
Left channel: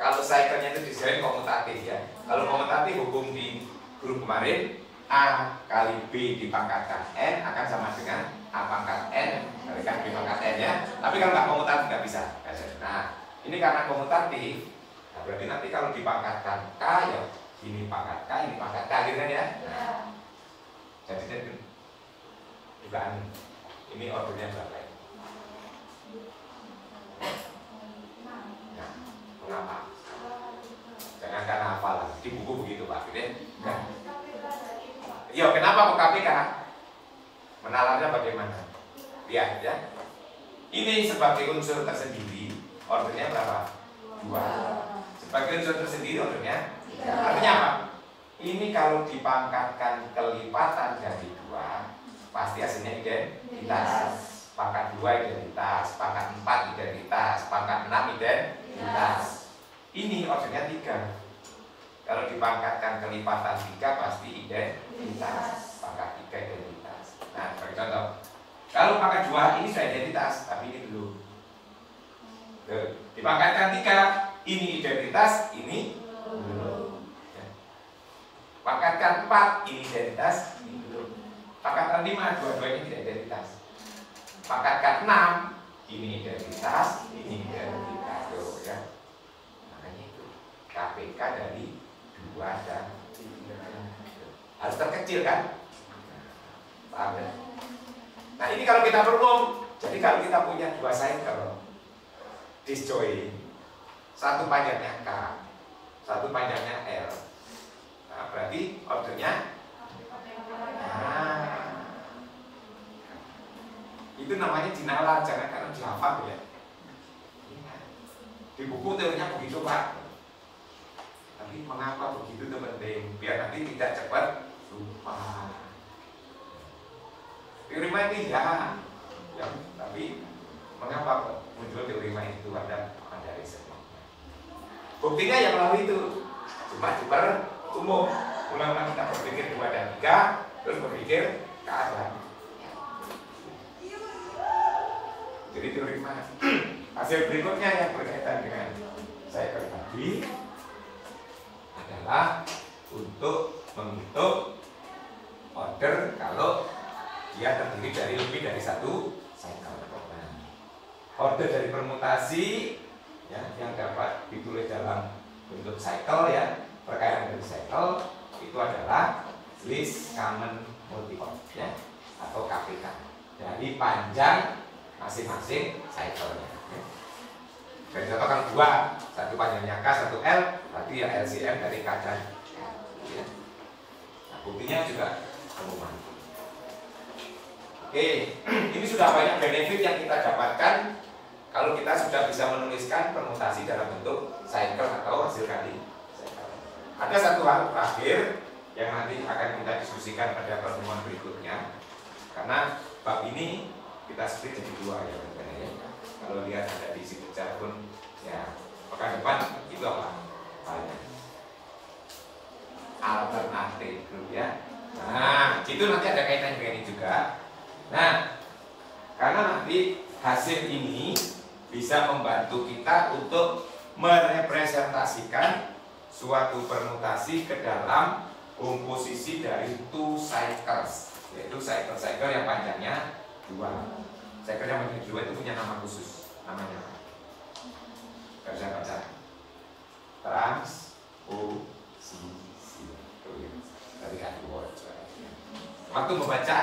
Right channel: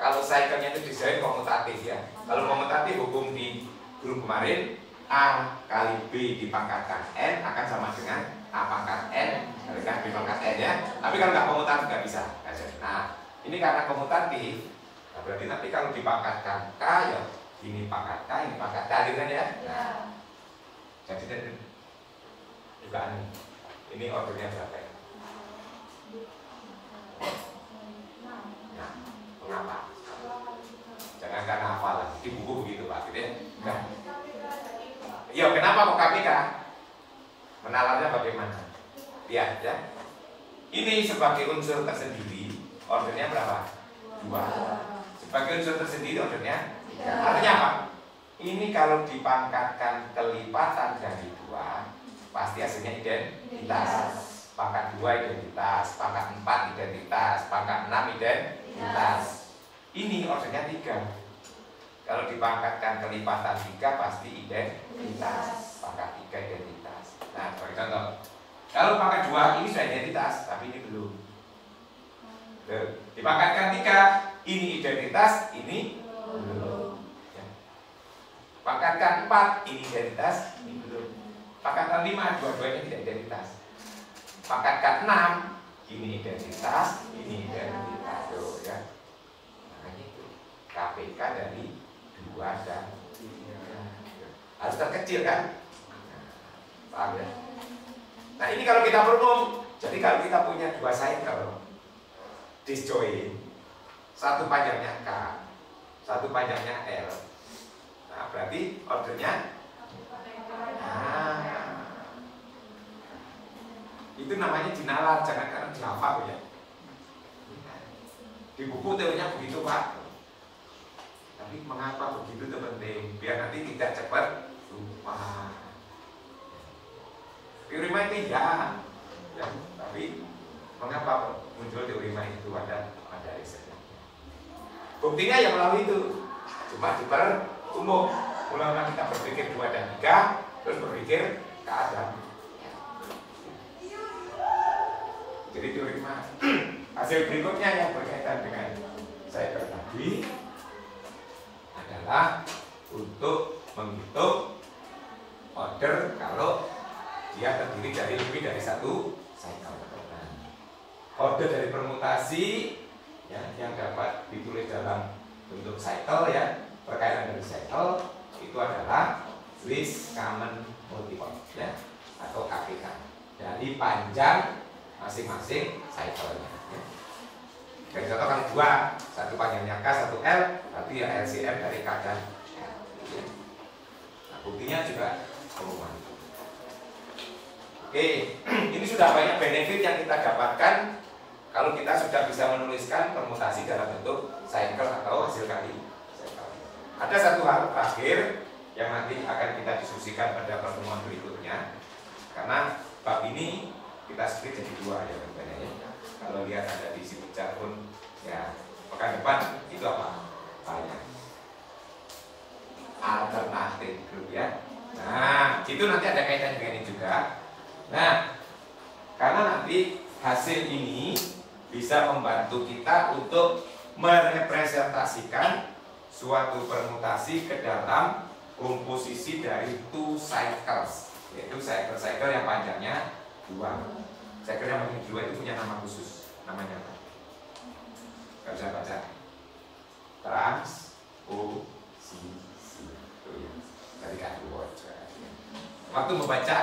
kalau cycle-nya itu dijoin komutatif ya. Kalau komutatif hukum di guru kemarin A kali B dipangkatkan N akan sama dengan A pangkat N kalikan B pangkat N ya. Tapi kalau nggak komutatif nggak bisa. Nah ini karena komutatif, nah berarti nanti kalau dipangkatkan K ya ini pangkat K, ini pangkat K gitu kan ya. Nah, jadi dugaan ini ordernya berapa ya? Ya, mengapa? Jangan karena hafal lagi. Di buku begitu Pak. Nah. Ya, kenapa kok KPK? Menalarnya bagaimana? Lihat ya. Ini sebagai unsur tersendiri, ordernya berapa? 2. Sebagai unsur tersendiri, ordernya 3. Artinya apa? Ini kalau dipangkatkan kelipatan dari 2, pasti hasilnya identitas. Pangkat 2 identitas, pangkat 4 identitas, pangkat 6 identitas. Ini ordernya 3. Kalau dipangkatkan kelipatan 3 pasti identitas. Pangkat 3 identitas. Nah, sebagai contoh, kalau pangkat 2 ini sudah identitas, tapi ini belum. Dipangkatkan 3, ini identitas, ini belum. Ya. Pangkatkan 4, ini identitas, ini belum. Pangkatkan 5, dua-duanya tidak identitas. Pangkatkan 6, ini identitas, ini identitas. Tuh, ya. Makanya itu KPK dari 2 dan 3. Harus terkecil kan? Paham ya? Nah ini kalau kita berumum, jadi kalau kita punya 2 cycle disjoin, satu panjangnya K, satu panjangnya L. Nah berarti ordernya itu namanya dinalar, jangan karena dihafal ya. Di buku teorinya begitu Pak. Tapi mengapa begitu itu penting? Biar nanti tidak cepat lupa. Teori main tidak, ya, tapi mengapa muncul teori main itu ada risetnya. Buktinya yang melalui itu, cuma diper umum. Ulang-ulang kita berpikir 2 dan 3, terus berpikir keadaan. Jadi teori main. Hasil berikutnya yang berkaitan dengan saya tadi adalah untuk menghitung order kalau dia terdiri dari lebih dari 1 cycle. Order dari permutasi ya, yang dapat ditulis dalam bentuk cycle ya, perkaitan dari cycle itu adalah list common multiple ya, atau KPK. Jadi panjang masing-masing cycle-nya. Ya. Dari contoh kan 2, satu panjangnya K, satu L, berarti ya LCM dari K dan L. Ya. Nah, buktinya juga umuman. Oke, ini sudah banyak benefit yang kita dapatkan kalau kita sudah bisa menuliskan permutasi dalam bentuk cycle atau hasil kali cycle. Ada satu hal terakhir yang nanti akan kita diskusikan pada pertemuan berikutnya, karena bab ini kita split jadi 2 ya teman-teman ya. Kalau lihat ada di situ chat pun ya, pekan depan itu apa? Banyak alternatif grup ya. Nah, itu nanti ada kaitan dengan ini juga. Nah, karena nanti hasil ini bisa membantu kita untuk merepresentasikan suatu permutasi ke dalam komposisi dari 2 cycles, yaitu cycle-cycle yang panjangnya 2. Cycle yang panjangnya 2 itu punya nama khusus, namanya apa? Gak bisa baca. Transposisi. Dari kaki waktu membaca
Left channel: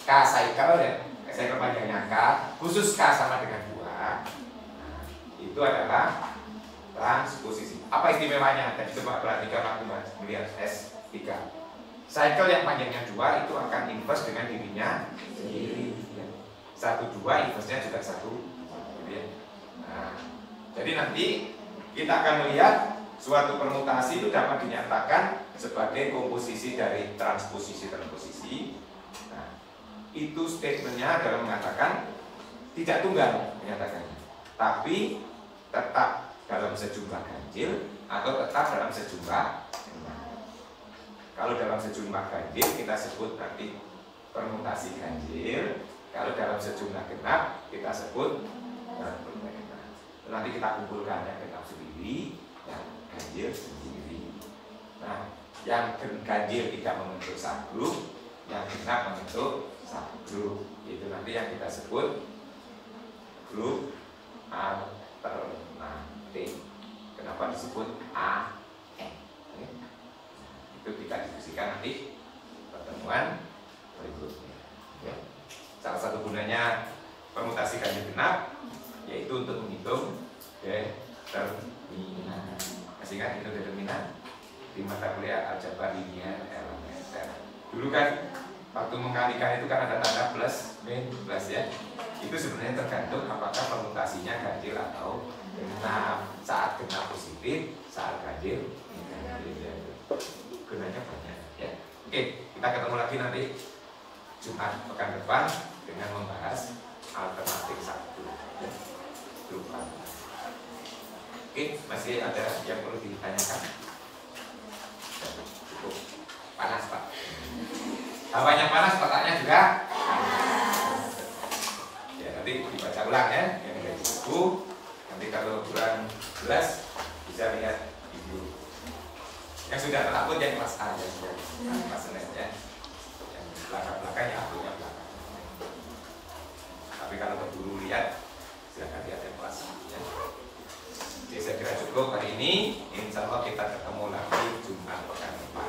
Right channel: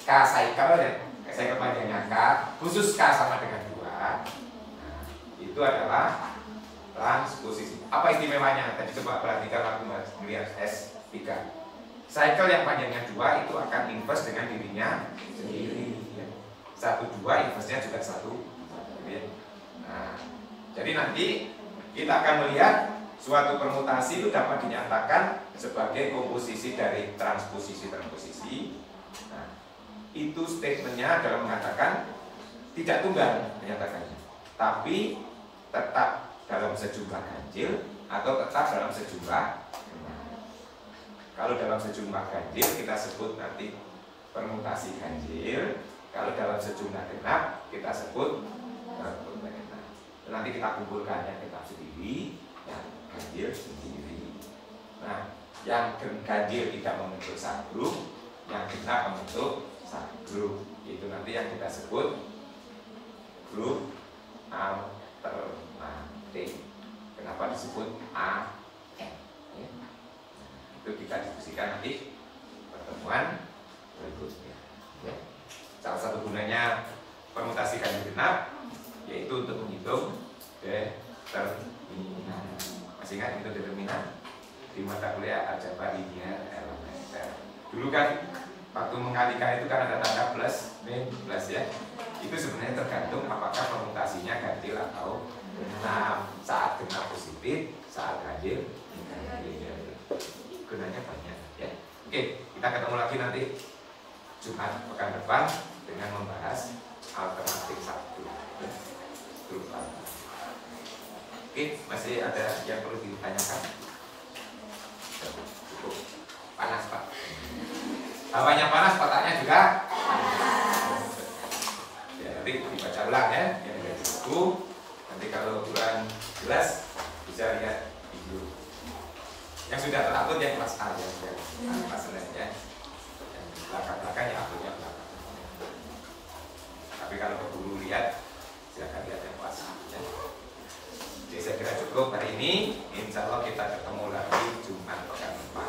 K cycle ya, cycle panjangnya K, khusus K sama dengan 2, itu adalah transposisi. Apa istimewanya? Tadi coba perhatikan aku melihat S3. Cycle yang panjangnya 2 itu akan inverse dengan dirinya sendiri. 1-2 inverse-nya juga 1. Nah, jadi nanti kita akan melihat suatu permutasi itu dapat dinyatakan sebagai komposisi dari transposisi-transposisi. Nah, itu statementnya adalah mengatakan tidak tunggal menyatakannya, tapi tetap dalam sejumlah ganjil atau tetap dalam sejumlah genap. Kalau dalam sejumlah ganjil kita sebut nanti permutasi ganjil. Kalau dalam sejumlah genap kita sebut permutasi genap. Nanti kita kumpulkan yang genap sendiri dan ganjil sendiri. Nah, yang ganjil tidak membentuk subgroup, yang genap membentuk subgroup. Itu nanti yang kita sebut grup alternatif. Kenapa disebut AN? Itu kita diskusikan nanti pertemuan berikutnya. Salah satu gunanya permutasi ganjil genap, yaitu untuk menghitung determinan. Masih ingat itu determinan di mata kuliah aljabar linear elementer. Dulu kan waktu mengalikan itu kan ada tanda plus, minus ya. Itu sebenarnya tergantung apakah permutasinya ganjil atau genap. Saat genap positif, saat ganjil negatif. Gunanya banyak ya. Oke, kita ketemu lagi nanti Jumat pekan depan dengan membahas alternatif 1 grup A. Oke, masih ada yang perlu ditanyakan? Cukup panas Pak. Hawanya panas, otaknya juga panas. Ya, nanti dibaca ulang ya yang ada di buku. Nanti kalau kurang jelas bisa lihat video. Yang sudah terupload yang kelas A ya, kelas Senin ya. Yang belakang-belakangnya uploadnya belakang. Tapi kalau keburu lihat, silakan lihat yang kelas A ya. Jadi saya kira cukup hari ini. Insya Allah kita ketemu lagi Jumat pekan depan.